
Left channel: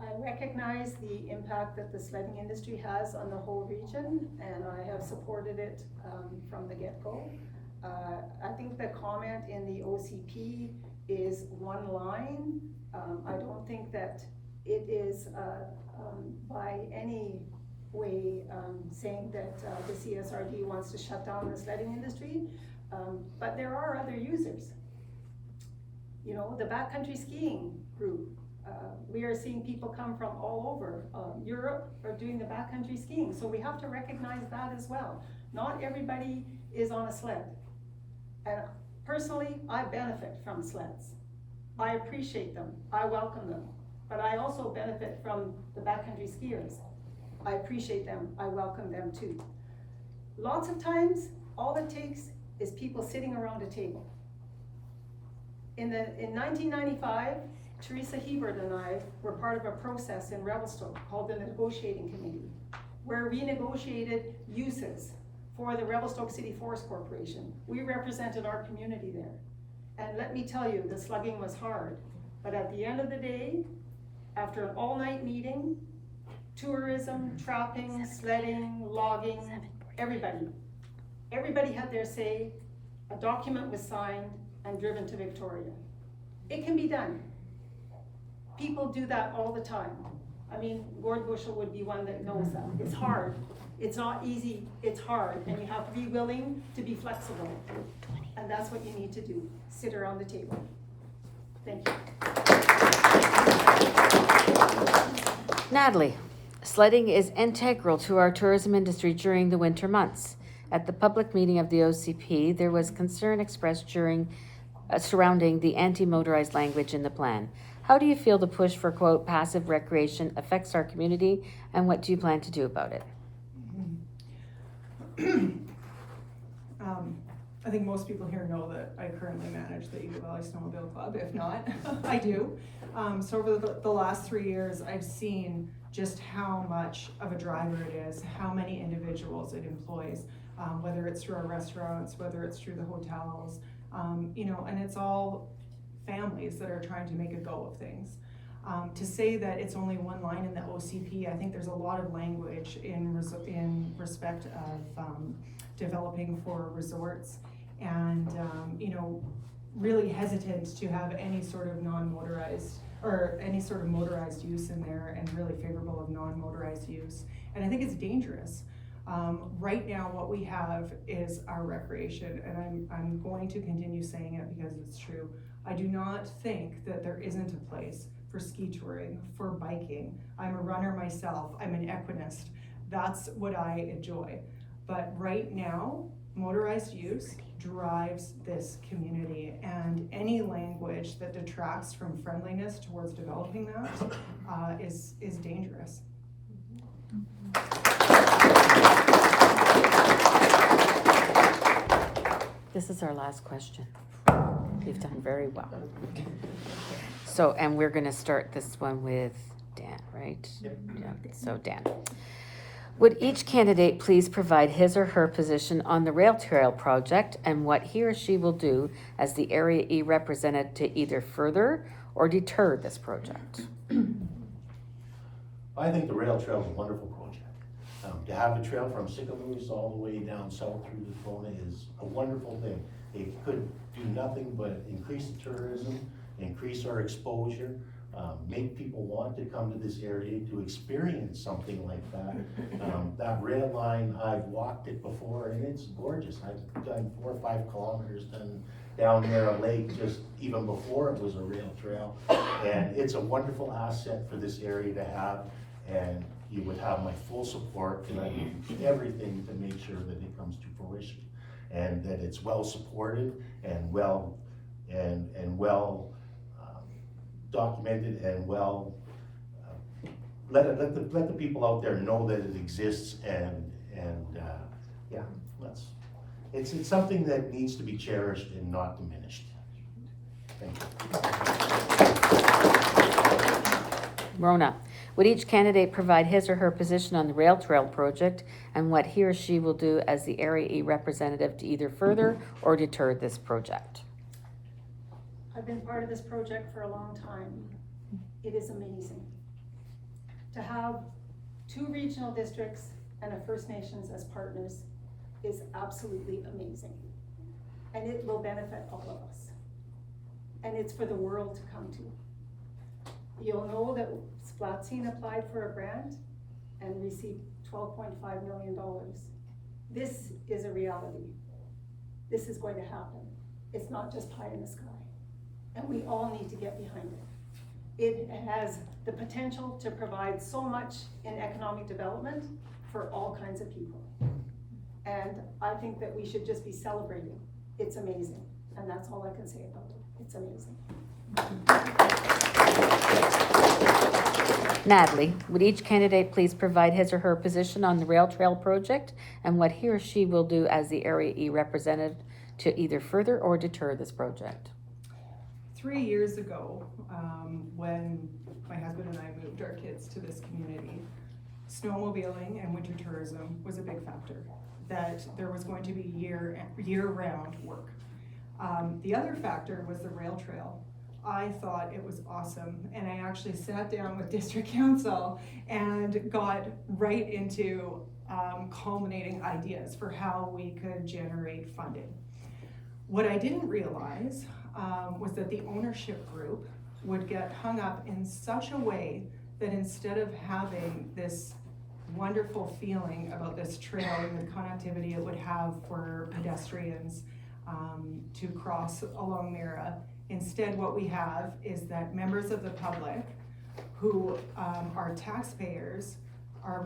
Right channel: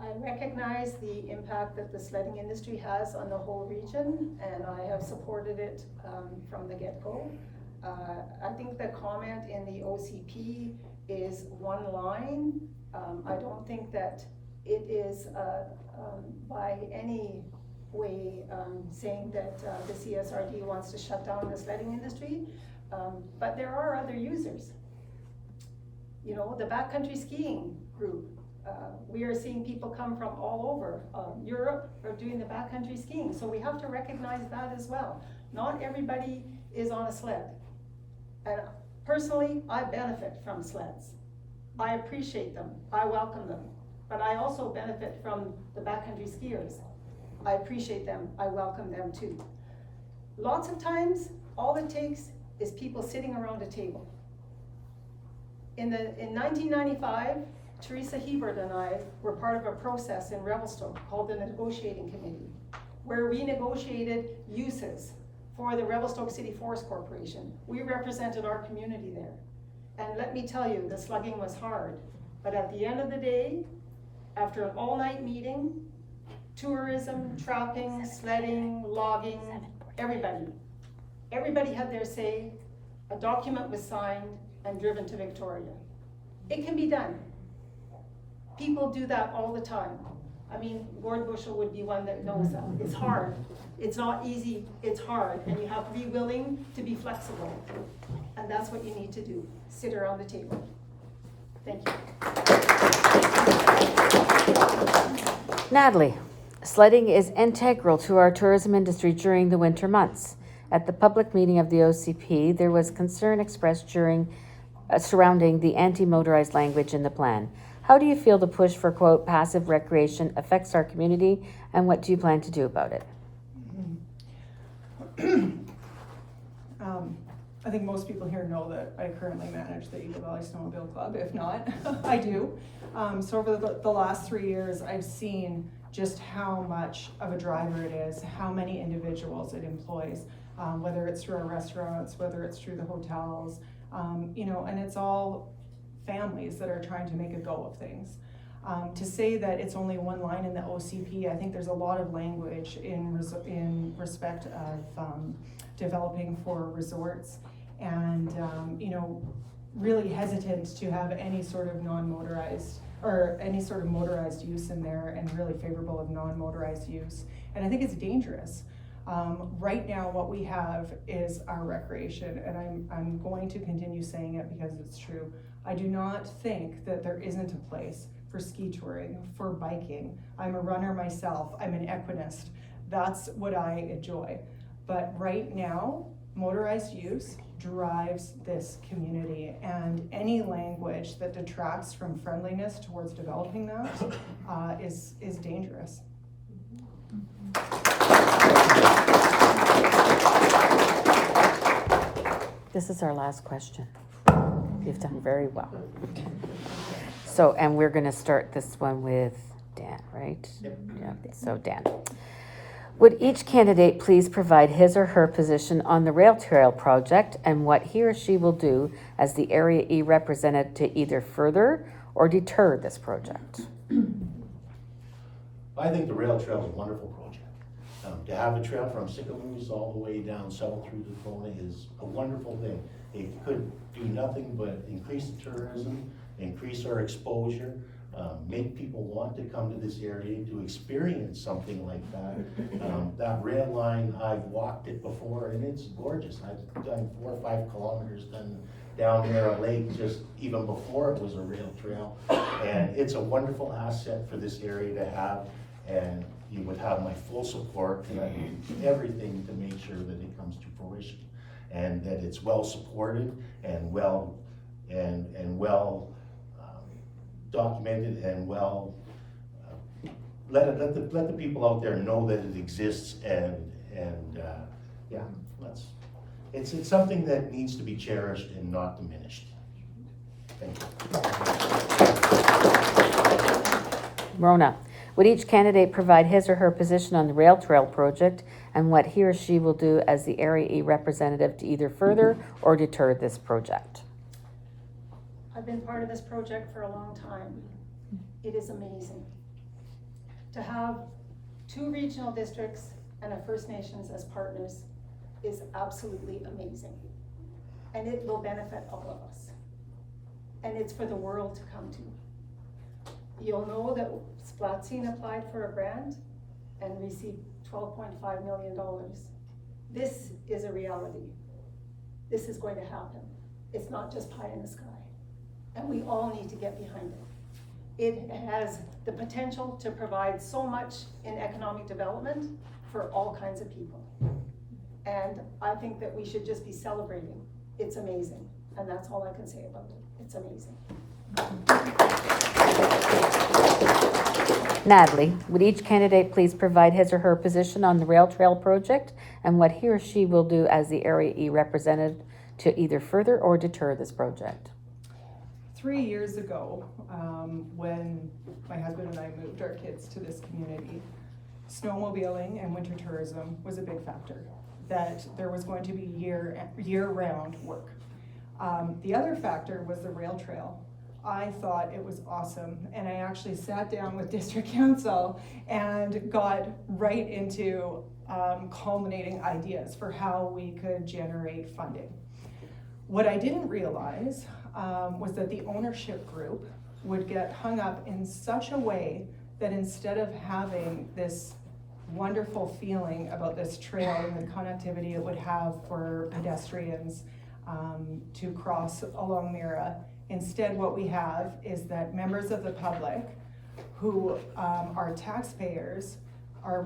I recognize the impact that the sledding industry has on the whole region, and I have supported it from the get-go. I think the comment in the OCP is one line. I don't think that it is by any way saying that the CSRD wants to shut down the sledding industry, but there are other users. You know, the backcountry skiing group, we are seeing people come from all over Europe are doing the backcountry skiing, so we have to recognize that as well. Not everybody is on a sled, and personally I benefit from sleds. I appreciate them, I welcome them, but I also benefit from the backcountry skiers. I appreciate them, I welcome them too. Lots of times, all it takes is people sitting around a table. In 1995, Teresa Hebert and I were part of a process in Revelstoke called the Negotiating Committee, where we negotiated uses for the Revelstoke City Forest Corporation. We represented our community there. And let me tell you, the slugging was hard. But at the end of the day, after an all-night meeting, tourism, trapping, sledding, logging, everybody had their say, a document was signed and driven to Victoria. It can be done. People do that all the time. I mean, Gord Bushel would be one that knows that. It's hard. It's not easy, it's hard, and you have to be willing to be flexible. And that's what you need to do, sit around the table. Thank you. Natalie, sledding is integral to our tourism industry during the winter months. At the public meeting of the OCP, there was concern expressed surrounding the anti-motorized language in the plan. How do you feel the push for, quote, passive recreation affects our community, and what do you plan to do about it? I think most people here know that I currently manage the Eagle Valley Snowmobile Club. If not, I do. So over the last 3 years, I've seen just how much of a driver it is, how many individuals it employs, whether it's through our restaurants, whether it's through the hotels, you know, and it's all families that are trying to make a go of things. To say that it's only one line in the OCP, I think there's a lot of language in respect of developing for resorts and, you know, really hesitant to have any sort of non-motorized or any sort of motorized use in there and really favorable of non-motorized use. And I think it's dangerous. Right now, what we have is our recreation, and I'm going to continue saying it because it's true. I do not think that there isn't a place for ski touring, for biking. I'm a runner myself, I'm an equinist. That's what I enjoy. But right now, motorized use drives this community, and any language that detracts from friendliness towards developing that is dangerous. This is our last question. You've done very well. So, and we're gonna start this one with Dan, right? Yep. Yeah, so Dan. Would each candidate please provide his or her position on the rail trail project and what he or she will do as the Area E representative to either further or deter this project? I think the rail trail is a wonderful project. To have a trail from Sicamous all the way down south through the Kelowna is a wonderful thing. It could do nothing but increase the tourism, increase our exposure, make people want to come to this area to experience something like that. That rail line, I've walked it before and it's gorgeous. I've done 4 or 5 kilometers down Mirror Lake just even before it was a rail trail. And it's a wonderful asset for this area to have, and you would have my full support, and I do everything to make sure that it comes to fruition and that it's well supported and well documented and well let the people out there know that it exists, and yeah, it's something that needs to be cherished and not diminished. Thank you. Rona, would each candidate provide his or her position on the rail trail project and what he or she will do as the Area E representative to either further or deter this project? I've been part of this project for a long time. It is amazing. To have 2 regional districts and a First Nations as partners is absolutely amazing. And it will benefit all of us. And it's for the world to come to. You'll know that Splatine applied for a grant and received $12.5 million. This is a reality. This is going to happen. It's not just pie in the sky. And we all need to get behind it. It has the potential to provide so much in economic development for all kinds of people. And I think that we should just be celebrating. It's amazing. And that's all I can say about it. It's amazing. Natalie, would each candidate please provide his or her position on the rail trail project and what he or she will do as the Area E representative to either further or deter this project? 3 years ago, when my husband and I moved our kids to this community, snowmobiling and winter tourism was a big factor, that there was going to be year-round work. The other factor was the rail trail. I thought it was awesome, and I actually sat down with district council and got right into culminating ideas for how we could generate funding. What I didn't realize was that the ownership group would get hung up in such a way that instead of having this wonderful feeling about this trail and the connectivity it would have for pedestrians to cross along Mira, instead what we have is that members of the public who are taxpayers are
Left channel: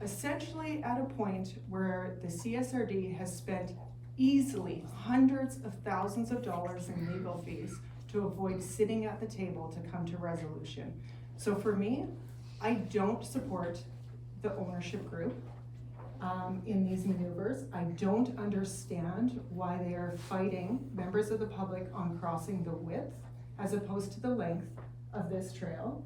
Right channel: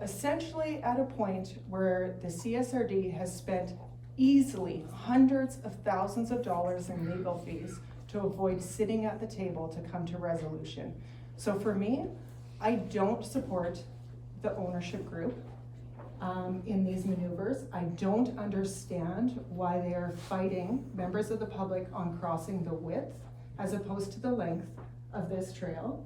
essentially at a point where the CSRD has spent easily hundreds of thousands of dollars in legal fees to avoid sitting at the table to come to resolution. So for me, I don't support the ownership group in these maneuvers. I don't understand why they are fighting members of the public on crossing the width as opposed to the length of this trail.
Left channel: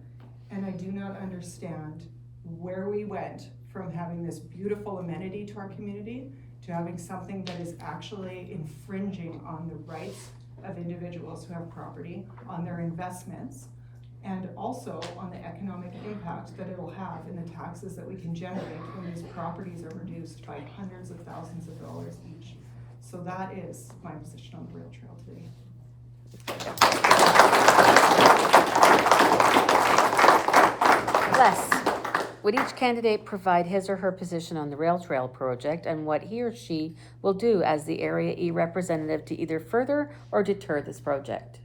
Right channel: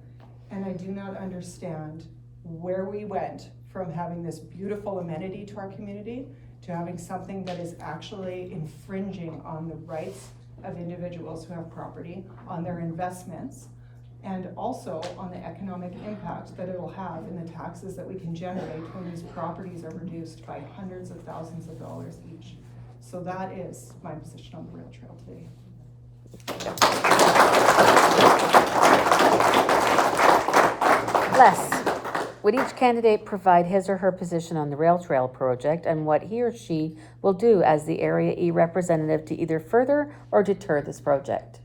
And I do not understand where we went from having this beautiful amenity to our community to having something that is actually infringing on the rights of individuals who have property, on their investments, and also on the economic impact that it'll have in the taxes that we can generate when these properties are reduced by hundreds of thousands of dollars each. So that is my position on the rail trail today. Les, would each candidate provide his or her position on the rail trail project and what he or she will do as the Area E representative to either further or deter this project?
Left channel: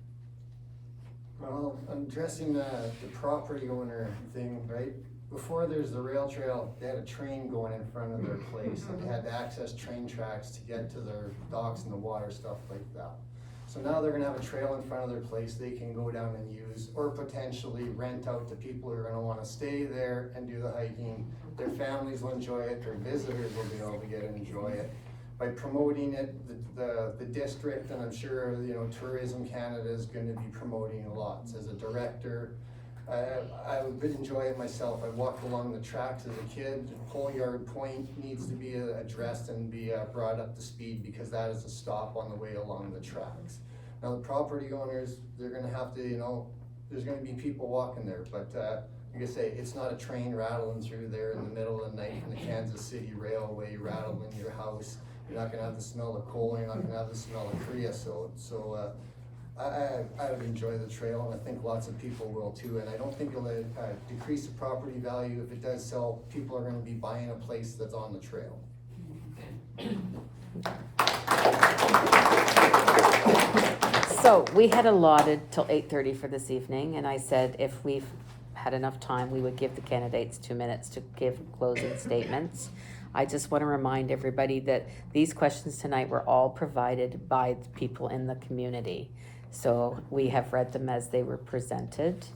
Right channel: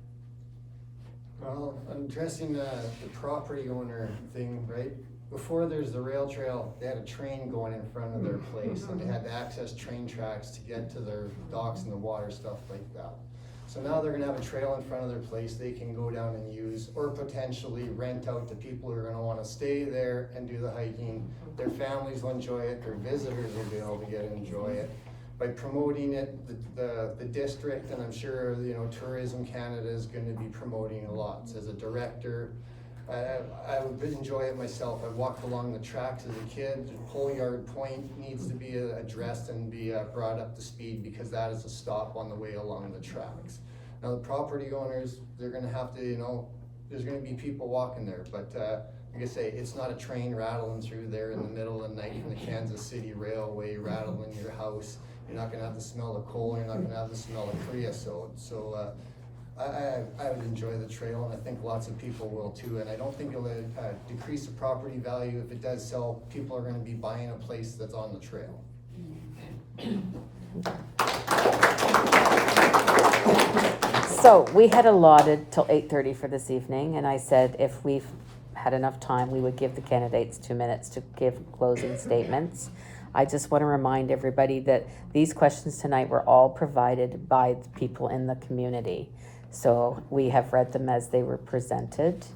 Well, I'm addressing the property owner thing, right? Before there's the rail trail, they had a train going in front of their place and they had to access train tracks to get to their docks and the water, stuff like that. So now they're gonna have a trail in front of their place they can go down and use, or potentially rent out to people who are gonna wanna stay there and do the hiking. Their families will enjoy it, their visitors will be able to get and enjoy it. By promoting it, the district, and I'm sure, you know, Tourism Canada is gonna be promoting a lot. As a director, I would enjoy it myself. I walked along the tracks as a kid. Coalyard Point needs to be addressed and be brought up to speed because that is a stop on the way along the tracks. Now the property owners, they're gonna have to, you know, there's gonna be people walking there, but like I say, it's not a train rattling through there in the middle of the night in the Kansas City Railway rattling your house. You're not gonna have to smell the coal, you're not gonna have to smell the creosote. So I would enjoy the trail, and I think lots of people will too. And I don't think it'll decrease the property value. If it does sell, people are gonna be buying a place that's on the trail. So we had allotted till 8:30 for this evening, and I said if we've had enough time, we would give the candidates 2 minutes to give closing statements. I just want to remind everybody that these questions tonight were all provided by the people in the community. So we have read them as they were presented.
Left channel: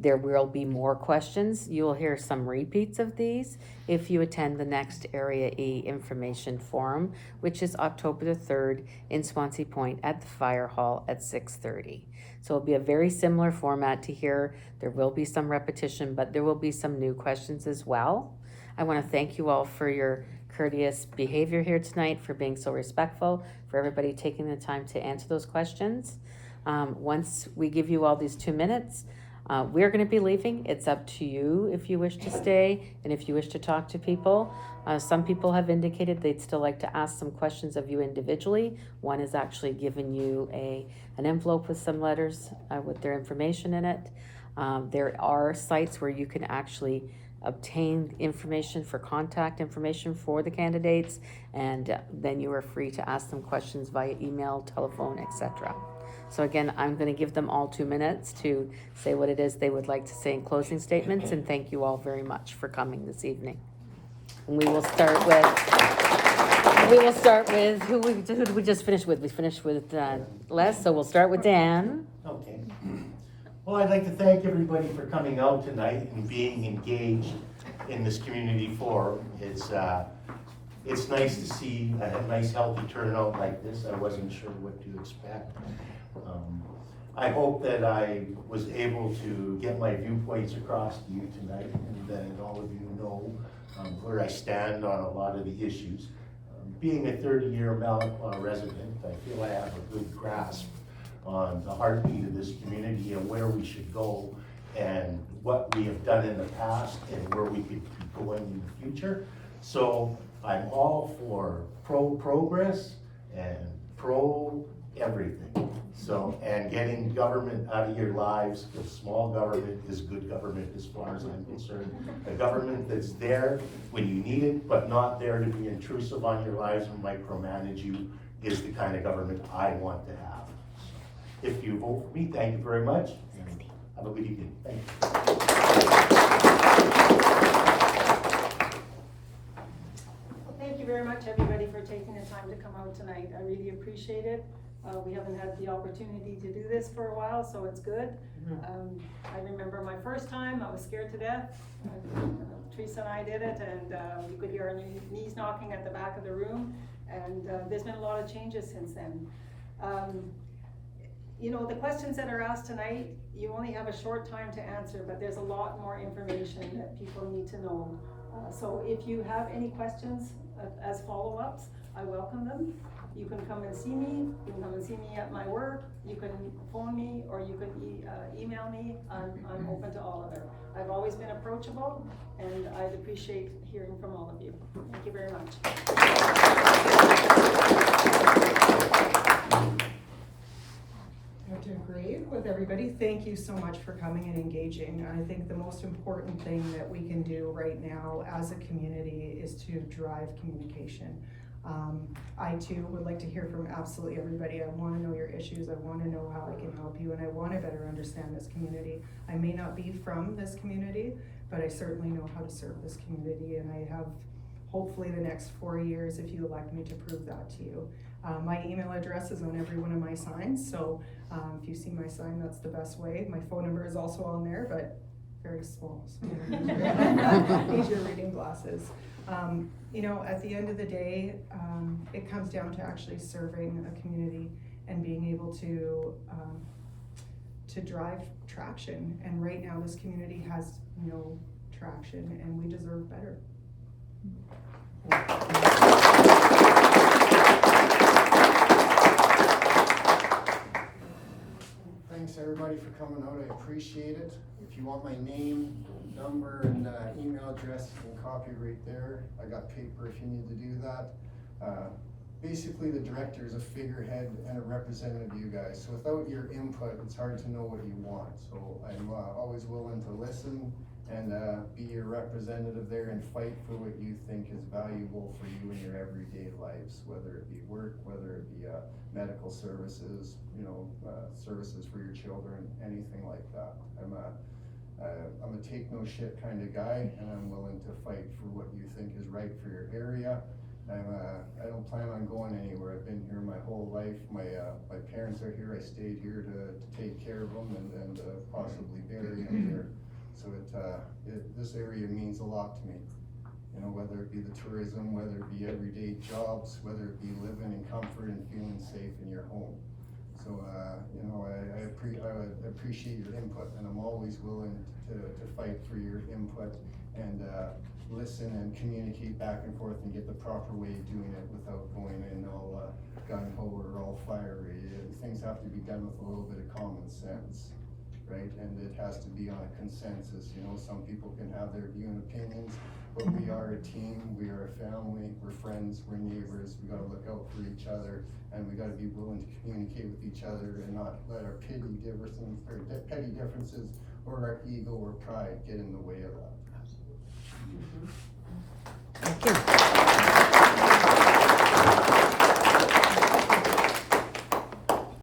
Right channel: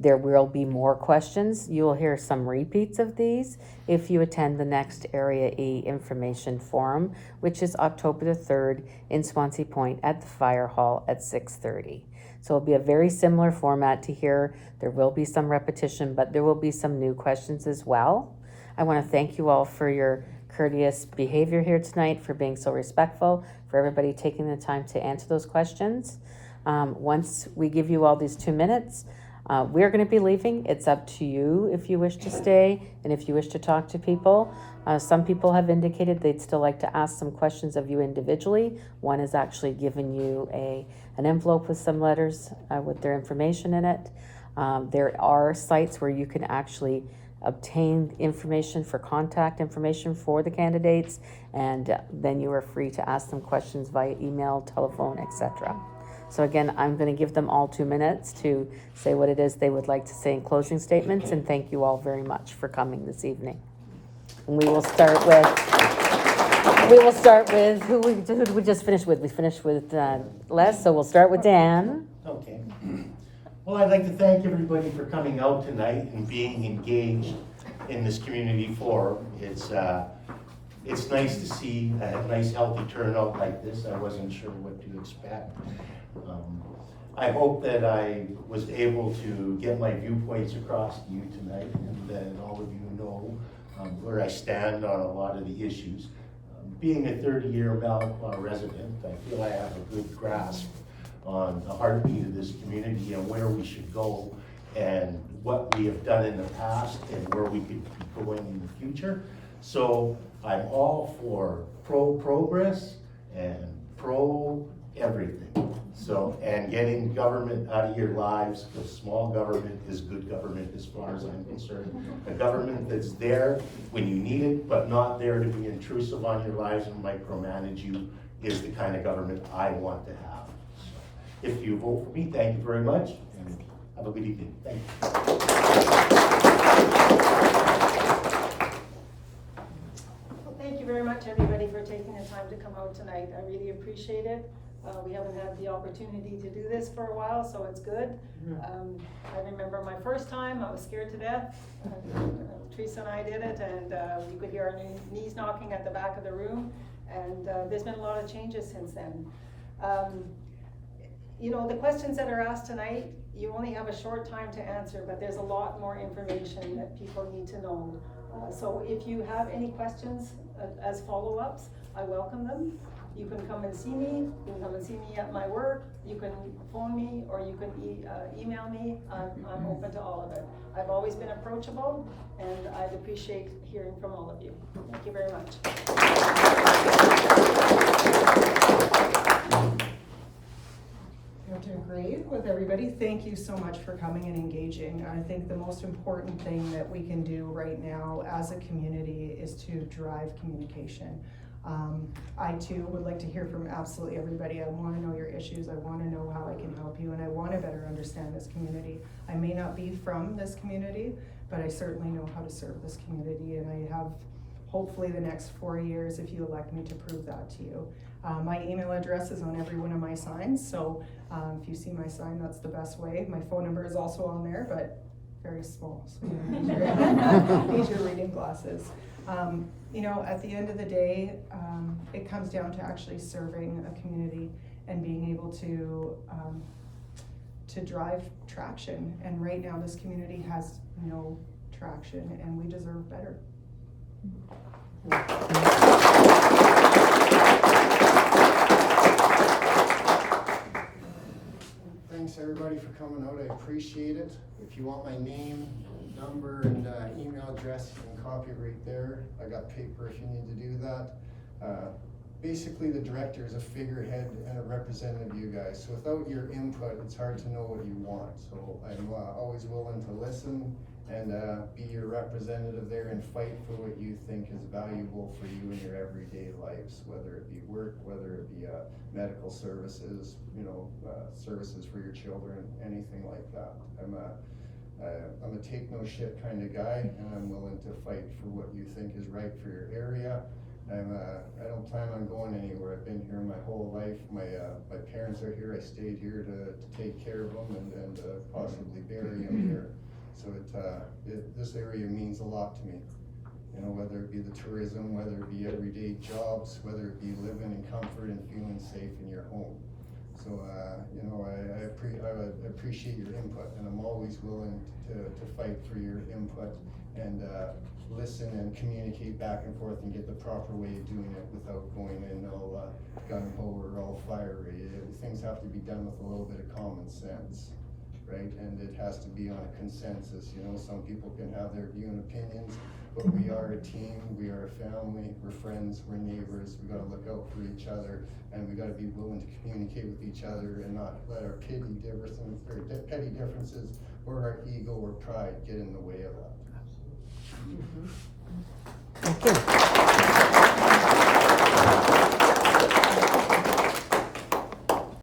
There will be more questions. You will hear some repeats of these if you attend the next Area E Information Forum, which is October the 3rd in Swansea Point at the Fire Hall at 6:30. So it'll be a very similar format to here. There will be some repetition, but there will be some new questions as well. I want to thank you all for your courteous behavior here tonight, for being so respectful, for everybody taking the time to answer those questions. Once we give you all these 2 minutes, we're going to be leaving. It's up to you if you wish to stay and if you wish to talk to people. Some people have indicated they'd still like to ask some questions of you individually. One has actually given you an envelope with some letters with their information in it. There are sites where you can actually obtain information for contact information for the candidates, and then you are free to ask them questions via email, telephone, etc. So again, I'm going to give them all 2 minutes to say what it is they would like to say in closing statements, and thank you all very much for coming this evening. And we will start with who did we just finish with? We finished with Les, so we'll start with Dan. Okay. Well, I'd like to thank everybody for coming out tonight and being engaged in this community forum. It's nice to see a nice healthy turnout like this. I wasn't sure what to expect. I hope that I was able to get my viewpoints across to you tonight, and that all of you know where I stand on a lot of the issues. Being a 30-year Malacqua resident, I feel I have a good grasp on the heartbeat of this community and where we should go and what we have done in the past and where we could be going in the future. So I'm all for pro-progress and pro-everything. So, and getting government out of your lives, because small government is good government as far as I'm concerned. A government that's there when you need it, but not there to be intrusive on your lives and micromanage you is the kind of government I want to have. If you vote for me, thank you very much, and have a good evening. Thank you. Well, thank you very much, everybody, for taking the time to come out tonight. I really appreciate it. We haven't had the opportunity to do this for a while, so it's good. I remember my first time, I was scared to death. Teresa and I did it, and you could hear our knees knocking at the back of the room, and there's been a lot of changes since then. You know, the questions that are asked tonight, you only have a short time to answer, but there's a lot more information that people need to know. So if you have any questions as follow-ups, I welcome them. You can come and see me, you can come and see me at my work, you can phone me, or you can email me. I'm open to all of it. I've always been approachable, and I'd appreciate hearing from all of you. Thank you very much. I have to agree with everybody. Thank you so much for coming and engaging. I think the most important thing that we can do right now as a community is to drive communication. I too would like to hear from absolutely everybody. I want to know your issues. I want to know how I can help you, and I want to better understand this community. I may not be from this community, but I certainly know how to serve this community, and I have hopefully the next 4 years if you elect me to prove that to you. My email address is on every one of my signs, so if you see my sign, that's the best way. My phone number is also on there, but very small, so you need your reading glasses. You know, at the end of the day, it comes down to actually serving a community and being able to drive traction. And right now, this community has no traction, and we deserve better. Thanks everybody for coming out, I appreciate it. If you want my name, number, and email address, you can copy right there. I got paper if you need to do that. Basically, the director is a figurehead and a representative of you guys. So without your input, it's hard to know what you want. So I'm always willing to listen and be your representative there and fight for what you think is valuable for you in your everyday lives, whether it be work, whether it be medical services, you know, services for your children, anything like that. I'm a take no shit kind of guy, and I'm willing to fight for what you think is right for your area. I don't plan on going anywhere. I've been here my whole life. My parents are here. I stayed here to take care of them and possibly bury them here. So this area means a lot to me. You know, whether it be the tourism, whether it be everyday jobs, whether it be living in comfort and feeling safe in your home. So, you know, I appreciate your input, and I'm always willing to fight for your input and listen and communicate back and forth and get the proper way of doing it without going in all gung-ho or all fiery. Things have to be done with a little bit of common sense, right? And it has to be on a consensus. You know, some people can have their view and opinions, but we are a team, we are a family, we're friends, we're neighbors, we gotta look out for each other, and we gotta be willing to communicate with each other and not let our petty differences or our ego or pride get in the way of that.